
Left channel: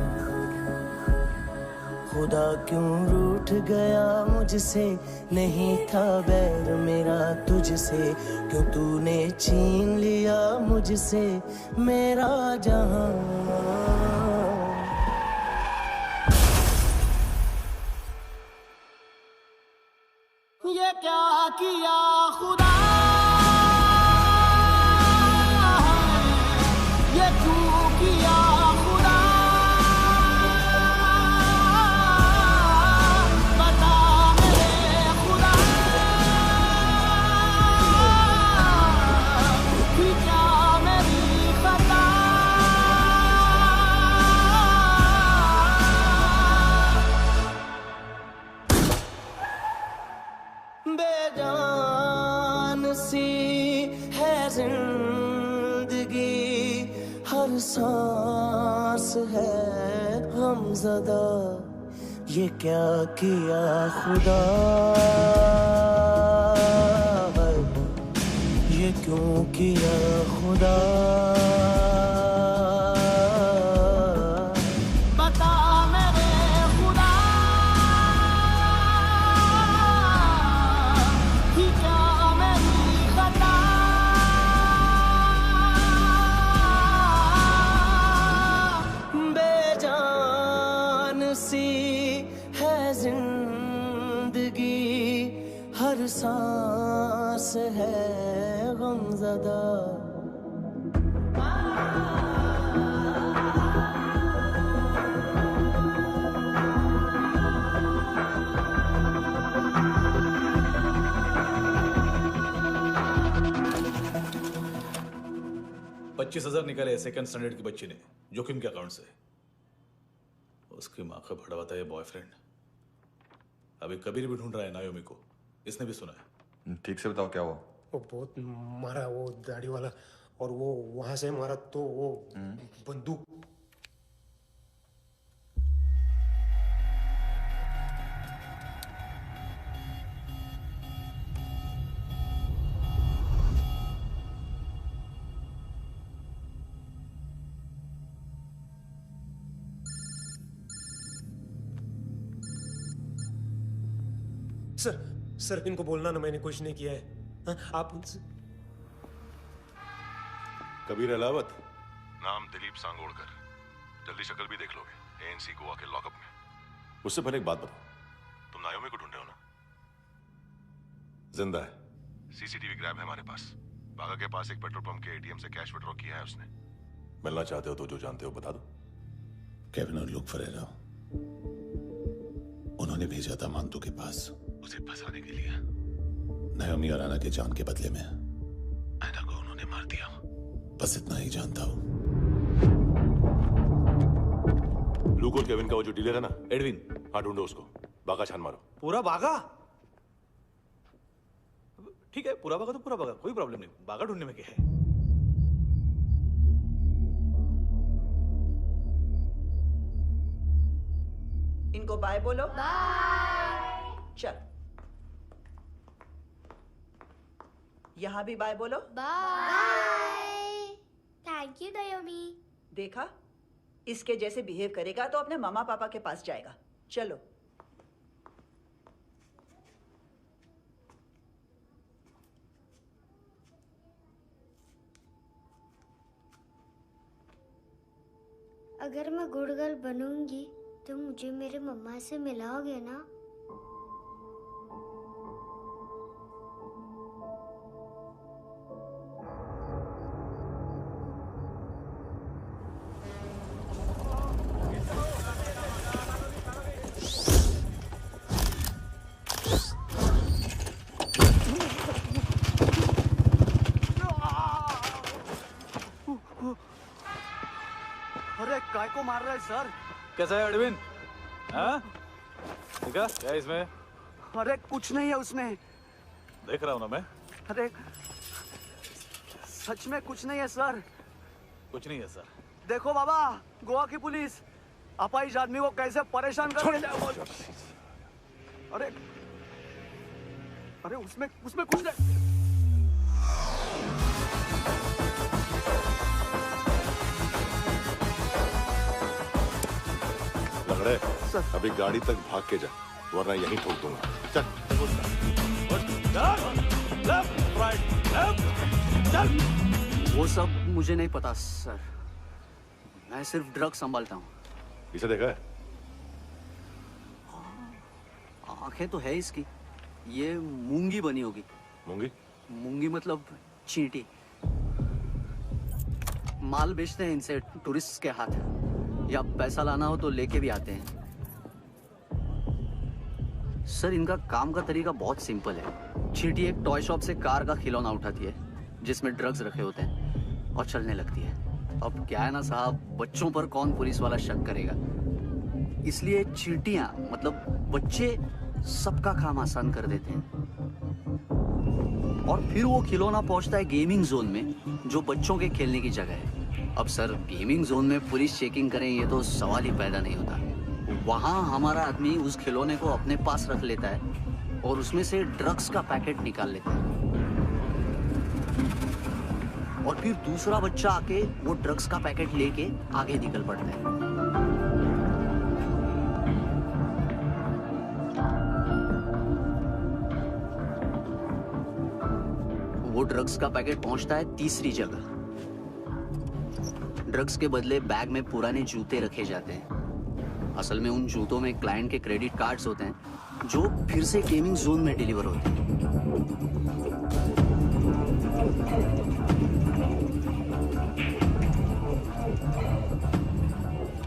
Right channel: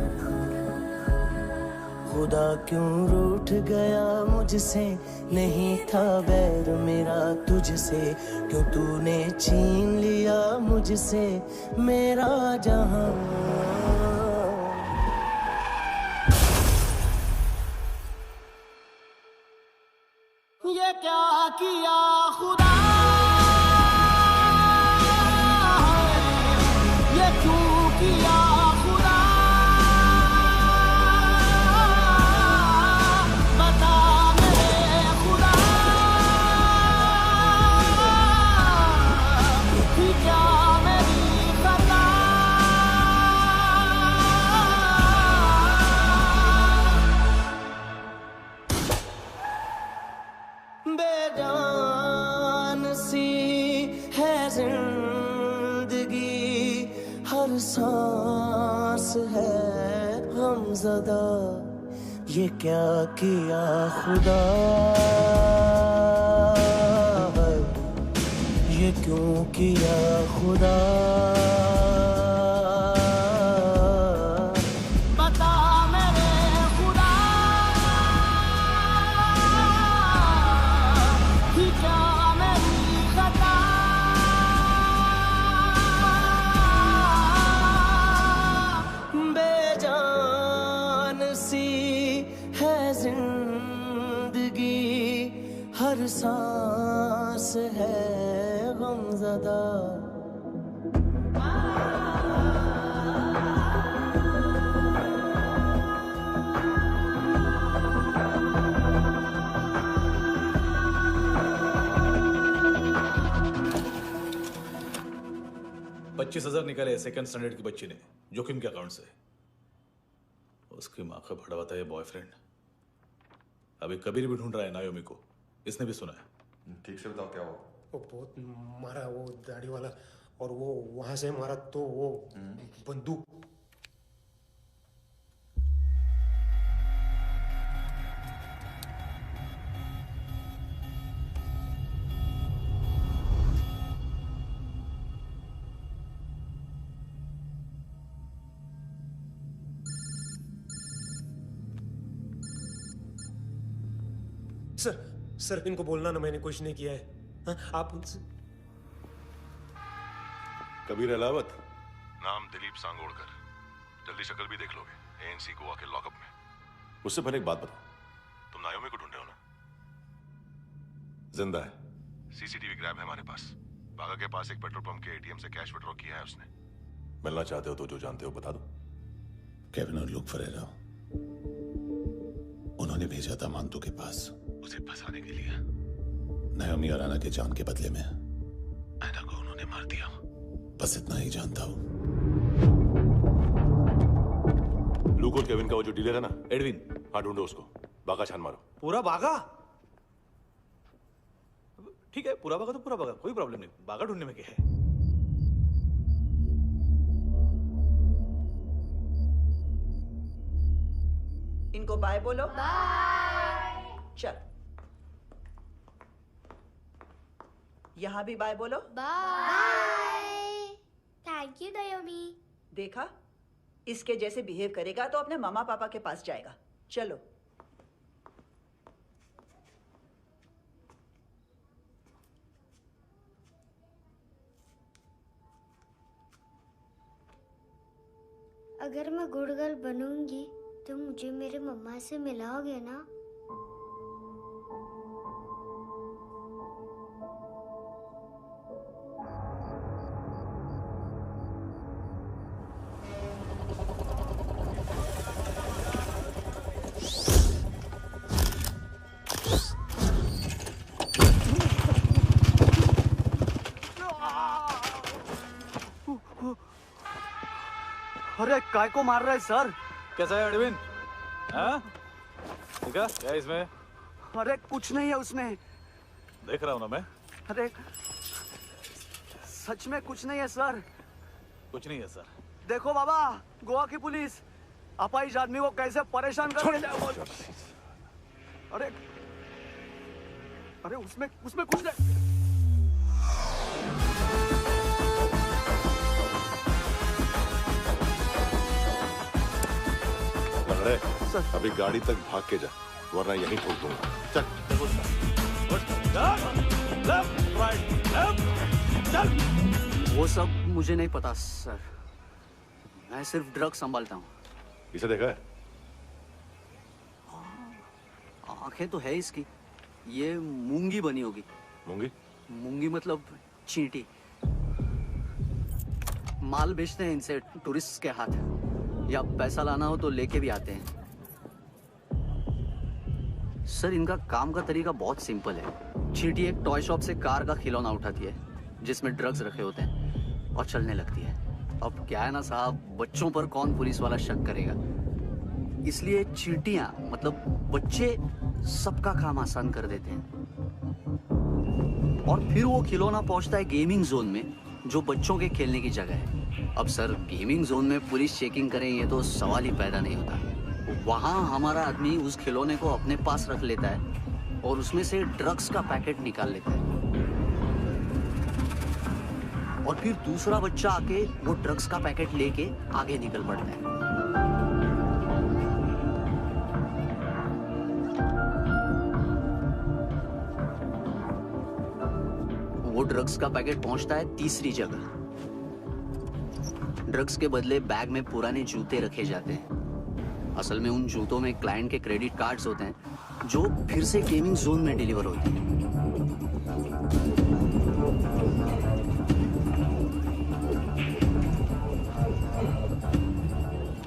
खुदा क्यों रूठ गया मुझसे, नहीं था बैर मेरा तुझसे, क्यों तूने छीन लिया मुझसे मेरा जहां। क्या किया खुदा, ये क्यों किया खुदा, बता मेरे खुदा, कि क्या मेरी खता, बेजान सी है जिंदगी, हर सांस है गमज़दा, ये क्या किया खुदा, ये क्यों किया खुदा, बता मेरे खुदा, कि क्या मेरी खता, बेजान सी है जिंदगी, हर सांस है गमज़दा। $25,000 निकाले सेकंड स्टैंडर्ड की बच्ची ने जोखिम के अकाउंट से। उसकी माँ का भड़वाता है बॉयफ्रेंड। अभी कबीर भी ढूंढ रहा है नायोमी को, इसने भी सुना है। ठीक से बताओ क्या हुआ। वो बहुत मारा, वो दाढ़ी वाला, और वो वहां से मारा तो वो बंदूक। सर इनको बोलना ना मैंने कुछ नहीं किया है। हाँ, आप उनसे। कबीर अलावत, नाम दिलीप सांगोड़कर। जल्दी शक्ल भी देख लोगे एएनसी गोवा के लॉकअप में। उससे पहले एक बात बताओ, तुम नायोमी को ढूंढ रहे हो ना? जिंदा है, सीसीटीवी ग्रैब है हमारे पास। बागा के पास एक पेट्रोल पंप के एटीएम से कैश विड्रॉ किया है उसने। मिलना चाहते हो तो जो जानते हो बता दो। केविन और लुक फरेरा, उन्होंने भेजा था मांतू के पास उसे फंसाने के लिए। नायोमी और आना के जान के बदले में आना को उन्होंने मार दिया। बस इतना ही जानता हूं। लूक और केविन का वो जो डीलर है ना, एडविन। हाँ, ढूंढो उसको। बागा छान मारो। पूरा बागा? ठीक है, पूरा बागा तो पूरा बागा, कोई प्रॉब्लम नहीं। बागा ढूंढने में क्या है? इनको बाय बोलो। बाय। चल, यहां भी बाय बोलो। बाय। Thank you नायोमी। देखा, इसके जैसे बिहेव करेगा तो अपने मामा पापा के पास जाएगा। चलो। अगर मैं गुड गर्ल बनूंगी तो मुझे मेरे मम्मा से मिलाओगे ना? अरे काय को मार रहा है सर? कैसा है एडविन? हाँ? ठीक है, क्या है इसमें? अरे कुछ नहीं है उसमें। देख रहा हूं ना मैं। अरे सच में कुछ नहीं है सर। कुछ नहीं है सर। देखो बाबा, गोवा की पुलिस अपाहिज आदमी को कैसे परेशान कर रही है। अरे अरे उसमें कुछ नहीं। लंगड़े, अभी गाड़ी तक भाग के जा, वरना यहीं ठोक दूंगा। चल। वो सब मुझे नहीं पता सर, मैं सिर्फ ड्रग संभालता हूँ। इसे देखा है? आंखें तो है इसकी। ये मूंगी बनी होगी। मूंगी? मूंगी मतलब चींटी। माल बेचते हैं इनसे टूरिस्ट के हाथ, या पैसा लाना हो तो लेके भी आते हैं। सर इनका काम का तरीका बहुत सिंपल है। चींटी एक टॉय शॉप से कार का खिलौना उठाती है जिसमें ड्रग्स रखे होते हैं और चलने लगती है। अब क्या है ना साहब, बच्चों पर कौन पुलिस वाला शक करेगा, इसलिए चींटियां मतलब बच्चे सबका काम आसान कर देते हैं। और फिर वो खिलौना पहुंचता है गेमिंग जोन में, जो बच्चों के खेलने की जगह है। अब सर गेमिंग जोन में पुलिस चेकिंग करें ये तो सवाल ही पैदा नहीं होता। वहां हमारा आदमी उस खिलौने को अपने पास रख लेता है और उसमें से ड्रग्स का पैकेट निकाल लेता है, और फिर दूसरा बच्चा आके वो ड्रग्स का पैकेट लेके आगे निकल पड़ता है। वो ड्रग्स का पैकेट पहुंचता है तीसरी जगह। ड्रग्स के बदले बैग में पुराने जूते रखे जाते हैं। असल में उन जूतों में क्लाइंट के क्रेडिट कार्ड्स होते हैं जो फिर से गेमिंग जोन में डिलीवर होते हैं।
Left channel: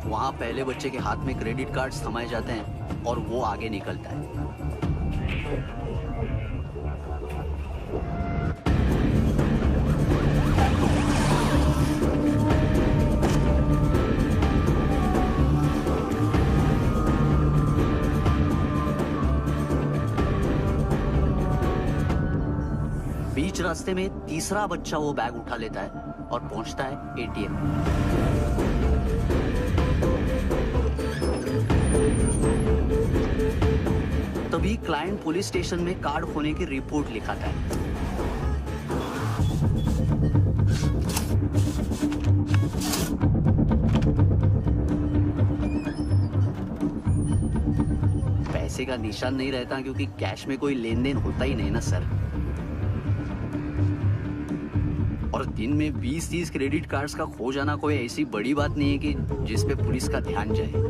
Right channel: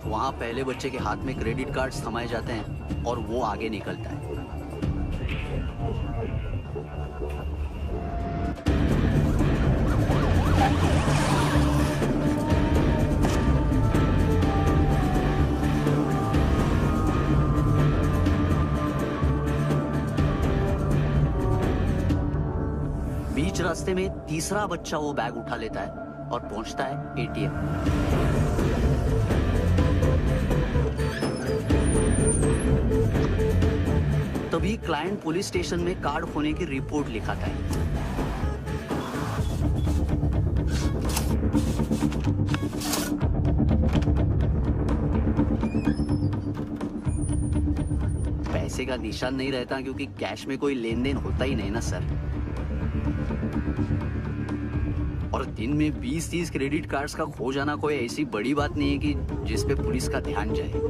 वहां पहले बच्चे के हाथ में क्रेडिट कार्ड्स थमाए जाते हैं और वो आगे निकलता है। बीच रास्ते में तीसरा बच्चा वो बैग उठा लेता है और पहुंचता है एटीएम। तभी क्लाइंट पुलिस स्टेशन में कार्ड खोने की रिपोर्ट लिखाता है। पैसे का निशान नहीं रहता क्योंकि कैश में कोई लेन देन होता ही नहीं ना सर। और दिन में 20-30 क्रेडिट कार्ड्स का खो जाना कोई ऐसी बड़ी बात नहीं है कि जिस पे पुलिस का ध्यान जाए।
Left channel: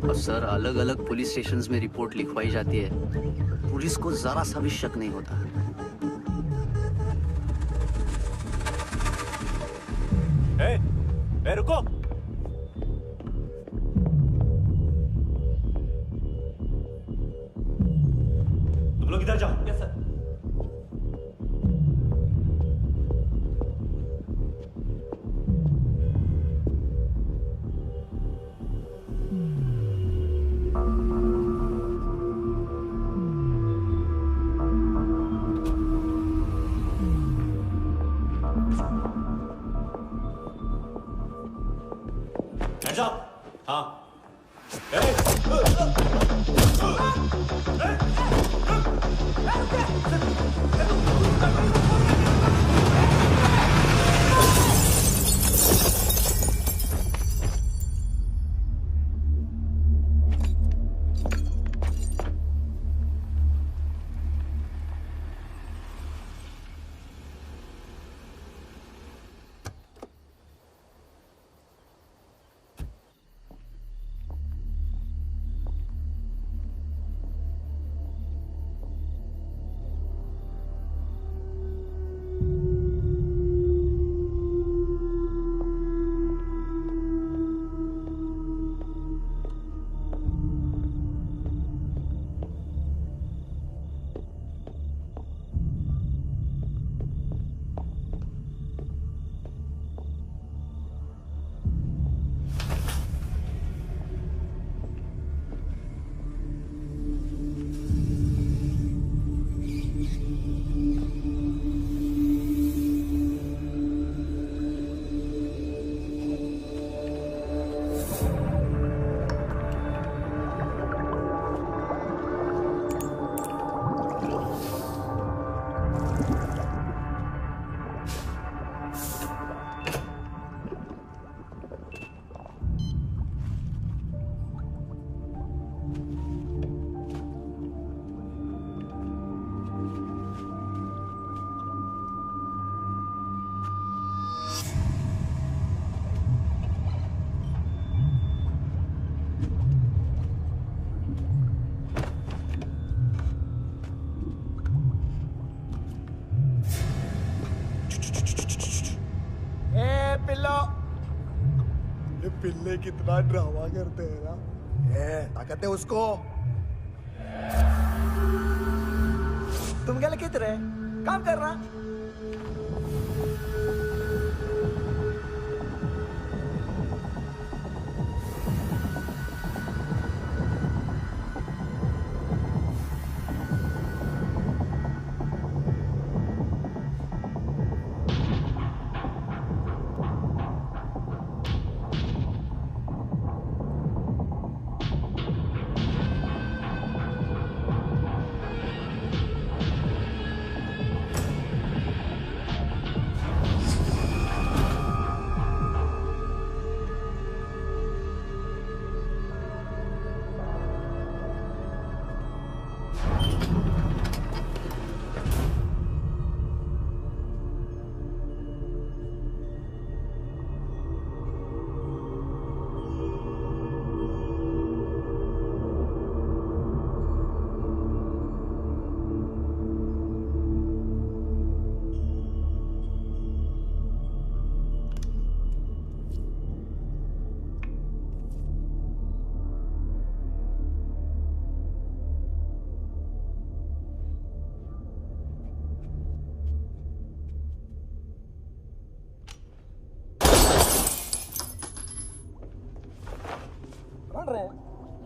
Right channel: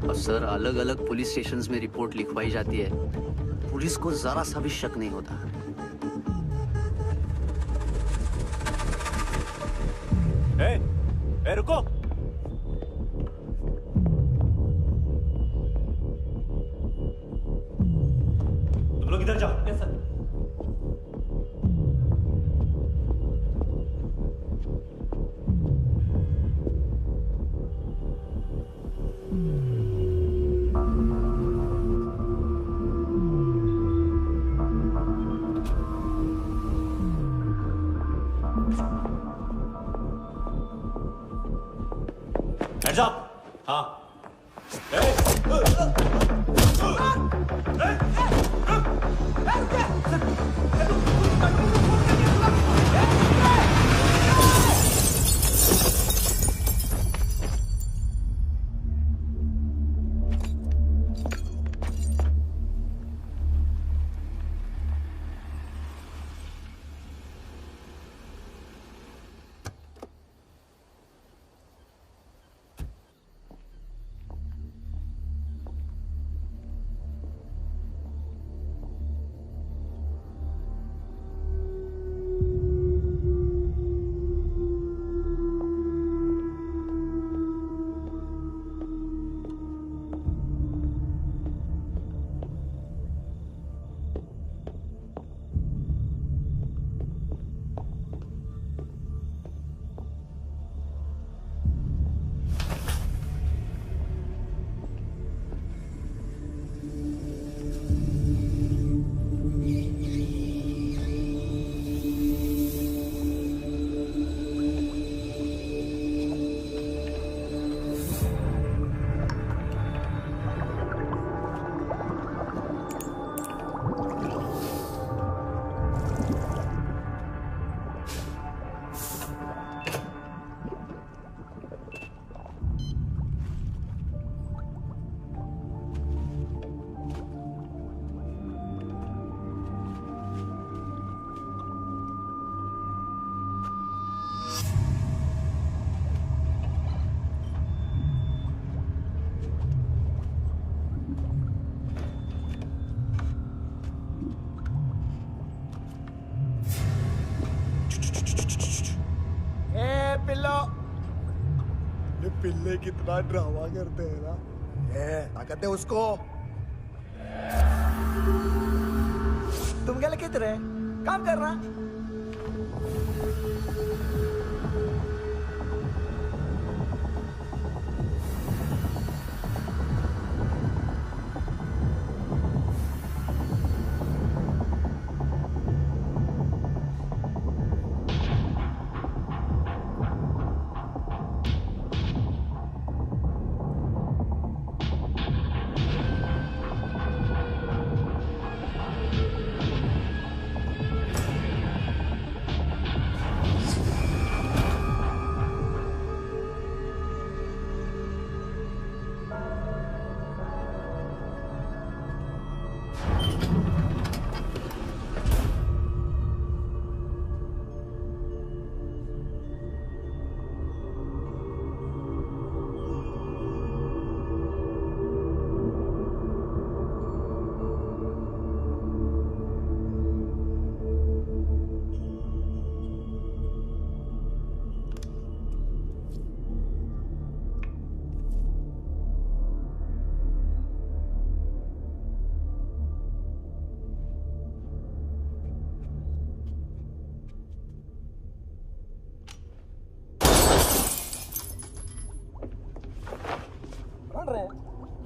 और सर अलग अलग पुलिस स्टेशंस में रिपोर्ट लिखवाई जाती है, पुलिस को जरा सा भी शक नहीं होता। रुको, तुम लोग इधर जाओ। Yes sir. Hands up! हाँ। पिल्लो। ये पिल्ले कितना ड्रामा करते हैं ना। ये ताकत है उसको। तुम क्या लिखित रहे? काम कर रहा।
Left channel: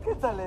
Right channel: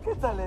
¿Qué tal,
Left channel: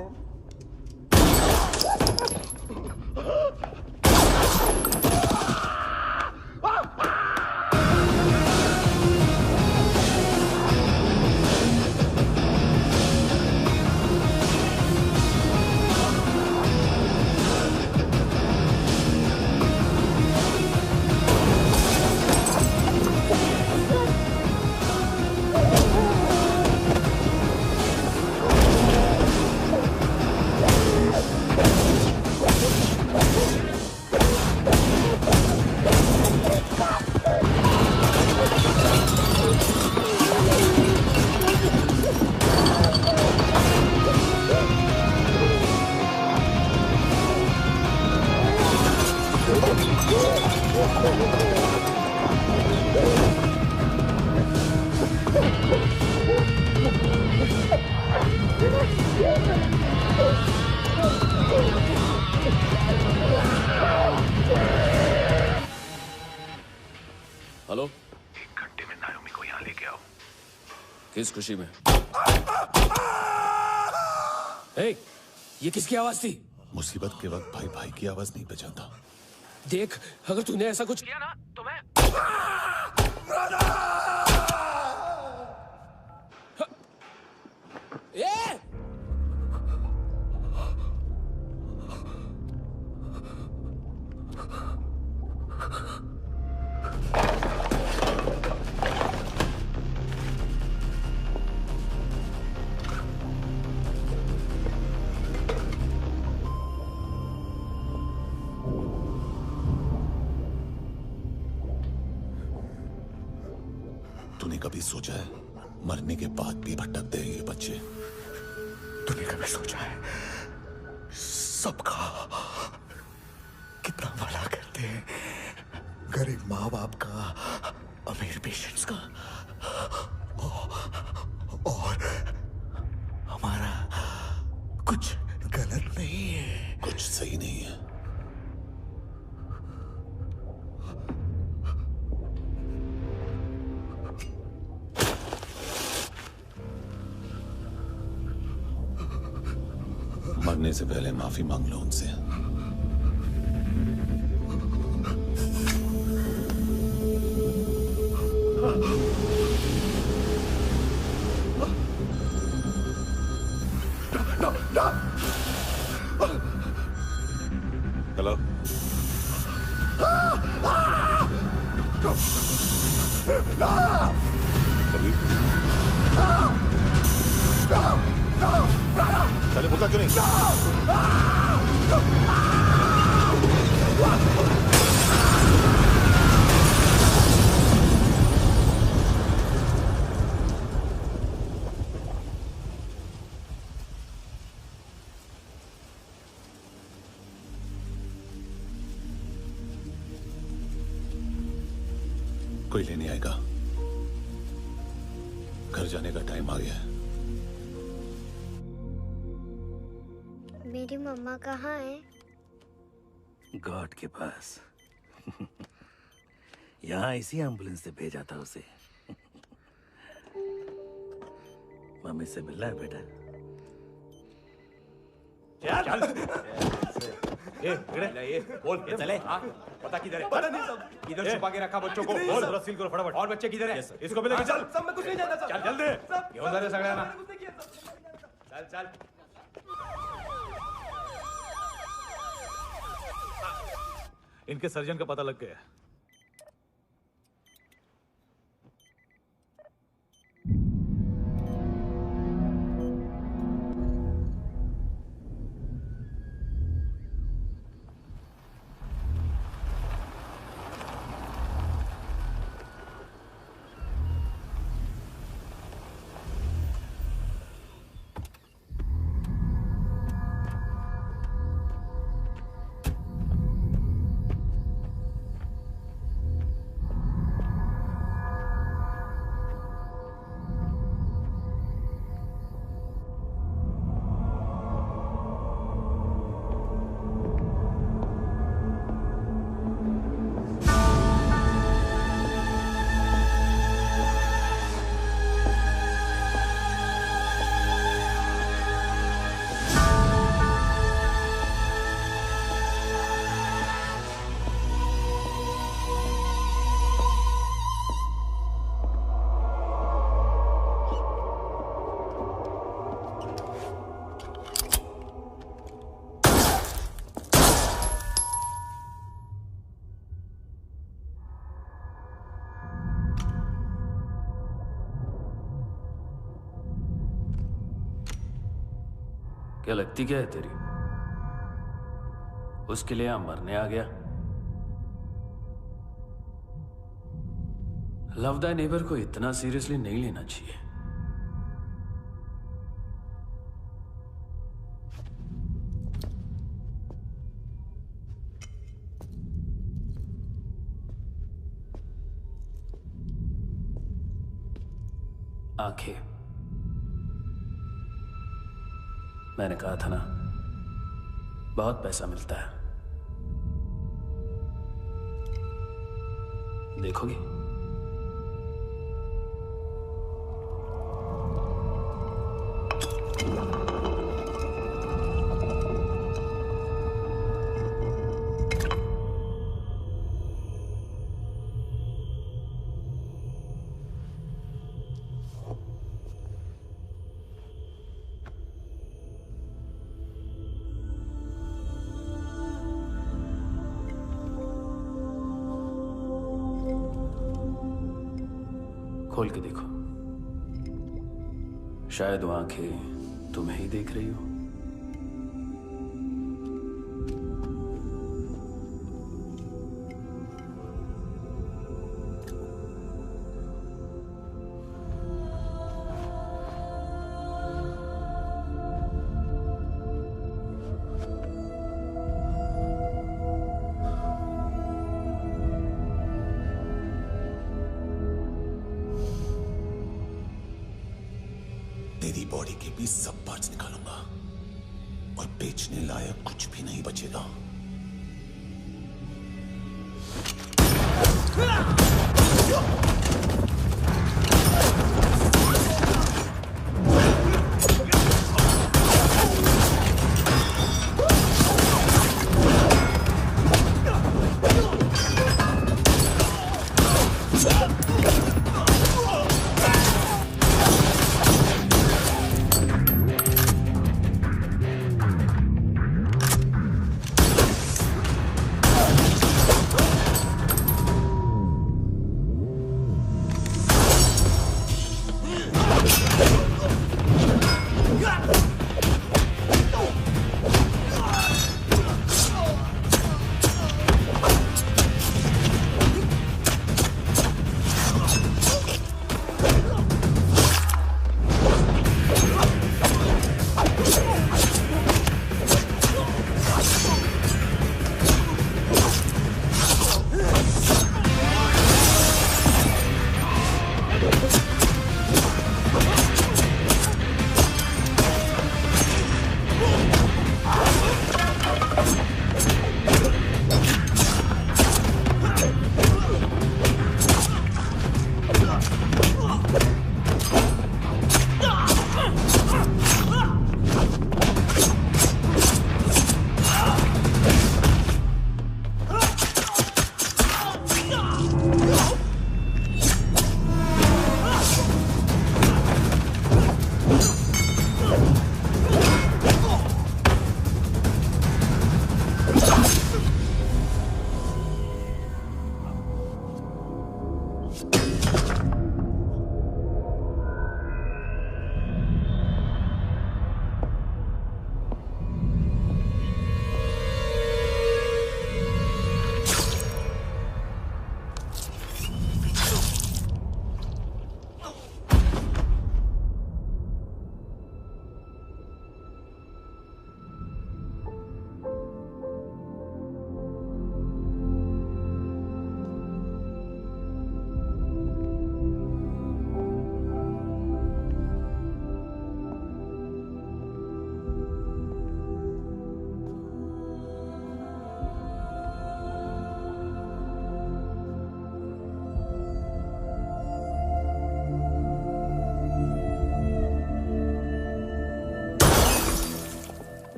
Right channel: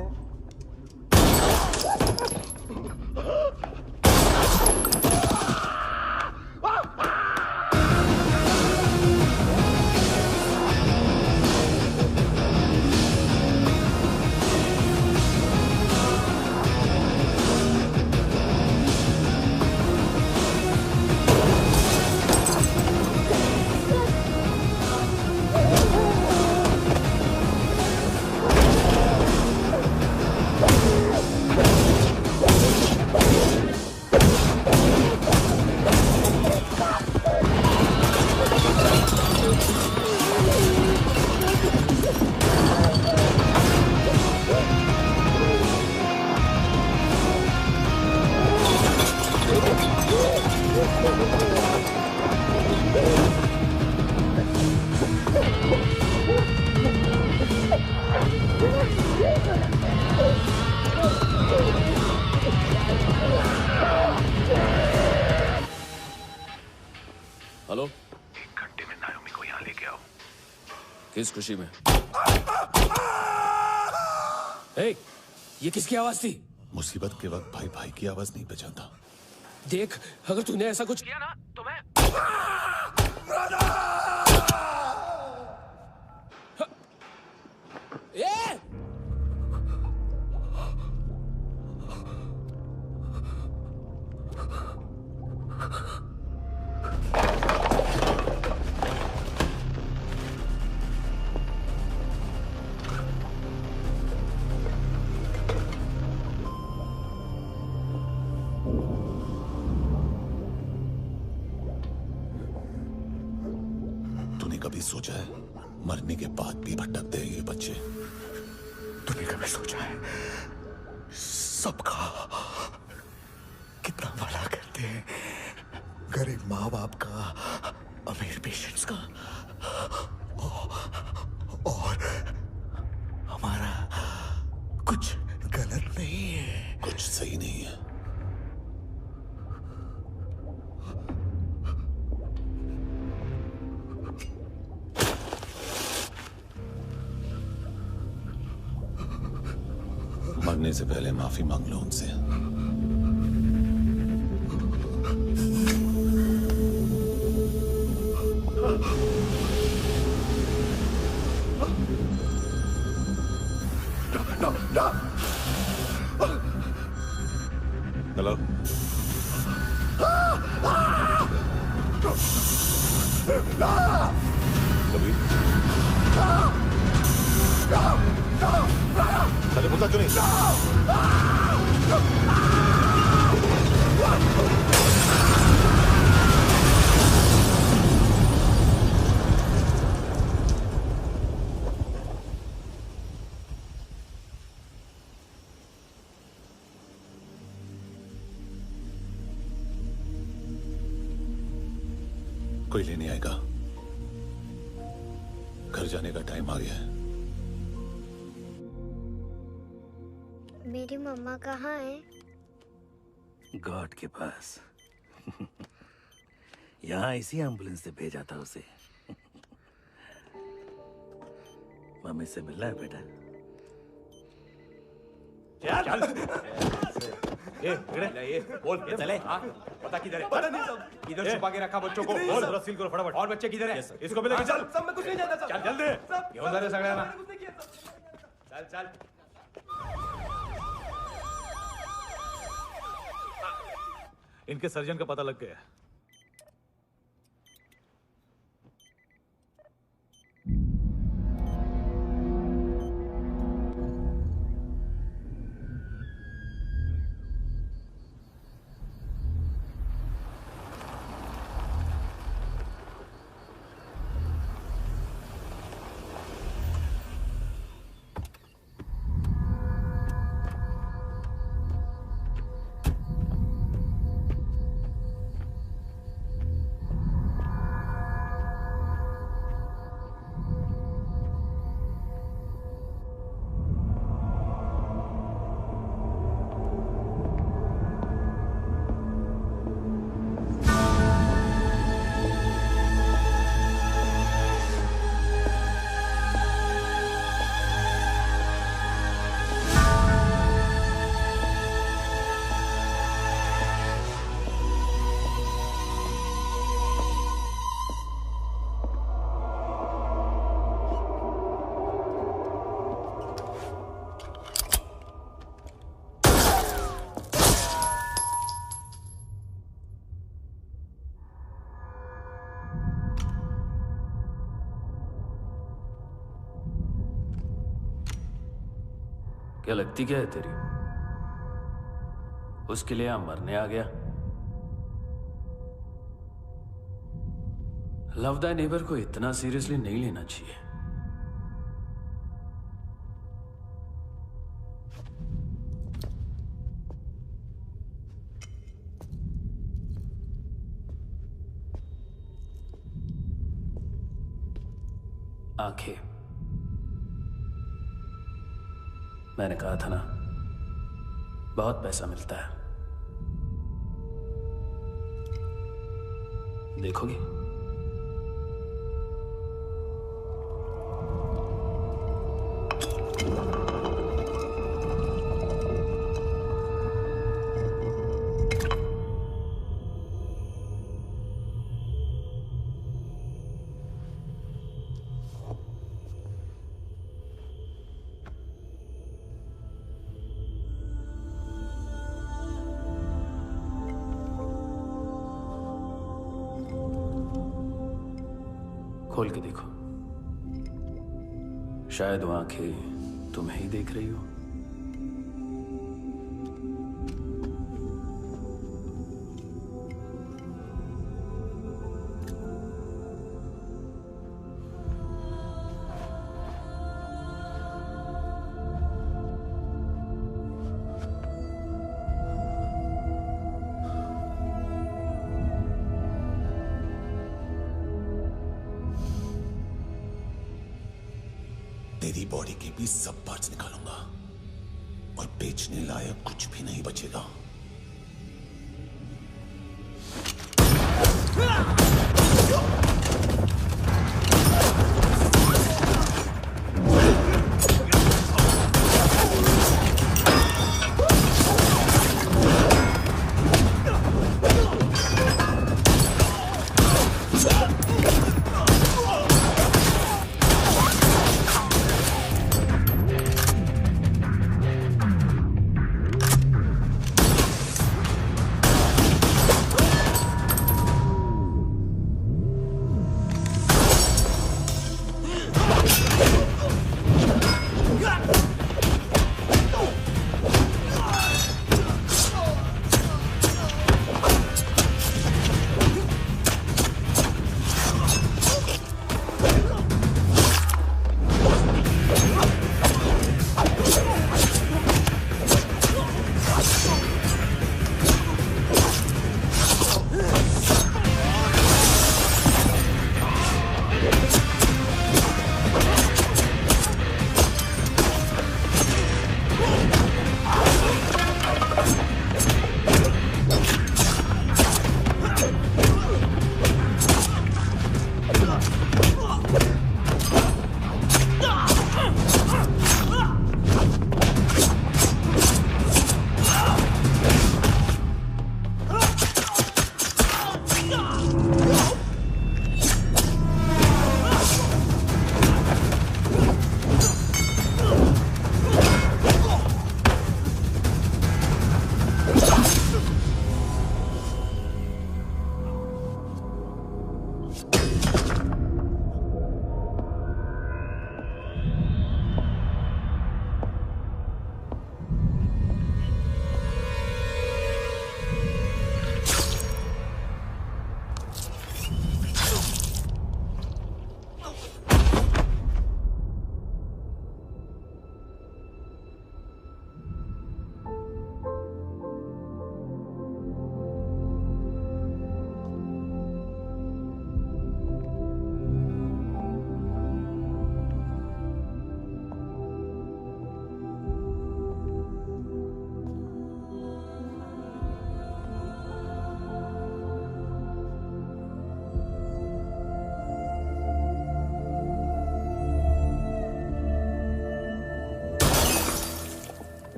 हेलो, 1 घंटे में नायोमी को यहाँ लेके आओ। किस खुशी में? ए, ये किसकी आवाज थी? मुसीबत के वक्त भाई भाई की आवाज नहीं बचाता। देख, अगर तूने ऐसा कुछ किया ना तो मैं ए! तूने कभी सोचा है मरने के बाद भी भटकते हैं ये बच्चे? तूने कभी सोचा है सबका कितना भला करते हैं? गरीब माँ बाप का, अमीर पेशेंट्स का, और हमारा कुछ गलत नहीं है, कुछ सही नहीं है। मरने से पहले माफी मांग लो उनसे। हेलो, कबीर, चले बोलता क्यों नहीं? कोई लेने आएगा? घर जाने का टाइम आ गया है। मेरी मम्मा कहाँ है? गॉड के पास। यहाँ इसी एम्बुलेंस से भेजा था उसे। मम्मी से मिलना है बेटा। चल ये बोल ये चले। पता किधर है? पता नहीं सब। इधर छुपा के रखा बच्चों को। बोल थोड़ा सील करो फटाफट। और बच्चे किधर है? इसको भी लेके चल। सब मैं कुछ नहीं जानता। चल जल्दी। घेऊन जा रे सगळ्यांना। चल चल। इनके सर्जन का पता लग गया। क्या लगती क्या है तेरी? उसके लिए यहां मरने आ गया? लव द नेबर को इतना सीरियसली नहीं लेना चाहिए। आंखें, मैंने कहा था ना, बहुत पैसा मिलता है। देखोगी? खोल के देखो, शायद वो आंखें तुम्हें ही देख रही हो। तेरी बॉडी के भी सब पार्ट्स निकालूंगा और बेचने लायक कुछ भी नहीं बचेगा।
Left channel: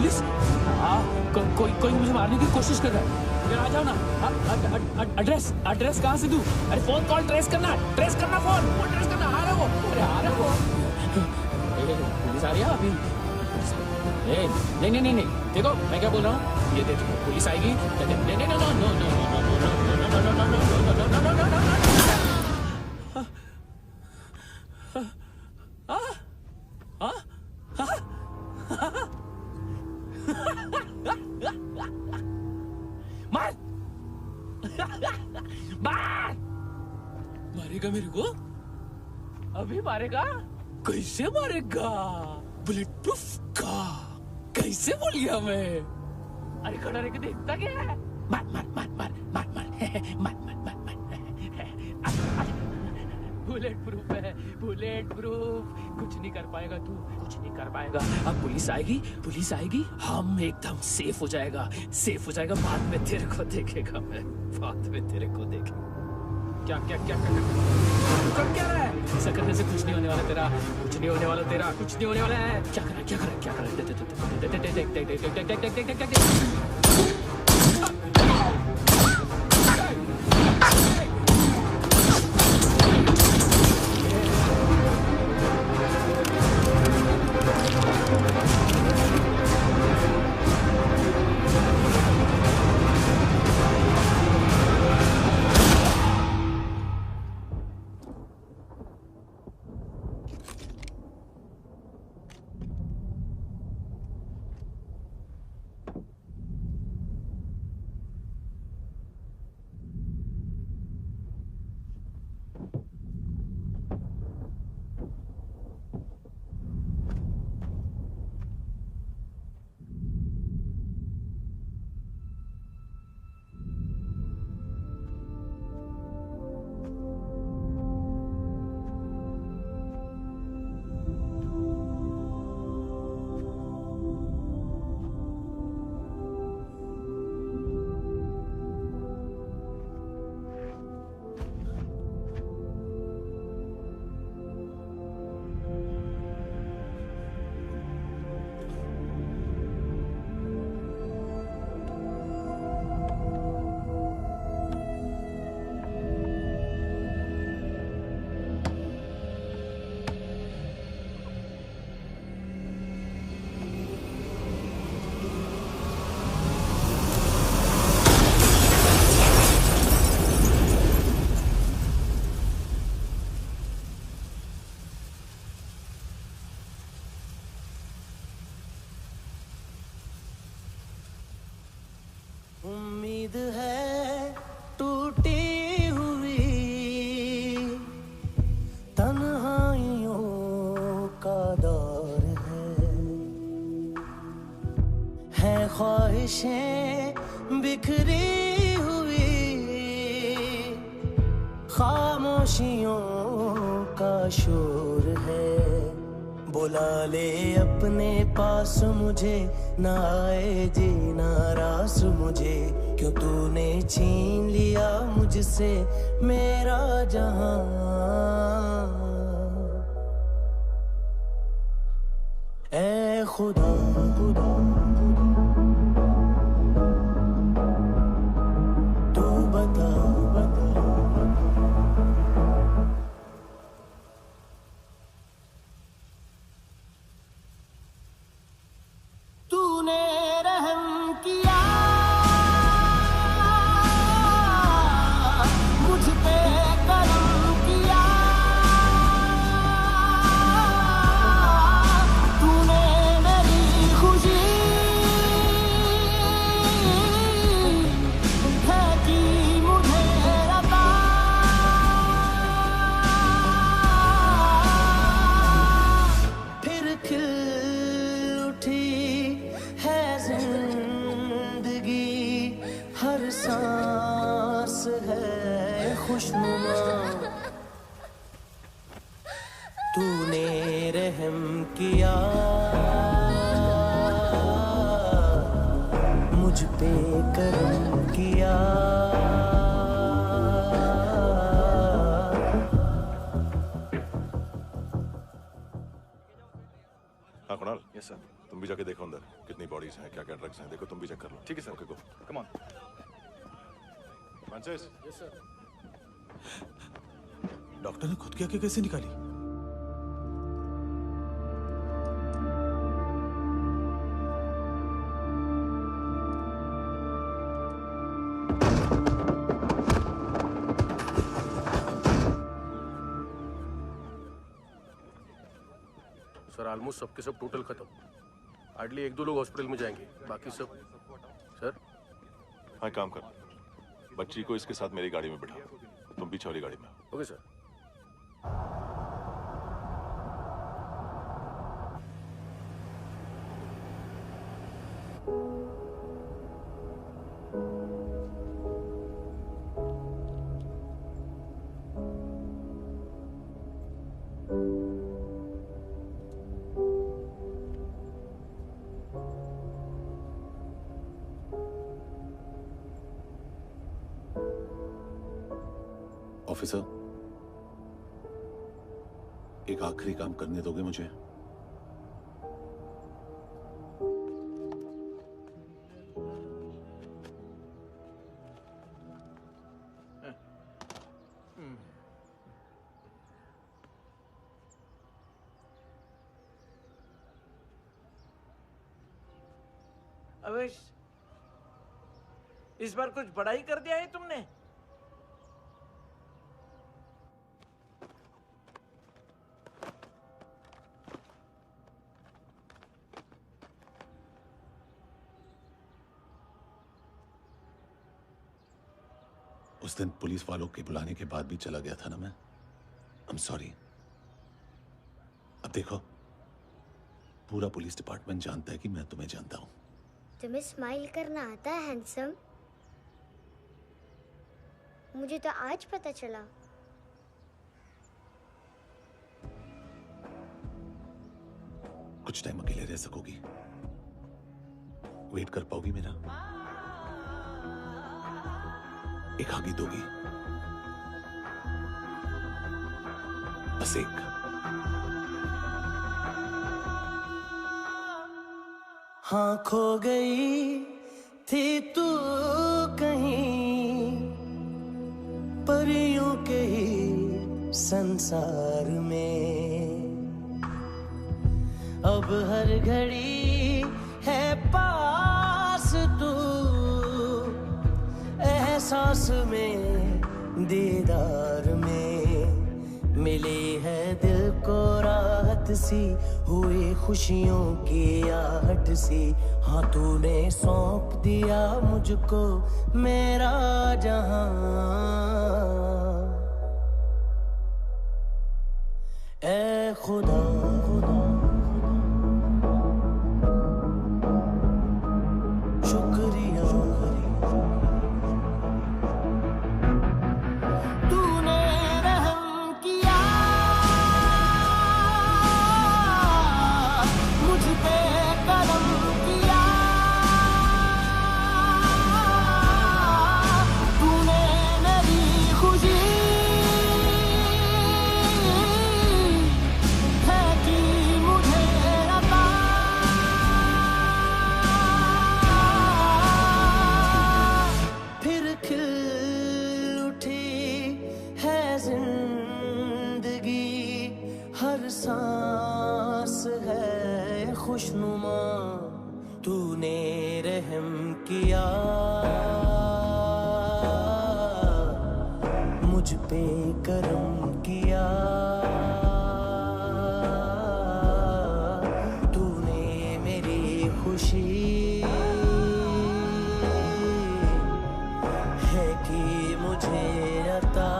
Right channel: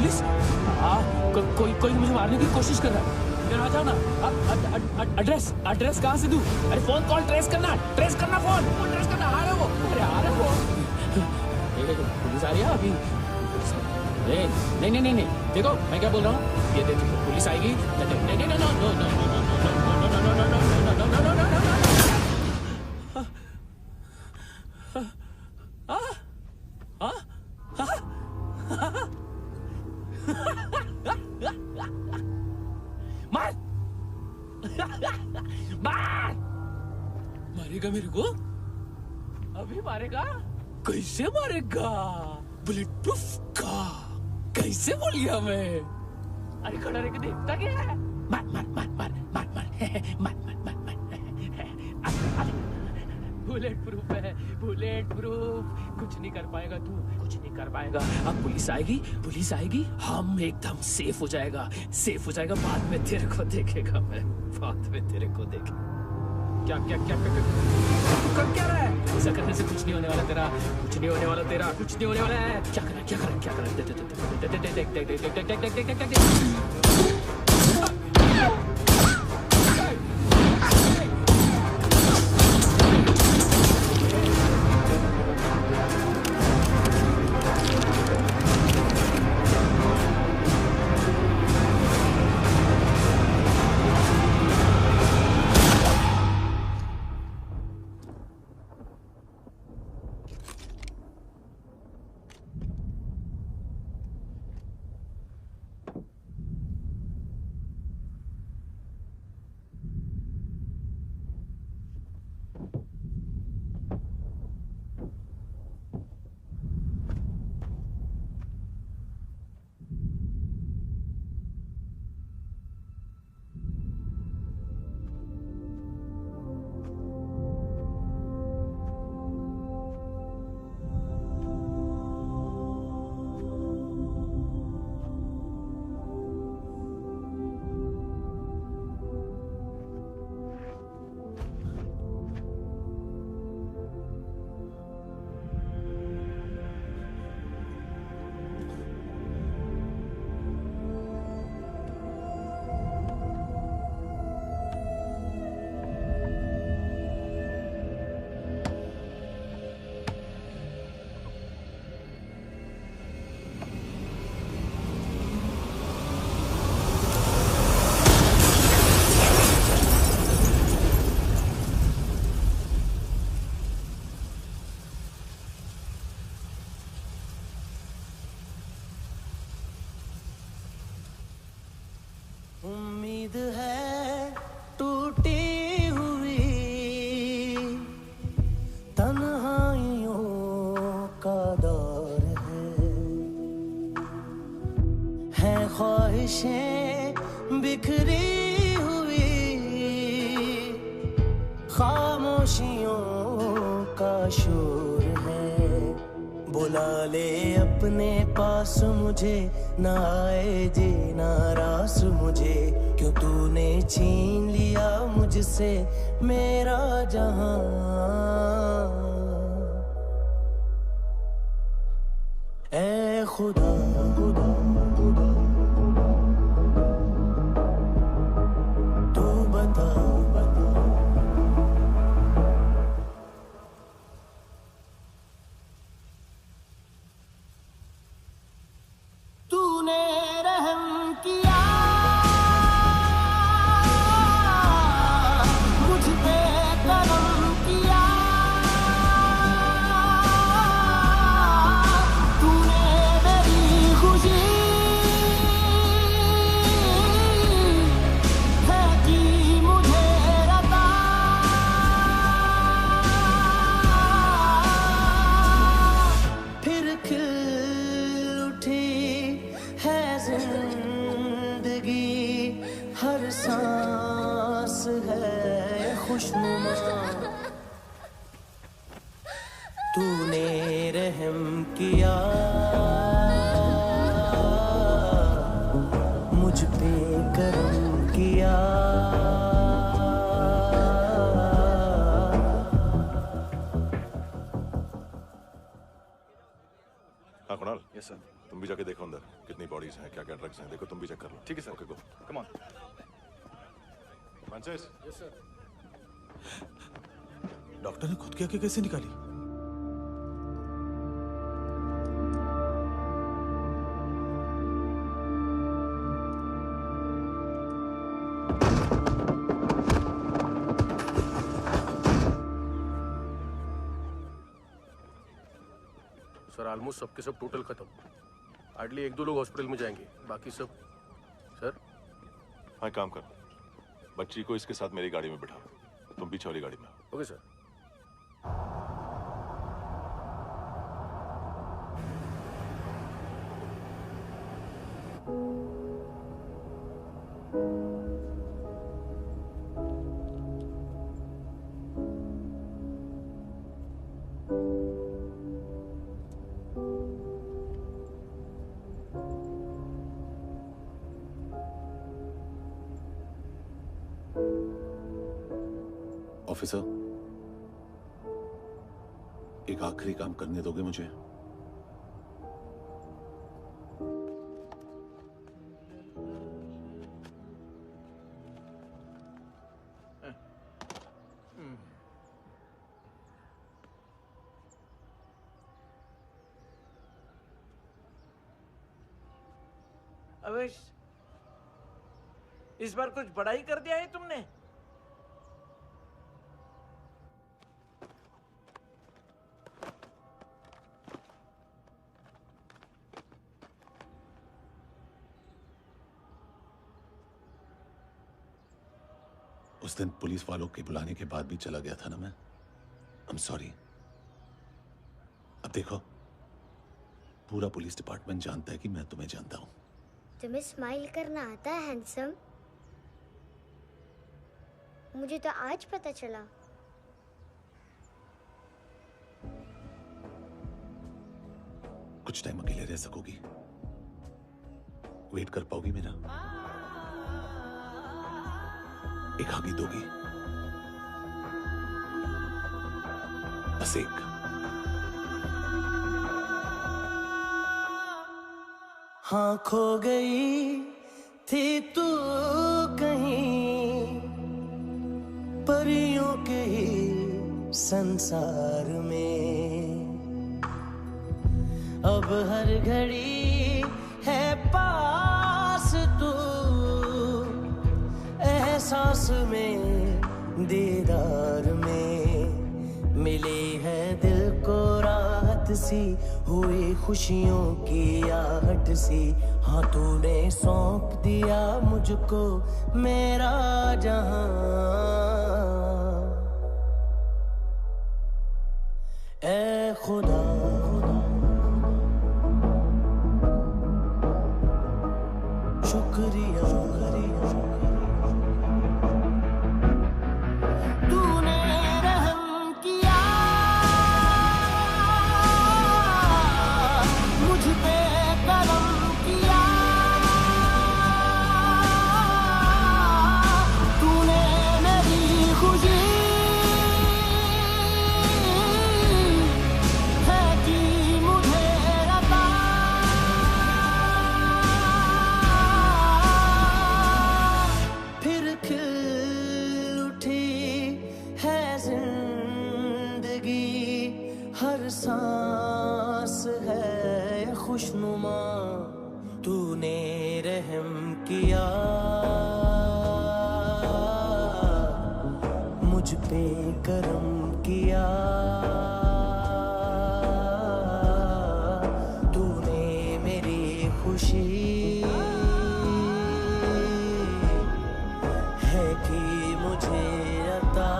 पुलिस? कोई मुझे मारने की कोशिश कर रहा है। इधर आ जाओ ना। एड्रेस कहाँ से दूं? अरे फोन कॉल ट्रेस करना फोन ट्रेस करना। आ रहा वो, अरे आ रहा वो। पुलिस आ रही है अभी। नहीं, देखो मैं क्या बोल रहा हूँ, ये देखो पुलिस आएगी। मार मारेगा मेरे को? अभी मारेगा? कैसे मारेगा? बुलेट प्रूफ का कैसे बोल गया मैं? अरे खड़ा रह के देखता क्या है? मार मार मार मार मार मार मार मार मार। बुलेट प्रूफ है, बुलेट प्रूफ। कुछ नहीं कर पाएगा तू, कुछ नहीं कर पाएगा। अब पुलिस आएगी, हम एकदम सेफ हो जाएगा। बाद में तेरे को देखेगा मैं, बाद में तेरे को देखेगा। क्या तू कर क्या रहा है? ऐसा करने से कुछ नहीं होने वाला तेरा, कुछ नहीं होने वाला है। क्या कर रहा है? उम्मीद है टूटी हुई, तन्हाइयों का दौर है ख्वाहिशें बिखरी हुई, खामोशियों का शोर है। बुला ले अपने पास मुझे, ना आए जीना रास मुझे, क्यों तूने छीन लिया मुझसे मेरा जहां। ऐ खुदा खुदा तू बता तूने रहम किया मुझ पे, करम किया तूने मेरी खुशी है कि मुझे अता। फिर खिल उठी है जिंदगी, हर सांस है खुशनुमा। तूने रहम किया मुझ पे, करम किया। हाँ कुणाल, यस सर, तुम भी जाके देखो अंदर कितनी बॉडीज हैं, क्या क्या ड्रग्स हैं, देखो तुम भी चेक कर लो। ठीक है sir. Okay go. Come on. Francis. Yes sir. Doctor ने खुद की आंखें कैसे निकाली? सर ऑलमोस्ट सबके सब टोटल खत्म। हार्डली 1-2 लोग हॉस्पिटल में जाएंगे, बाकी सब। सर हाँ काम कर, बच्ची को इसके साथ मेरी गाड़ी में बिठा, तुम पीछे वाली गाड़ी में। Okay sir. ऑफिसर, एक आखिरी काम करने दोगे मुझे? अवेश, इस बार कुछ बड़ा ही कर दिया है तुमने। उस दिन पुलिस वालों के बुलाने के बाद भी चला गया था ना मैं। I'm sorry। अब देखो, पूरा पुलिस डिपार्टमेंट जानता है कि मैं तुम्हें जानता हूं। तुम्हें स्माइल करना आता है हैंडसम? मुझे तो आज पता चला। कुछ टाइम अकेले रह सकोगी? वेट कर पाओगी मेरा? एक आगे दोगी? बस एक। हाँ खो गई थी तू कहीं परियों के ही संसार में, अब हर घड़ी है पास तू, एहसास में दीदार में, मिली है दिल को राहत सी, हुई खुशियों की आहट सी। हाँ तूने सौंप दिया मुझको मेरा जहां, ऐ खुदा शुक्रिया, तूने रहम किया मुझ पे, करम किया तूने, मेरी खुशी है कि मुझे अता, फिर खिल उठी है जिंदगी, हर सांस है खुशनुमा, तूने रहम किया मुझ पे, करम किया तूने, मेरी खुशी है कि मुझे अता।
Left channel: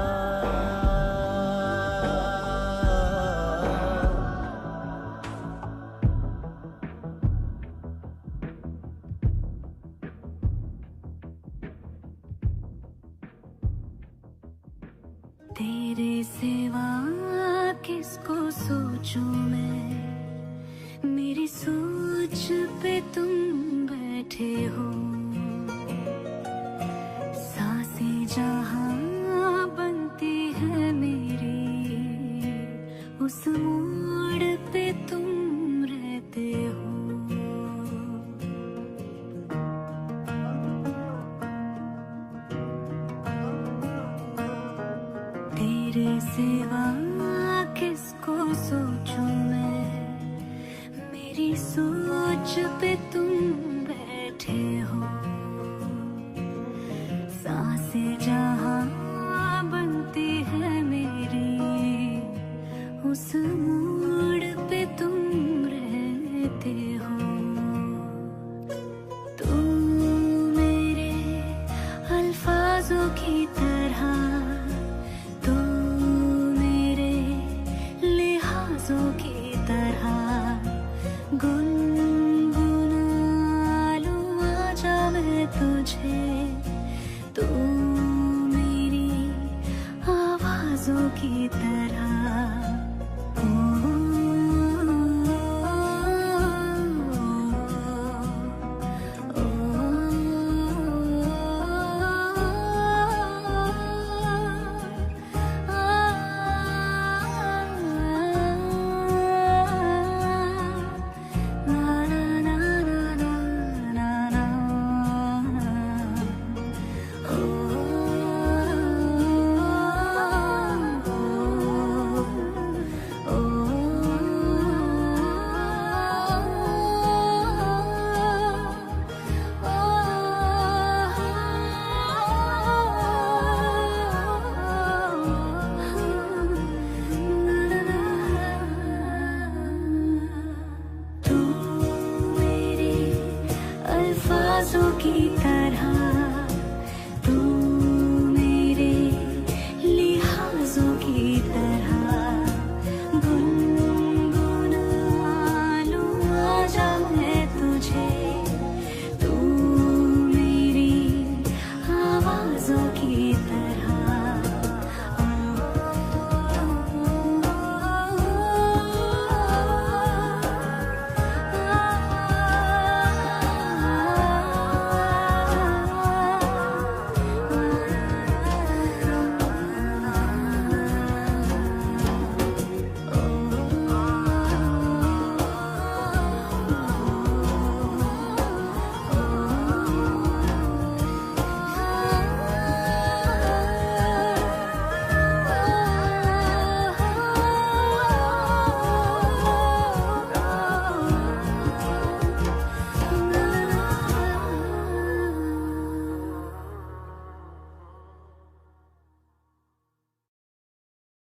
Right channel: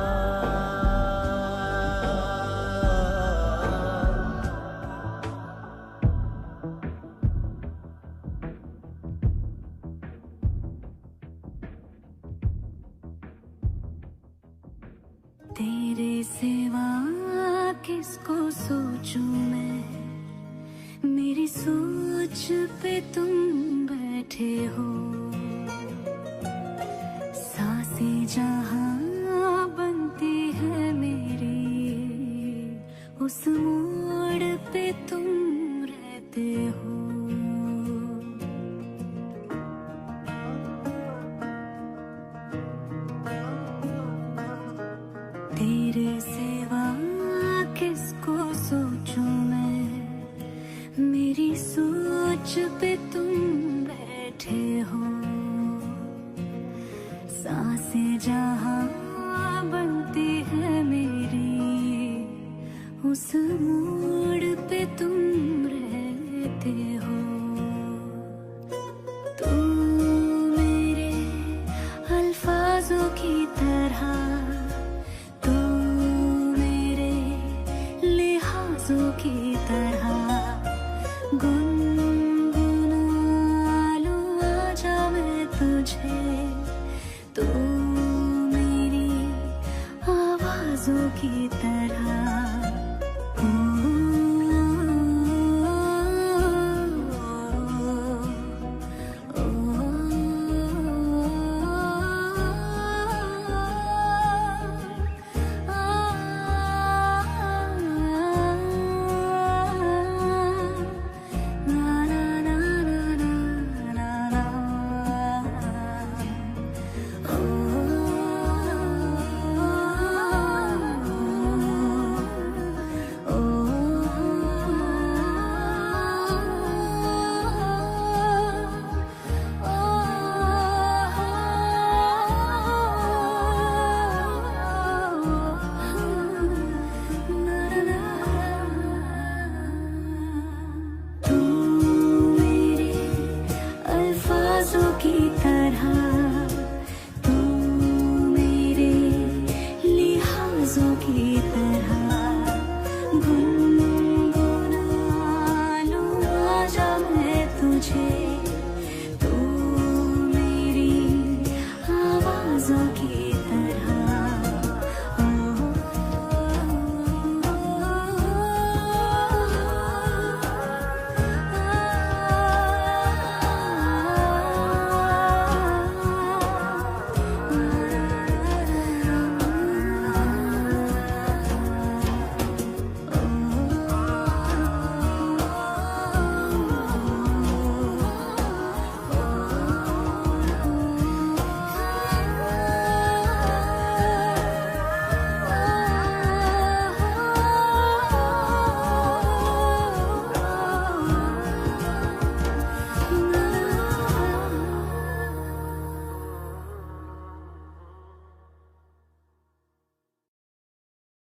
तेरे सिवा किसको सोचूं मैं, मेरी सोच पे तुम बैठे हो, सांसें जहां बनती है मेरी, उस मोड़ पे तुम रहते हो। तेरे सिवा किसको सोचूं मैं, मेरी सोच पे तुम बैठे हो। सांसें जहां बनती है मेरी, उस मोड़ पे तुम रहते हो। तू मेरे अल्फाजों की तरह, तू मेरे लिहाजों की तरह, गुनगुना लूं आजा मैं तुझे। तू मेरी आवाजों की तरह, की तरह